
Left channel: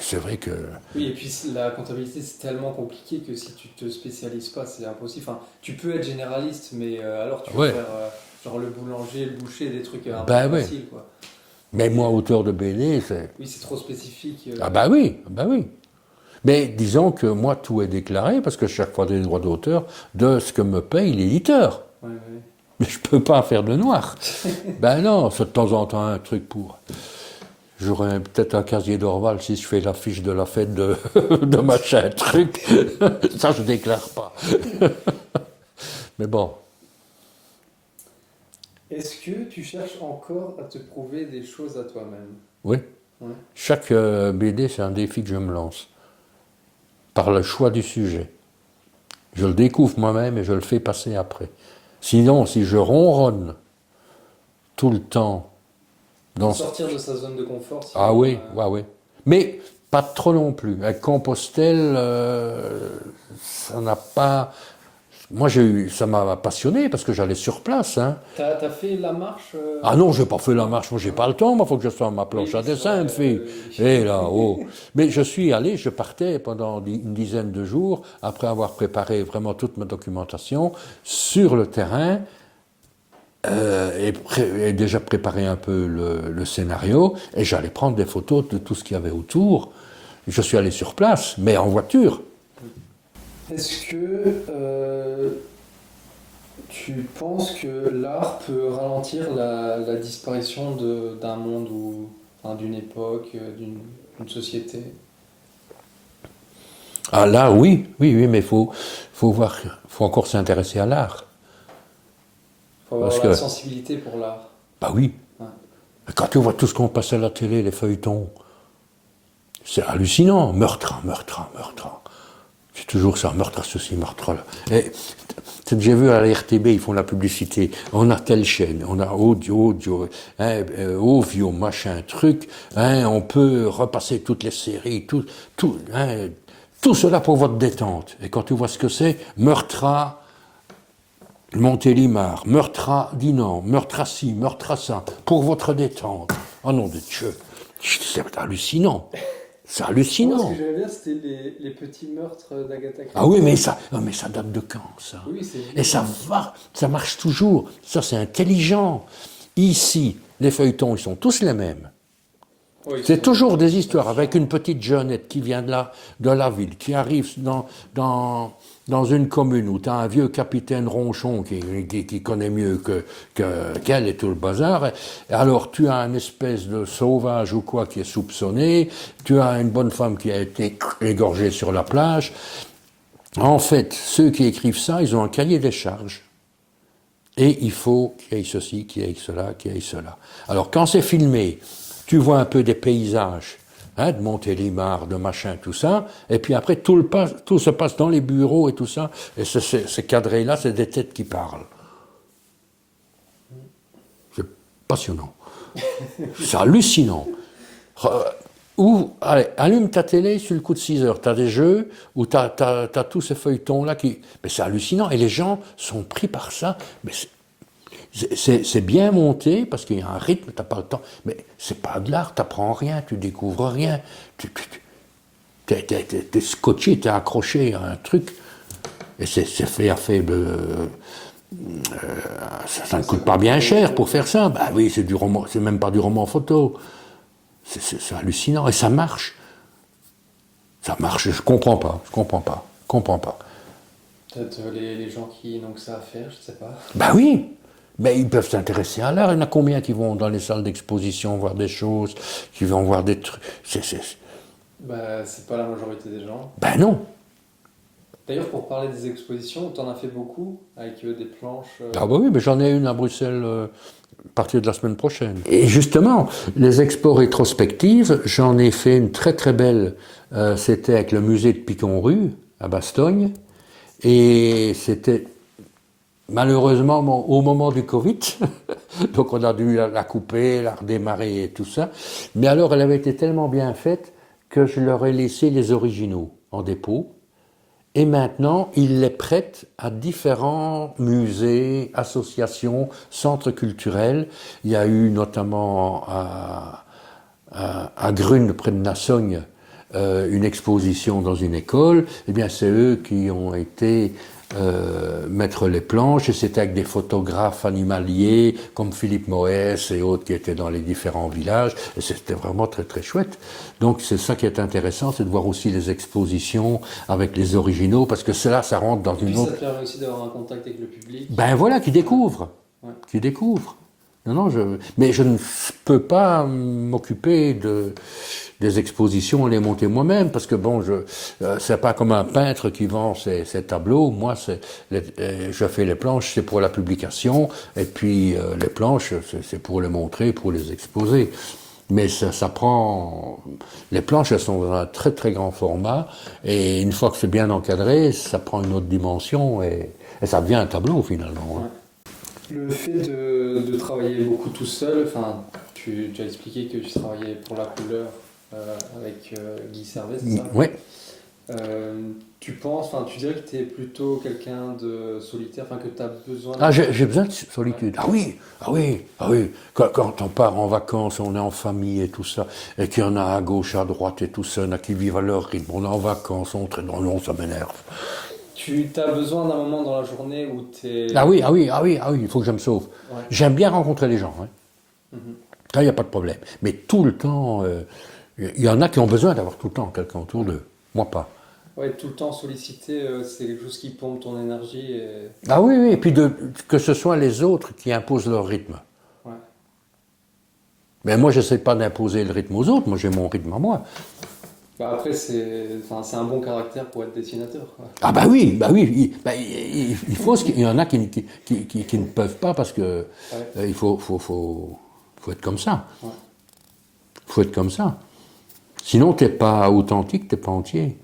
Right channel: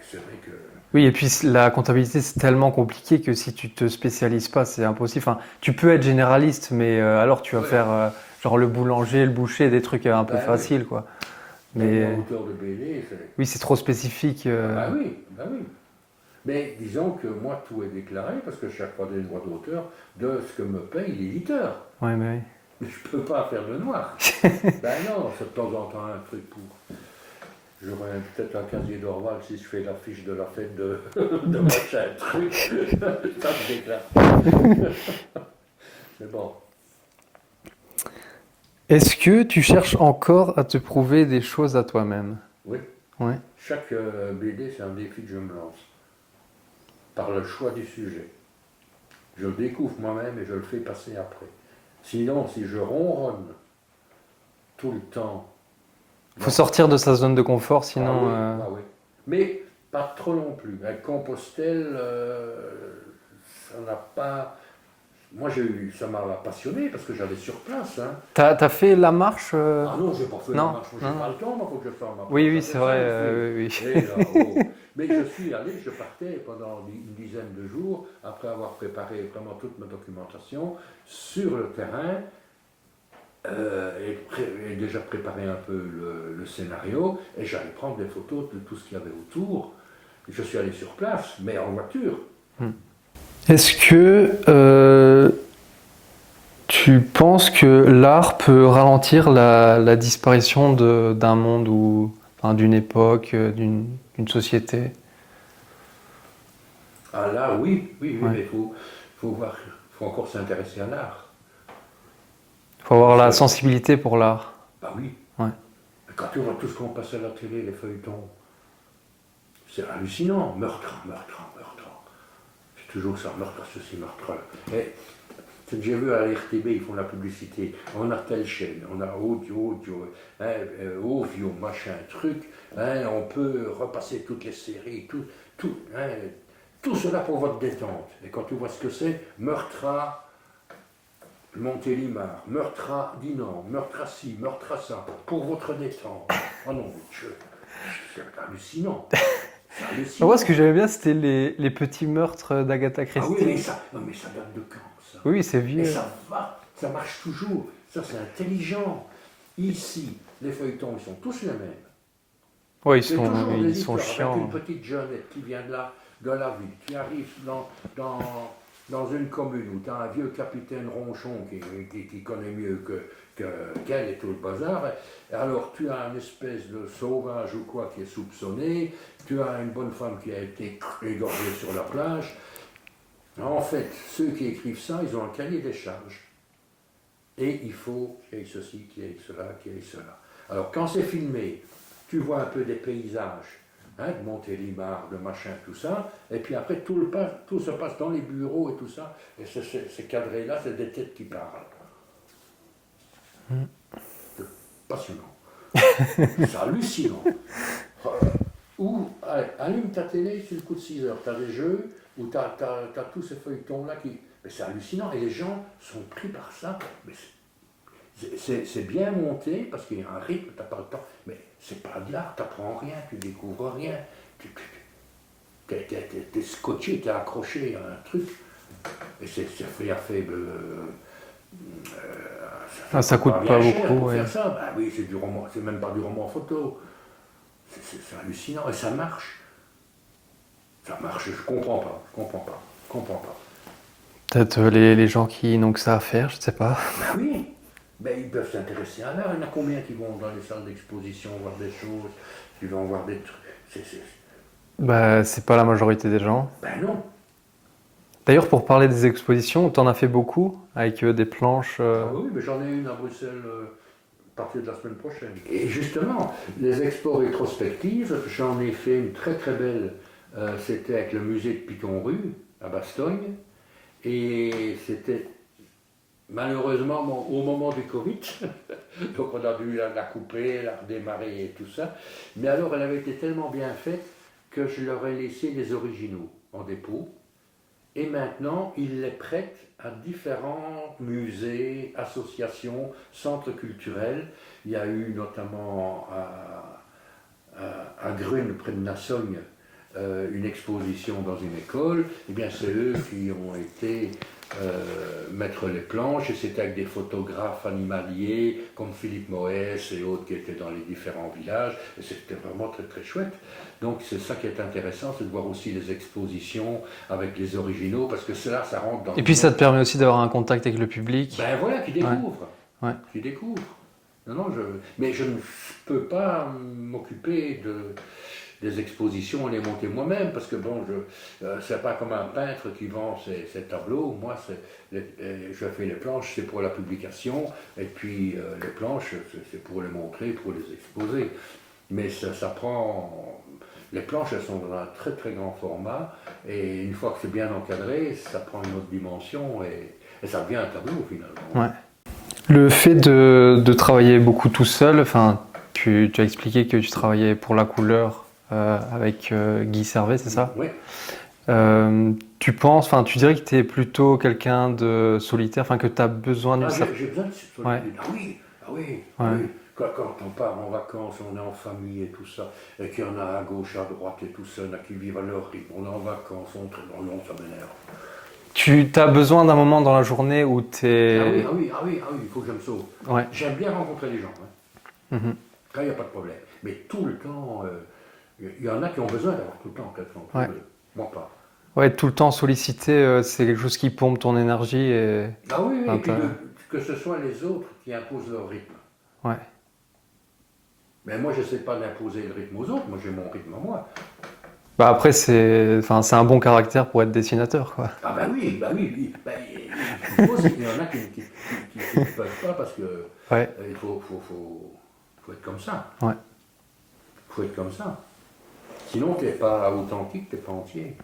c'est vrai que... Oui, et puis la comptabilité, c'est tellement compliqué que si tu te spécialises pas, c'est impossible. Enfin, tu peux être généraliste, mais alors tu vas faire genre le boulanger, le boucher, des trucs un peu faciles, quoi. Mais moi, auteur de BD, c'est... Oui, c'est trop spécifique. Ah bah oui, bah oui. Mais disons que moi, tout est déclaré, parce que chaque fois des droits d'auteur, de ce que me paye l'éditeur. Ouais, mais oui. Mais je peux pas faire de noir. Ben non, c'est de temps en temps un truc pour... J'aurais peut-être un casier d'Orval si je fais l'affiche de la fête de machin truc. Ça, je déclare pas. Mais bon. Est-ce que tu cherches encore à te prouver des choses à toi-même? Oui. Ouais. Chaque BD, c'est un défi que je me lance. Par le choix du sujet. Je le découvre moi-même et je le fais passer après. Sinon, si je ronronne tout le temps... Il faut sortir de sa zone de confort, sinon... Ah oui, oui. Mais pas trop non plus. Avec Compostelle, ça n'a pas... Moi, ça m'a passionné parce que j'allais sur place. Hein. T'as fait la marche Ah non, je n'ai pas fait la marche. Moi, j'ai pas le temps. Il faut que je sois à ma planche à dessin, une fille. Et là, Mais je partais pendant une dizaine de jours, après avoir préparé vraiment toute ma documentation, sur le terrain, et déjà préparé un peu le scénario, et j'allais prendre des photos de tout ce qu'il y avait autour. Je suis allé sur place, mais en voiture. Est-ce que tu penses que l'art peut ralentir la disparition d'un monde ou d'une époque, d'une société? Ah là, oui, mais il faut encore s'intéresser à l'art. Il faut avoir la sensibilité pour l'art. Bah oui. Ouais. Quand tu vois tout ce qu'on passe à la télé, les feuilletons, c'est hallucinant. Meurtre. C'est toujours ça, meurtre, ceci, meurtre là. Et j'ai vu à la RTB, ils font la publicité. On a telle chaîne, on a audio, Ovio, machin, truc. On peut repasser toutes les séries, tout cela pour votre détente. Et quand tu vois ce que c'est, meurtre à Montélimar, meurtre à Dinan, meurtre à ci, meurtre à ça, pour votre détente. Oh nom de Dieu, c'est hallucinant. C'est hallucinant. Moi, ce que j'aimais bien, c'était les petits meurtres d'Agatha Christie. Ah oui, mais ça date de quand, ça? Oui, c'est vieux. Et ça marche toujours. Ça, c'est intelligent. Ici, les feuilletons, ils sont tous les mêmes. Oui, c'est toujours des histoires avec une petite jeunette qui vient de la ville, qui arrive dans dans une commune où tu as un vieux capitaine ronchon qui connaît mieux qu'elle et tout le bazar, alors tu as une espèce de sauvage ou quoi qui est soupçonné, tu as une bonne femme qui a été égorgée sur la plage. En fait, ceux qui écrivent ça, ils ont un cahier des charges. Et il faut qu'il y ait ceci, qu'il y ait cela, qu'il y ait cela. Alors quand c'est filmé, tu vois un peu des paysages, hein, de Montélimar, de machin, tout ça, et puis après tout se passe dans les bureaux et tout ça, et ces cadrés-là, c'est des têtes qui parlent. C'est passionnant. C'est hallucinant. Ou, allez, allume ta télé sur le coup de 6 heures, tu as des jeux où tu as tous ces feuilletons-là qui... Mais c'est hallucinant, et les gens sont pris par ça. Mais c'est bien monté, parce qu'il y a un rythme, tu n'as pas le temps. Mais c'est pas de l'art, tu n'apprends rien, tu découvres rien. T'es scotché, t'es accroché à un truc. Et c'est fait à faible... ça coûte pas bien cher pour faire ça. Bah oui, c'est du roman, c'est même pas du roman photo. C'est hallucinant, et ça marche. Ça marche, je comprends pas. Peut-être les gens qui n'ont que ça à faire, je sais pas. Ben oui, mais ils peuvent s'intéresser à l'art. Il y en a combien qui vont dans les salles d'exposition voir des choses, qui vont voir des trucs. Bah, c'est pas la majorité des gens. Ben non. D'ailleurs, pour parler des expositions, tu en as fait beaucoup, avec des planches. Ah bah oui, mais j'en ai une à Bruxelles à partir de la semaine prochaine. Et justement, les expos rétrospectives, j'en ai fait une très très belle. C'était avec le musée de Picon-Rue, à Bastogne. Et c'était malheureusement au moment du Covid. Donc on a dû la couper, la redémarrer et tout ça. Mais alors elle avait été tellement bien faite que je leur ai laissé les originaux en dépôt. Et maintenant, ils les prêtent à différents musées, associations, centres culturels. Il y a eu notamment à Grune, près de Nassogne, une exposition dans une école. Eh bien, c'est eux qui ont été mettre les planches, et c'était avec des photographes animaliers comme Philippe Moès et autres qui étaient dans les différents villages, et c'était vraiment très très chouette. Donc c'est ça qui est intéressant, c'est de voir aussi les expositions avec les originaux, parce que cela, ça rentre dans... Et puis ça te permet aussi d'avoir un contact avec le public. Ben voilà, qui découvre. Ouais. Qui découvre. Non, mais je ne peux pas m'occuper des expositions et les monter moi-même, parce que bon, c'est pas comme un peintre qui vend ses tableaux. Moi, je fais les planches, c'est pour la publication, et puis les planches, c'est pour les montrer, pour les exposer. Mais ça prend... Les planches, elles sont dans un très très grand format, et une fois que c'est bien encadré, ça prend une autre dimension, et ça devient un tableau finalement. Ouais. Le fait de travailler beaucoup tout seul, enfin, tu as expliqué que tu travaillais pour la couleur avec Guy Servet, c'est ça? Oui. Tu dirais que tu es plutôt quelqu'un de solitaire, enfin que tu as besoin de... J'ai besoin de solitude. Ouais. Ah oui. Quand on part en vacances, on est en famille et tout ça, et qu'il y en a à gauche, à droite et tout ça, il y en a qui vivent à leur rythme. On est en vacances, on traîne dans l'eau, ça m'énerve. Tu as besoin d'un moment dans la journée où tu es... Ah oui, il faut que je me sauve. Ouais. J'aime bien rencontrer les gens. Hein. Ça, il n'y a pas de problème. Mais tout le temps, il y en a qui ont besoin d'avoir tout le temps quelqu'un autour d'eux. Moi, pas. Ouais, tout le temps sollicité, c'est quelque chose qui pompe ton énergie. Ah oui, et puis que ce soit les autres qui imposent leur rythme. Ouais. Mais moi, je n'essaie pas d'imposer le rythme aux autres, moi j'ai mon rythme à moi. Bah après, c'est un bon caractère pour être dessinateur, quoi. Ah bah oui. Il y en a qui ne peuvent pas parce que il faut être comme ça. Ouais. Faut être comme ça. Sinon, t'es pas authentique, t'es pas entier.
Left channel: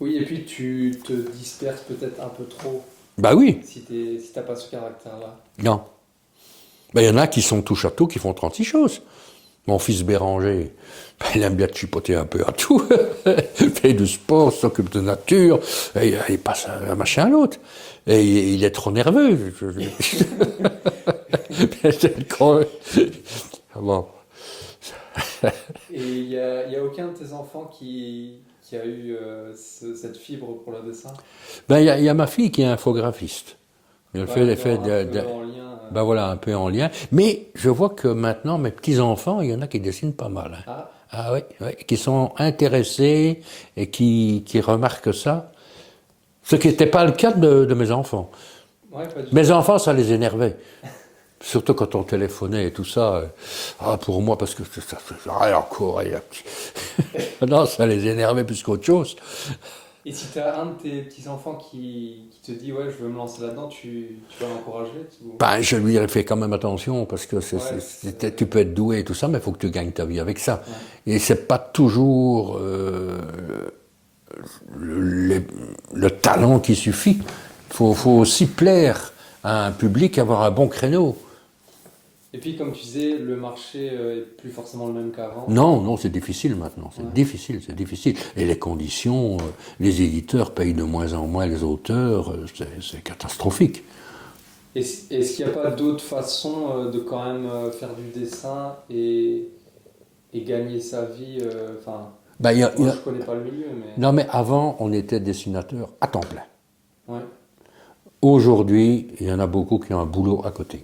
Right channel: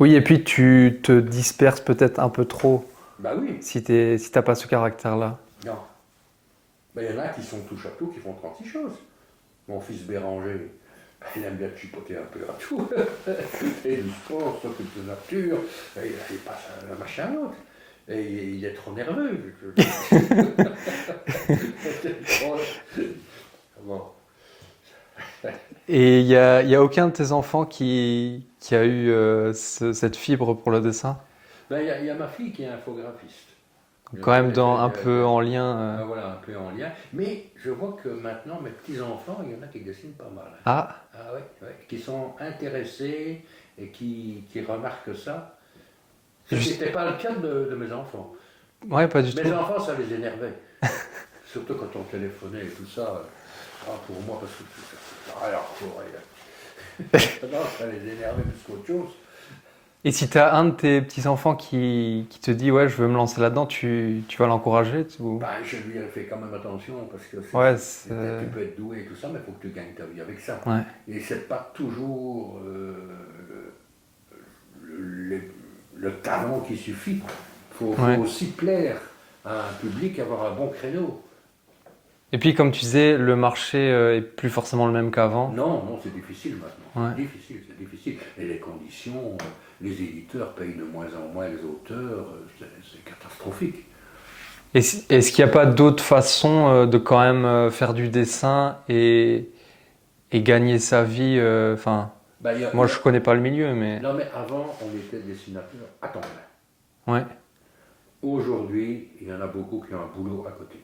Oui, et puis tu te disperses peut-être un peu trop. Bah oui. Si t'as pas ce caractère-là. Non. Il y en a qui sont touche à tout, qui font 36 choses. Mon fils Béranger, il aime bien de chipoter un peu à tout. Il fait du sport, s'occupe de nature, et il passe un machin à l'autre. Et il est trop nerveux. Bon. Et il y a aucun de tes enfants qui a eu cette fibre pour le dessin? Il y a ma fille qui est infographiste. Quand même un peu en lien. Voilà, un peu en lien. Mais je vois que maintenant, mes petits-enfants, il y en a qui dessinent pas mal. Hein. Ah oui, qui sont intéressés et qui remarquent ça. Ce qui n'était pas le cas de mes enfants. Ouais, pas du tout. Mes enfants, ça les énervait. Surtout quand on téléphonait et tout ça. Pour moi, parce que ça encore. Non, ça les énervait plus qu'autre chose. Et si tu as un de tes petits-enfants qui te dit « Ouais, je veux me lancer là-dedans », tu vas l'encourager Ben, je lui ai fait quand même attention, parce que tu peux être doué et tout ça, mais il faut que tu gagnes ta vie avec ça. Ouais. Et c'est pas toujours le talent qui suffit. Il faut aussi plaire à un public, avoir un bon créneau. Et puis, comme tu disais, le marché est plus forcément le même qu'avant. Non, c'est difficile maintenant. C'est difficile. Et les conditions, les éditeurs payent de moins en moins les auteurs, c'est catastrophique. Est-ce qu'il n'y a pas d'autres façons de quand même faire du dessin et gagner sa vie moi, je ne connais pas le milieu, mais... Non, mais avant, on était dessinateur à temps plein. Ouais. Aujourd'hui, il y en a beaucoup qui ont un boulot à côté.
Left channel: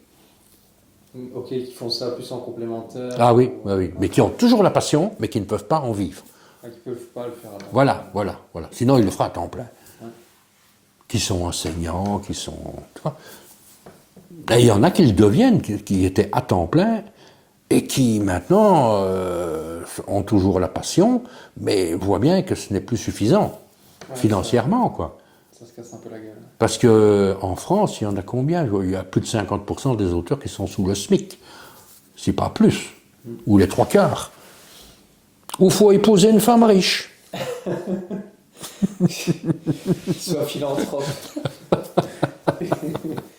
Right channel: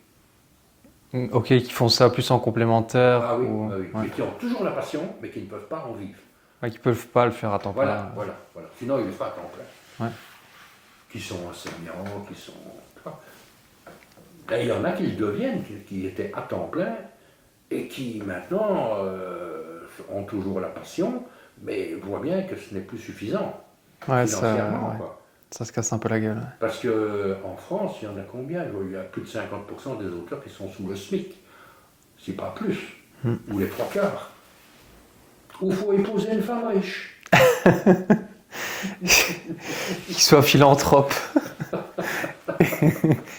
Ok, qui font ça plus en complémentaire. Ah oui, ou... oui. Ouais. Mais qui ont toujours la passion, mais qui ne peuvent pas en vivre. Ouais, qui ne peuvent pas le faire à temps plein. Voilà. Sinon, ils le feront à temps plein. Ouais. Qui sont enseignants, qui sont... Et il y en a qui le deviennent, qui étaient à temps plein, et qui maintenant ont toujours la passion, mais voient bien que ce n'est plus suffisant, financièrement, quoi. Ça se casse un peu la gueule. Parce qu'en France, il y en a combien? Il y a plus de 50% des auteurs qui sont sous le SMIC, si pas plus, ou les 3/4. Ou il faut épouser une femme riche. Qui soit philanthrope.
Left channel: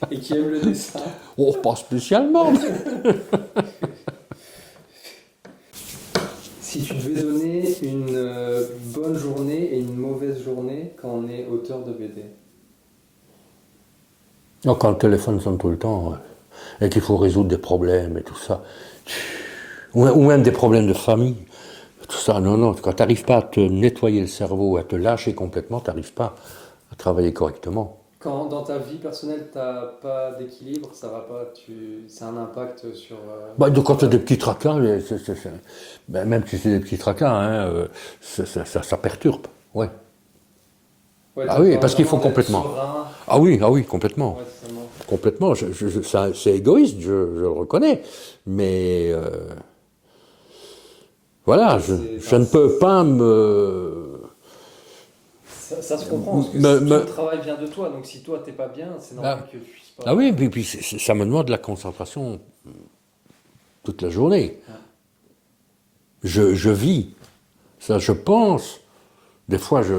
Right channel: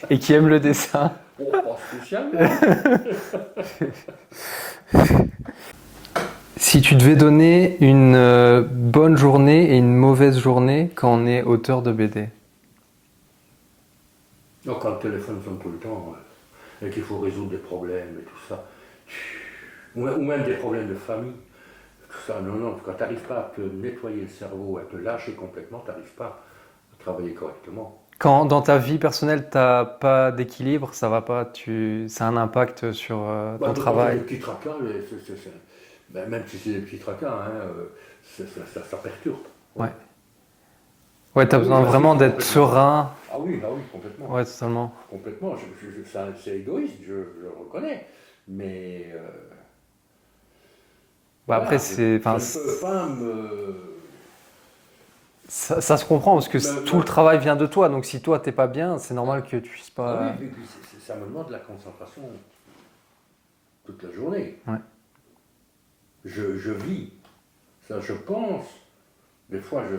Et qui aime le dessin. Oh, pas spécialement. Si tu devais donner une bonne journée et une mauvaise journée quand on est auteur de BD. Quand le téléphone sonne tout le temps, et qu'il faut résoudre des problèmes et tout ça, ou même des problèmes de famille, tout ça, non, quand tu n'arrives pas à te nettoyer le cerveau, à te lâcher complètement, tu n'arrives pas à travailler correctement. Quand dans ta vie personnelle, tu n'as pas d'équilibre, ça va pas, ça a un impact sur ton Quand tu as travail. des petits tracas, même si c'est des petits tracas, ça perturbe. Ouais. Ouais, tu as besoin vraiment d'être complètement serein. Ah oui, complètement. Ouais, totalement. Complètement. C'est égoïste, je le reconnais. Mais voilà, Après, je ne peux pas me... Ça se comprend parce que tout le travail vient de toi. Donc si toi, tu n'es pas bien, c'est normal que tu puisses pas... Ah oui, puis ça me demande de la concentration toute la journée. Ouais. Je vis. Ça, je pense. Des fois, je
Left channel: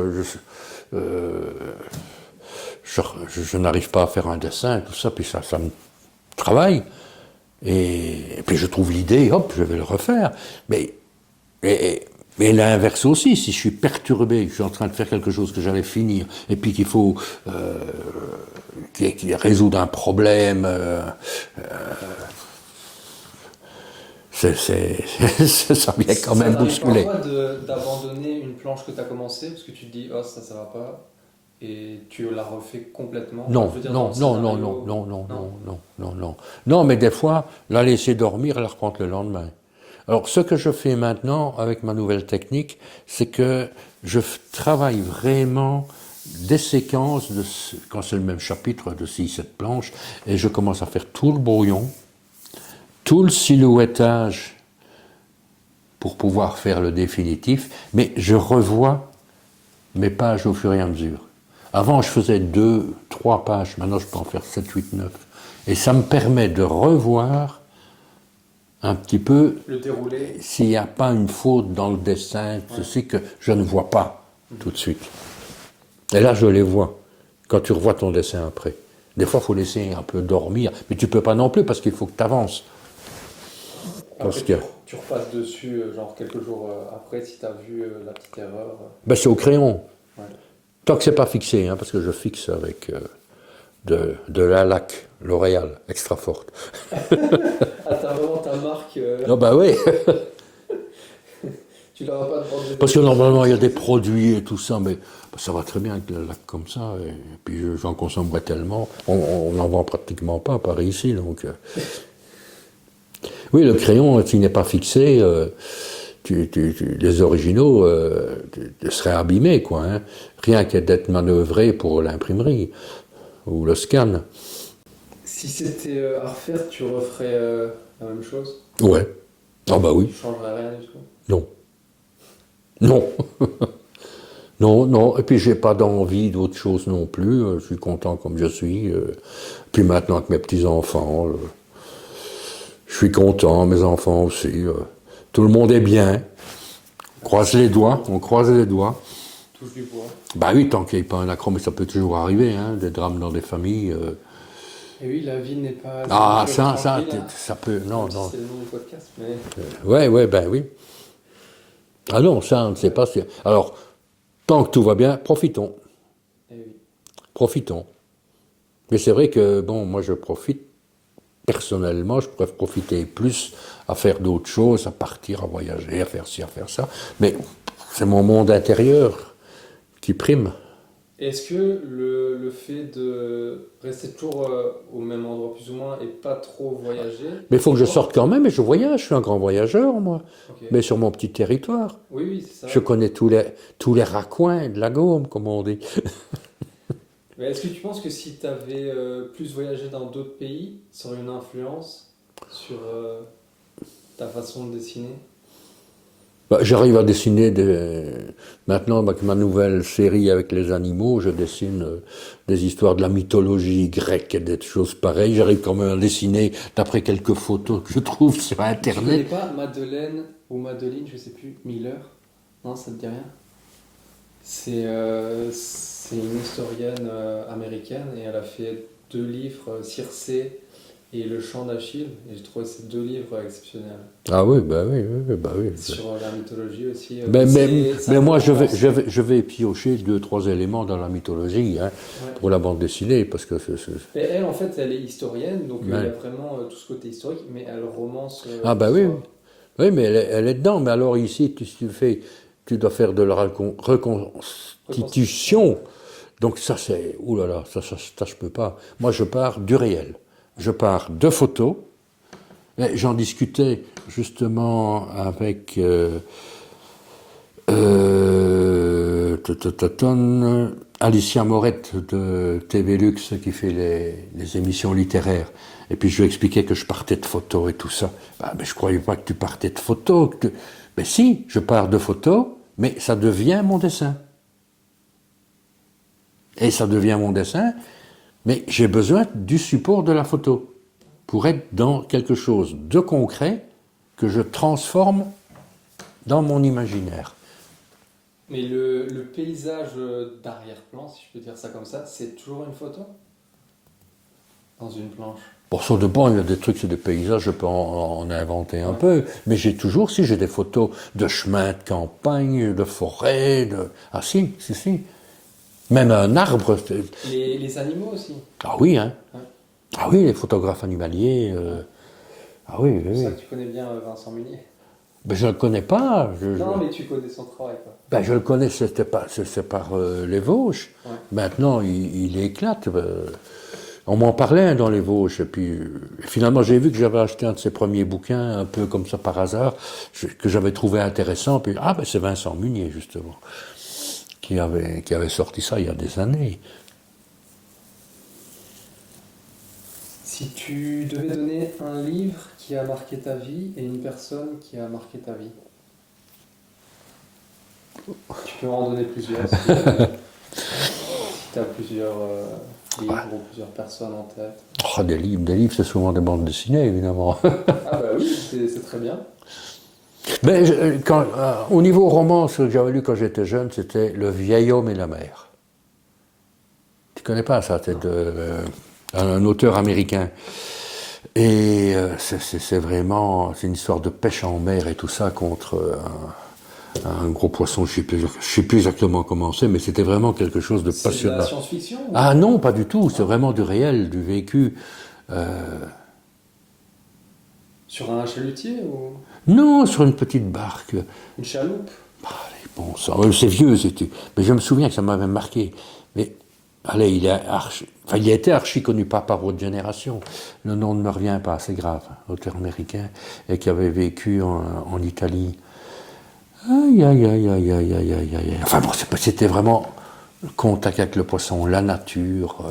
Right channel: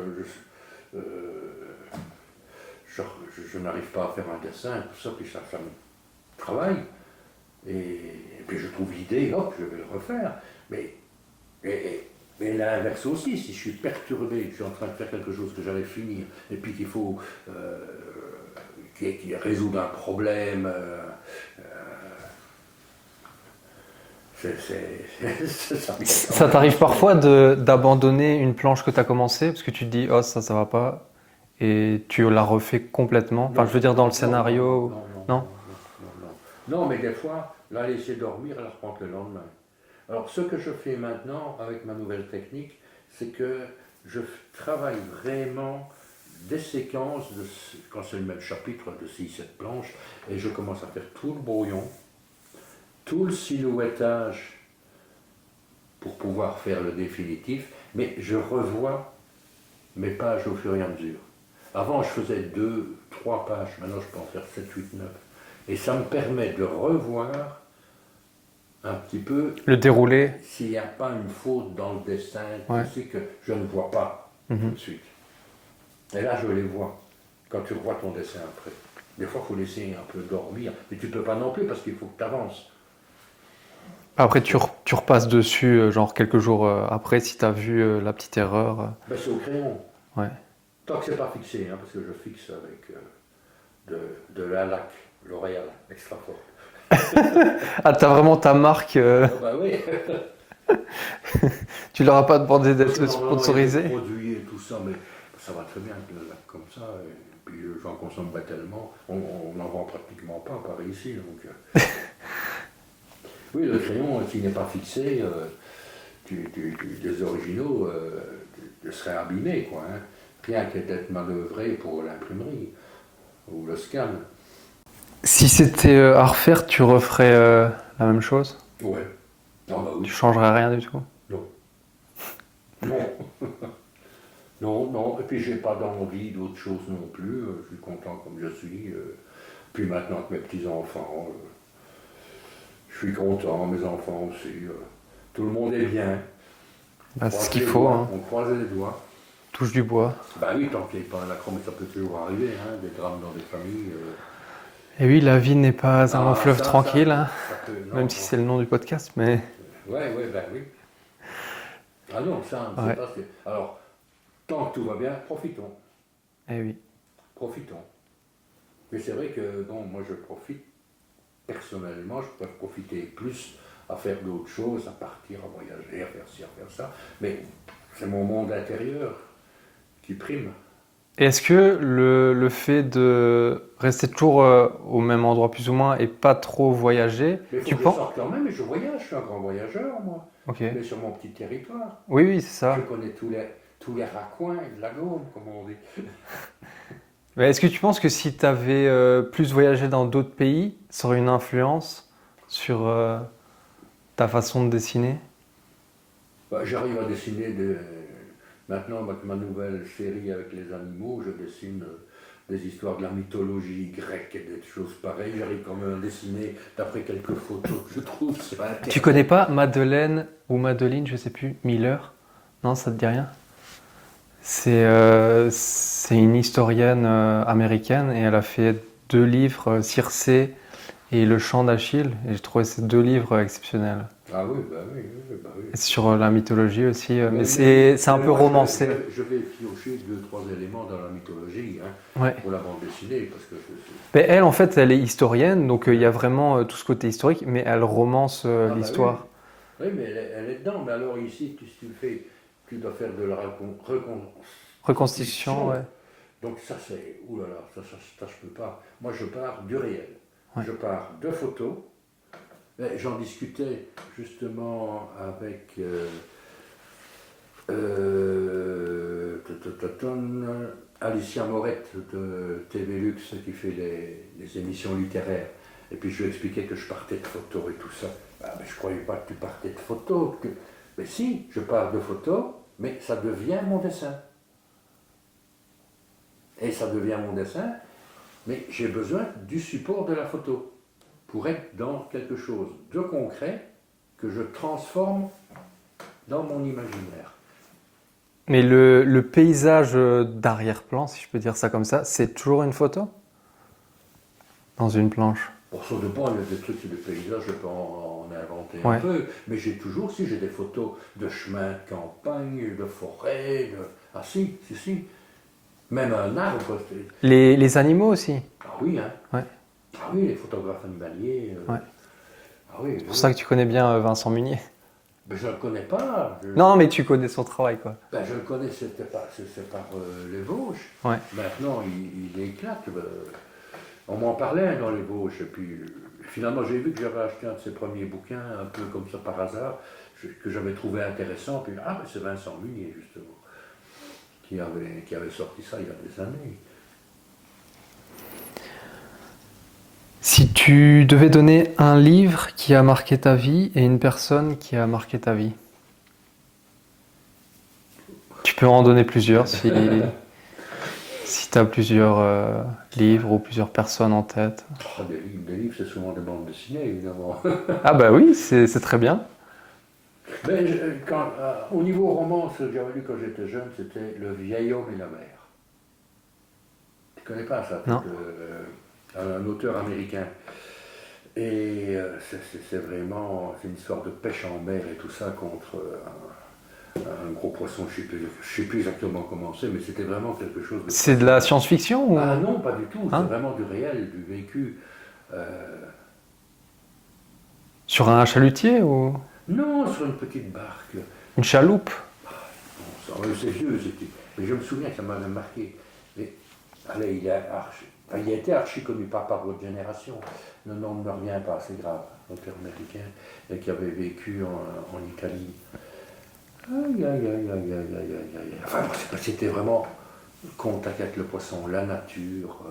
n'arrive pas à faire un dessin, tout ça, puis ça me travaille. Et puis je trouve l'idée, hop, je vais le refaire. Mais l'inverse aussi, si je suis perturbé, je suis en train de faire quelque chose que j'allais finir, et puis qu'il faut résoudre un problème, ça vient quand même. Ça t'arrive parfois d'abandonner une planche que tu as commencée parce que tu te dis, oh, ça va pas, et tu la refais complètement. Non, je veux dire, dans le scénario. Non, mais des fois, la laisser dormir, la reprendre le lendemain. Alors, ce que je fais maintenant avec ma nouvelle technique, c'est que je travaille vraiment des séquences, quand c'est le même chapitre, de 6-7 planches, et je commence à faire tout le brouillon, tout le silhouettage pour pouvoir faire le définitif, mais je revois mes pages au fur et à mesure. Avant, je faisais 2, 3 pages, maintenant je peux en faire 7, 8, 9. Et ça me permet de revoir un petit peu le déroulé. S'il n'y a pas une faute dans le dessin, je sais que je ne vois pas tout de suite. Et là, je les vois, quand tu revois ton dessin après. Des fois, il faut laisser un peu dormir, mais tu ne peux pas non plus parce qu'il faut que tu avances. Après, tu repasses dessus, genre quelques jours après, si tu as vu la petite erreur. C'est au crayon. Ouais. Tant que ce n'est pas fixé, parce que je fixe avec de la laque L'Oréal, extra forte. Ah, t'as vraiment ta marque Non, bah oui. Tu leur as pas demandé d'être Parce que normalement, il y a des sponsorisé. produits et tout ça, mais ça va très bien avec la laque comme ça. Et puis j'en consommerai tellement. On n'en vend pratiquement pas à Paris ici. Donc, oui, le crayon, s'il n'est pas fixé, les originaux seraient abîmés, quoi. Hein. Rien que d'être manœuvré pour l'imprimerie ou le scan. Si c'était à refaire, tu referais la même chose? Ouais. Ah bah oui. Tu changerais rien du tout? Non. Non. Non, non. Et puis j'ai pas d'envie d'autre chose non plus. Je suis content comme je suis. Puis maintenant avec mes petits-enfants, je suis content, mes enfants aussi. Tout le monde est bien. Bah, Croise c'est les fou, doigts, hein. on croise les doigts. Touche du bois. Bah oui, tant qu'il n'y ait pas un accro, mais ça peut toujours arriver, hein, des drames dans des familles. Et oui, la vie n'est pas un fleuve tranquille, hein. Ça peut, non, Même si c'est le nom du podcast, mais... Ouais, ben oui. Ah non, ça, on ne sait pas si... Alors, tant que tout va bien, profitons. Eh oui. Profitons. Mais c'est vrai que, bon, moi je profite, personnellement, je pourrais profiter plus à faire d'autres choses, à partir, à voyager, à faire ci, à faire ça. Mais c'est mon monde intérieur qui prime. Est-ce que le fait de rester toujours au même endroit plus ou moins et pas trop voyager... Mais il faut tu que je penses- sorte quand même, et je voyage, je suis un grand voyageur, moi. Ok. Mais sur mon petit territoire. Oui, oui, c'est ça. Je connais tous les raccoins de la Gaume, comme on dit. Mais est-ce que tu penses que si tu avais plus voyagé dans d'autres pays, ça aurait une influence sur ta façon de dessiner? Bah, j'arrive à dessiner maintenant avec ma nouvelle série avec les animaux, je dessine des histoires de la mythologie grecque et des choses pareilles. J'arrive quand même à dessiner d'après quelques photos que je trouve sur Internet. Tu connais pas Madeleine ou Madeline, je sais plus, Miller? Non, ça te dit rien? C'est une historienne américaine et elle a fait 2 livres, Circé et Le Chant d'Achille. Et j'ai trouvé ces 2 livres exceptionnels. Ah oui, bah oui, bah oui. Et sur la mythologie aussi. Mais c'est un peu moi, romancé. je vais piocher 2-3 éléments dans la mythologie hein, Ouais. pour la bande dessinée, parce que Mais elle, en fait, elle est historienne, donc il y a Ouais. vraiment tout ce côté historique, mais elle romance Ah bah oui, l'histoire. oui, mais elle est dedans. Mais alors ici, tu dois faire de la reconstitution. Ouais. Donc ça c'est, oulala, ça je peux pas. Moi je pars du réel. Je pars de photos. Mais j'en discutais justement avec Alicia Morette de TV Lux qui fait les émissions littéraires. Et puis je lui expliquais que je partais de photos et tout ça. Bah, mais je croyais pas que tu partais de photos. Mais si, je pars de photos, mais ça devient mon dessin. Et ça devient mon dessin, mais j'ai besoin du support de la photo pour être dans quelque chose de concret que je transforme dans mon imaginaire. Mais le paysage d'arrière-plan, si je peux dire ça comme ça, c'est toujours une photo? Dans une planche? Pour ça dépend, il y a des trucs, c'est des paysages, je peux en inventer un peu, mais j'ai des photos de chemins de campagne, de forêt, Ah si. Même un arbre. Les animaux aussi? Ah oui, hein. Ouais. Ah oui, les photographes animaliers. Ouais. Ah oui. C'est pour ça que tu connais bien Vincent Munier. Ben, je ne le connais pas. Non, mais tu connais son travail, quoi. Ben, je le connais, c'est par les Vosges. Ouais. Maintenant, il éclate. On m'en parlait hein, dans les Vosges. Et puis, finalement, j'ai vu que j'avais acheté un de ses premiers bouquins, un peu comme ça par hasard, que j'avais trouvé intéressant. Puis, ben, c'est Vincent Munier, justement, qui avait sorti ça il y a des années. Si tu devais donner un livre qui a marqué ta vie et une personne qui a marqué ta vie, tu peux en donner plusieurs si tu as plusieurs livres ou plusieurs personnes en tête. Oh, des livres, c'est souvent des bandes dessinées, évidemment. Ah bah oui, c'est très bien. Mais au niveau roman, ce que j'avais lu quand j'étais jeune, c'était Le vieil homme et la mer. Tu connais pas ça? C'est un auteur américain. Et c'est vraiment une histoire de pêche en mer et tout ça contre un gros poisson. Je ne sais plus exactement comment c'est, mais c'était vraiment quelque chose de passionnant. C'est de la science-fiction ou... Ah non, pas du tout. C'est vraiment du réel, du vécu. Sur un chalutier ou... Non, sur une petite barque. Une chaloupe? Bon, c'est vieux, mais je me souviens que ça m'avait marqué. Mais allez, il a été archi connu, pas par votre génération. Le nom ne me revient pas, c'est grave. Auteur américain et qui avait vécu en Italie. Aïe, aïe, aïe, aïe, aïe, aïe, aïe, aïe. Enfin bon, c'était vraiment le contact avec le poisson, la nature.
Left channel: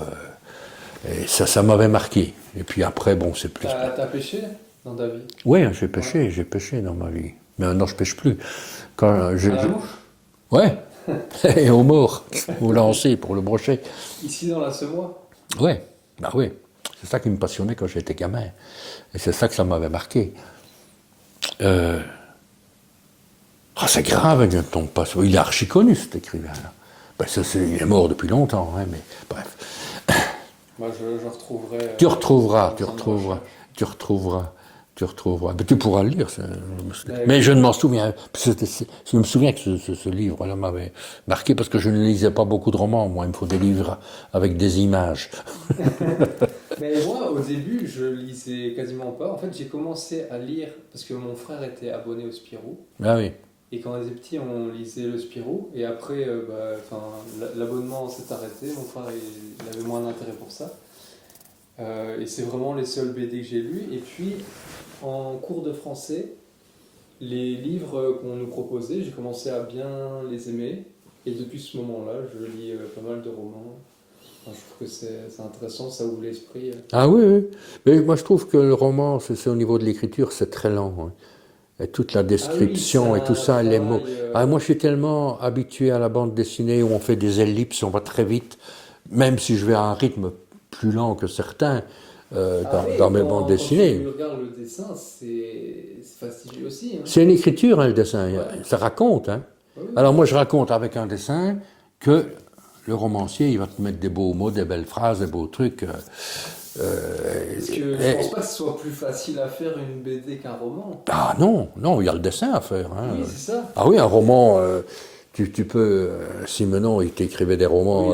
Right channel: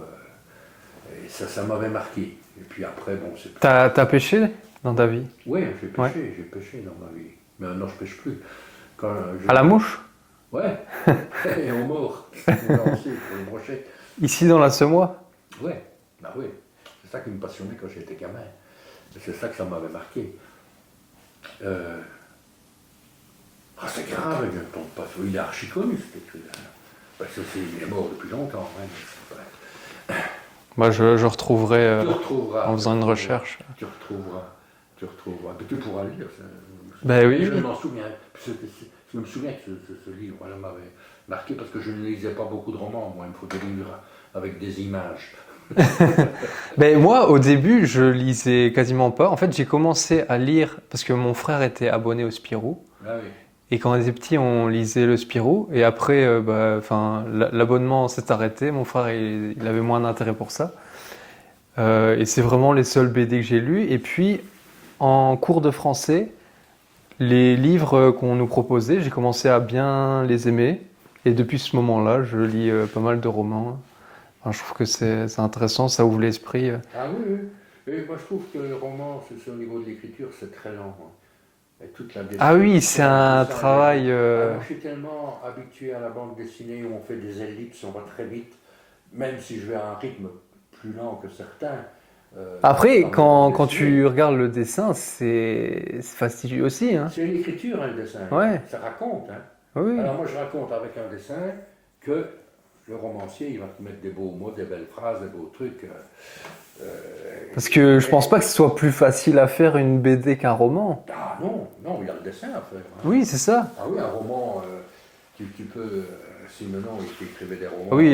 Et ça m'avait marqué. Et puis après, bon, c'est plus... T'as pêché dans ta vie? Oui, j'ai pêché dans ma vie. Mais maintenant, je pêche plus. À la mouche? Ouais. Et au mort, au lancer pour le brochet. Ici dans la Semois? Ouais, bah oui. C'est ça qui me passionnait quand j'étais gamin. Et c'est ça que ça m'avait marqué. C'est grave, il ne tombe pas. Il est archi connu, cet écrivain-là. Ben, il est mort depuis longtemps, hein, mais bref. Moi, je retrouverai. Tu retrouveras. En faisant une recherche. Tu retrouveras. Mais tu pourras le lire. Ben, mais oui. je ne m'en souviens. Je me souviens que ce livre-là m'avait marqué parce que je ne lisais pas beaucoup de romans. Moi, il me faut des livres avec des images. Ben, moi, au début, je lisais quasiment pas. En fait, j'ai commencé à lire parce que mon frère était abonné au Spirou. Ah oui. Et quand on était petit, on lisait le Spirou. Et après, l'abonnement s'est arrêté. Mon frère, il avait moins d'intérêt pour ça. Et c'est vraiment les seuls BD que j'ai lus. Et puis, en cours de français, les livres qu'on nous proposait, j'ai commencé à bien les aimer. Et depuis ce moment-là, je lis pas mal de romans. Enfin, je trouve que c'est intéressant, ça ouvre l'esprit. Ah oui, oui. Mais moi, je trouve que le roman, c'est au niveau de l'écriture, c'est très lent. Hein. Et toute la description Ah oui, c'est et tout ça. travail, moi, je suis tellement habitué à la bande dessinée où on fait des ellipses, on va très vite, même si je vais à un rythme plus lent que certains. Après, dans mes bandes quand dessinées. tu regardes le dessin, c'est fastidieux aussi. Hein. C'est une écriture, hein, le dessin. Ouais. Ça raconte. Hein. Oui. Alors moi, je raconte avec un dessin que le romancier, il va te mettre des beaux mots, des belles phrases, des beaux trucs. Parce que je pense pas que ce soit plus facile à faire une BD qu'un roman. Ah non, il y a le dessin à faire. Hein. Oui, c'est ça. Ah oui, un roman, tu peux, si maintenant il t'écrivait des romans Oui,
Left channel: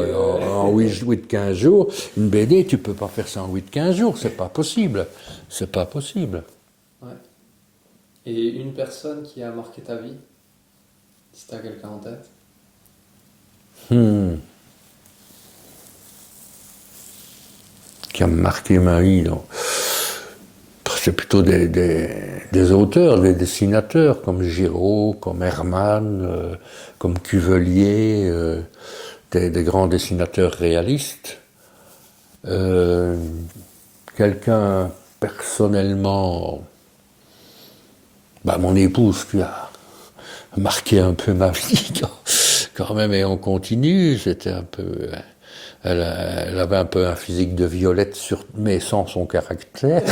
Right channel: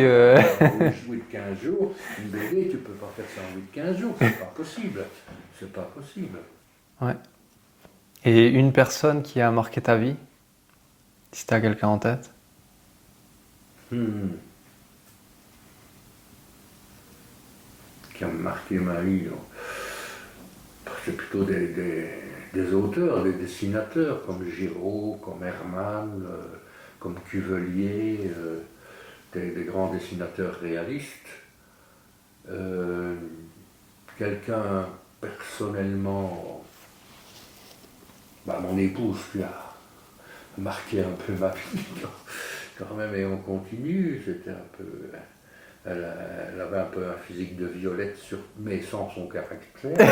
en 8-15 jours, une BD, tu peux pas faire ça en 8-15 jours, c'est pas possible. C'est pas possible. Ouais. Et une personne qui a marqué ta vie, si tu as quelqu'un en tête? Qui a marqué ma vie, donc. C'est plutôt des auteurs, des dessinateurs comme Giraud, comme Hermann, comme Cuvelier, des grands dessinateurs réalistes. Quelqu'un personnellement, mon épouse qui a marqué un peu ma vie quand même, et on continue, c'était un peu... Elle avait un peu un physique de Violette, mais sans son caractère.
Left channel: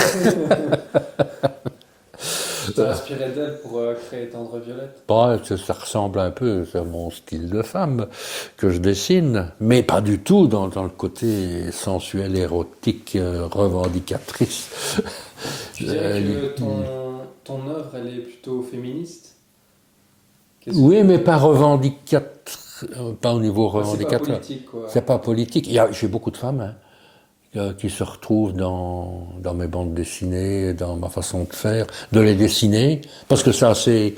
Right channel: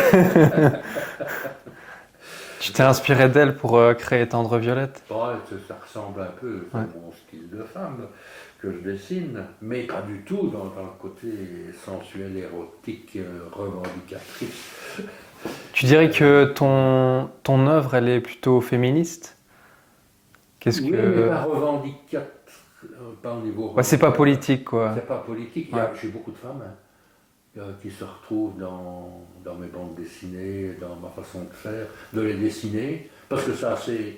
Tu t'es inspiré d'elle pour créer Tendre Violette? Ça ressemble un peu, c'est mon style de femme que je dessine, mais pas du tout dans le côté sensuel, érotique, revendicatrice. Tu dirais que ton œuvre, elle est plutôt féministe? Oui, mais pas revendicatrice. Pas au niveau c'est pas politique, quoi. C'est pas politique. J'ai beaucoup de femmes qui se retrouvent dans mes bandes dessinées, dans ma façon de faire, de les dessiner, parce que ça, c'est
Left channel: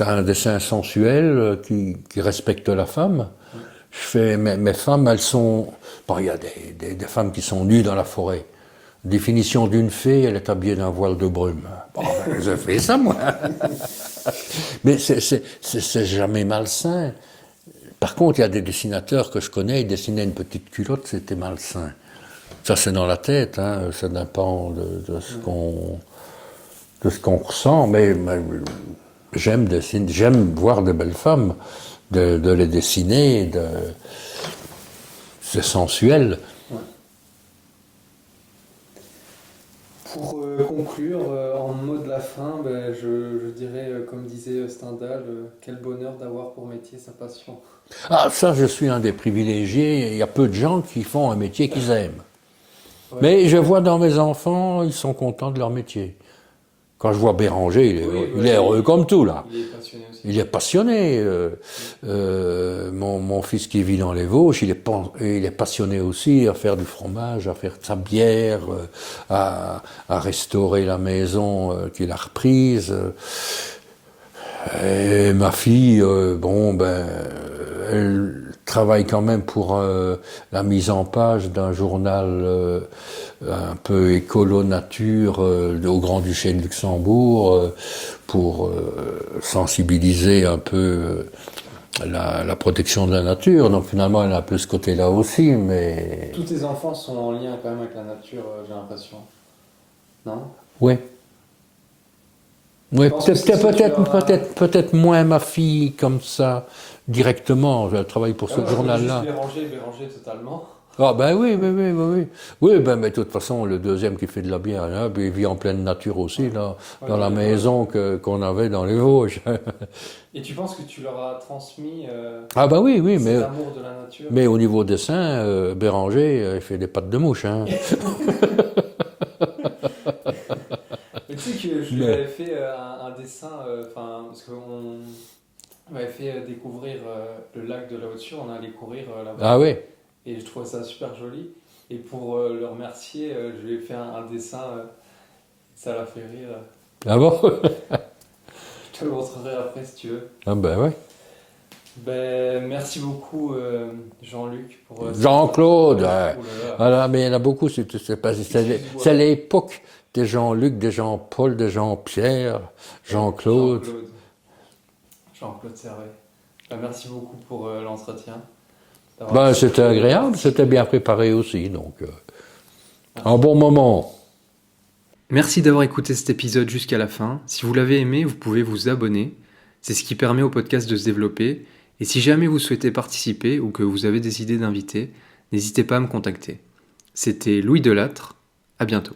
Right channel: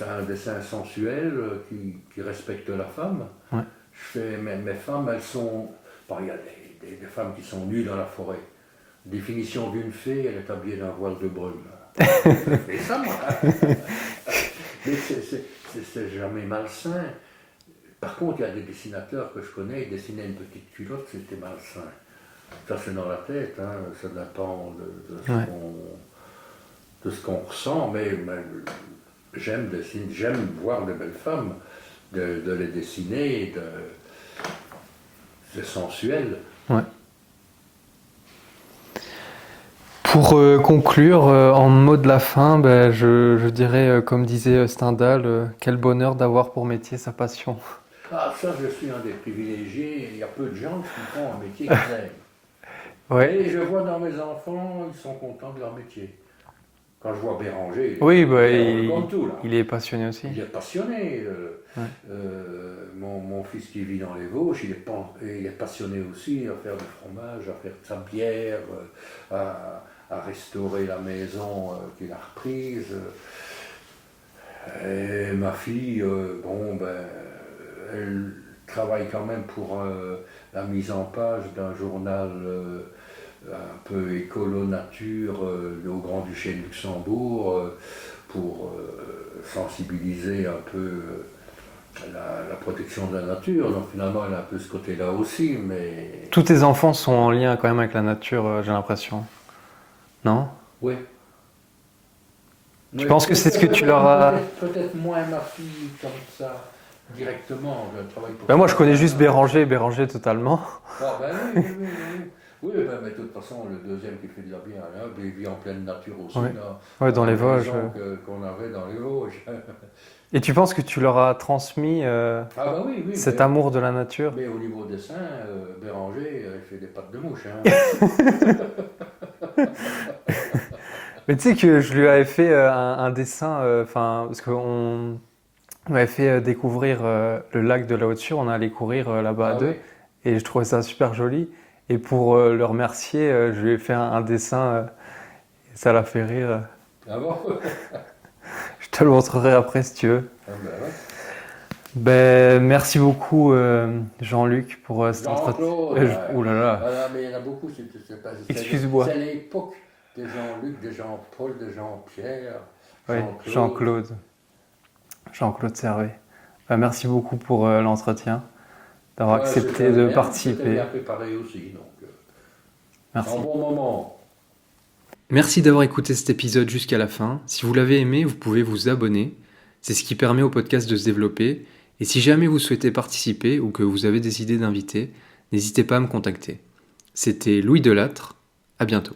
un dessin sensuel qui respecte la femme. Ouais. Je fais mes femmes, elles sont... il y a des femmes qui sont nues dans la forêt. Définition d'une fée, elle est habillée d'un voile de brume. J'ai fait ça, moi. Mais c'est jamais malsain. Par contre, il y a des dessinateurs que je connais, ils dessinaient une petite culotte, c'était malsain. Ça, c'est dans la tête, hein, ça dépend de ce qu'on ressent, mais j'aime voir de belles femmes, de les dessiner, c'est sensuel. Ouais. Pour conclure, en mot de la fin, je dirais, comme disait Stendhal, quel bonheur d'avoir pour métier sa passion. Ah, ça, je suis un des privilégiés. Il y a peu de gens qui font un métier qu'ils aiment. Ouais. Mais je vois dans mes enfants, ils sont contents de leur métier. Quand je vois Béranger, il est heureux comme tout, là. Il est passionné aussi. Il est passionné. Mon fils qui vit dans les Vosges, il est passionné aussi à faire du fromage, à faire de sa bière, à restaurer la maison qu'il a reprise. Et ma fille, elle travaille quand même pour la mise en page d'un journal un peu écolo-nature au Grand-Duché de Luxembourg pour sensibiliser un peu la protection de la nature. Donc finalement, elle a un peu ce côté-là aussi, mais... Tous tes enfants sont en lien quand même avec la nature, j'ai l'impression. Non? Ouais. Je pense que c'est ce que tu leur as... Peut-être moins ma fille comme ça, directement. Je travaille pour ce moi, je connais juste journal-là. Béranger totalement. Ah ben oui. Oui, ben, mais de toute façon, le deuxième qui fait de la bière, là, il vit en pleine nature aussi, Oui. là, Ouais, dans dans la les Vosges, maison qu'on avait dans les Vosges. Et tu penses que tu leur as transmis Ah ben oui, cet amour de la nature? mais au niveau dessin, Béranger, il fait des pattes de mouche. Hein. Mais tu sais que je lui avais fait un dessin, parce qu'on m'avait fait découvrir le lac de la Haute-Sûre, on allait courir là-bas. Ah oui. Et je trouvais ça super joli. Et pour le remercier, je lui ai fait un dessin, et ça l'a fait rire. Ah bon? Je te le montrerai après si tu veux. Ah ben ouais. Ben, merci beaucoup Jean-Luc pour cette Jean-Claude. Ouh là là. Voilà, mais il y en a beaucoup, Excuse-moi. c'est l'époque des Jean-Luc, des Jean-Paul, des Jean-Pierre, Ouais, Jean-Claude. Jean-Claude Servet. Ben, merci beaucoup pour l'entretien. D'avoir accepté C'était de agréable, participer. c'était bien préparé aussi, donc Merci. un bon moment. Merci d'avoir écouté cet épisode jusqu'à la fin. Si vous l'avez aimé, vous pouvez vous abonner. C'est ce qui permet au podcast de se développer. Et si jamais vous souhaitez participer ou que vous avez des idées d'invités, n'hésitez pas à me contacter. C'était Louis Delattre. À bientôt.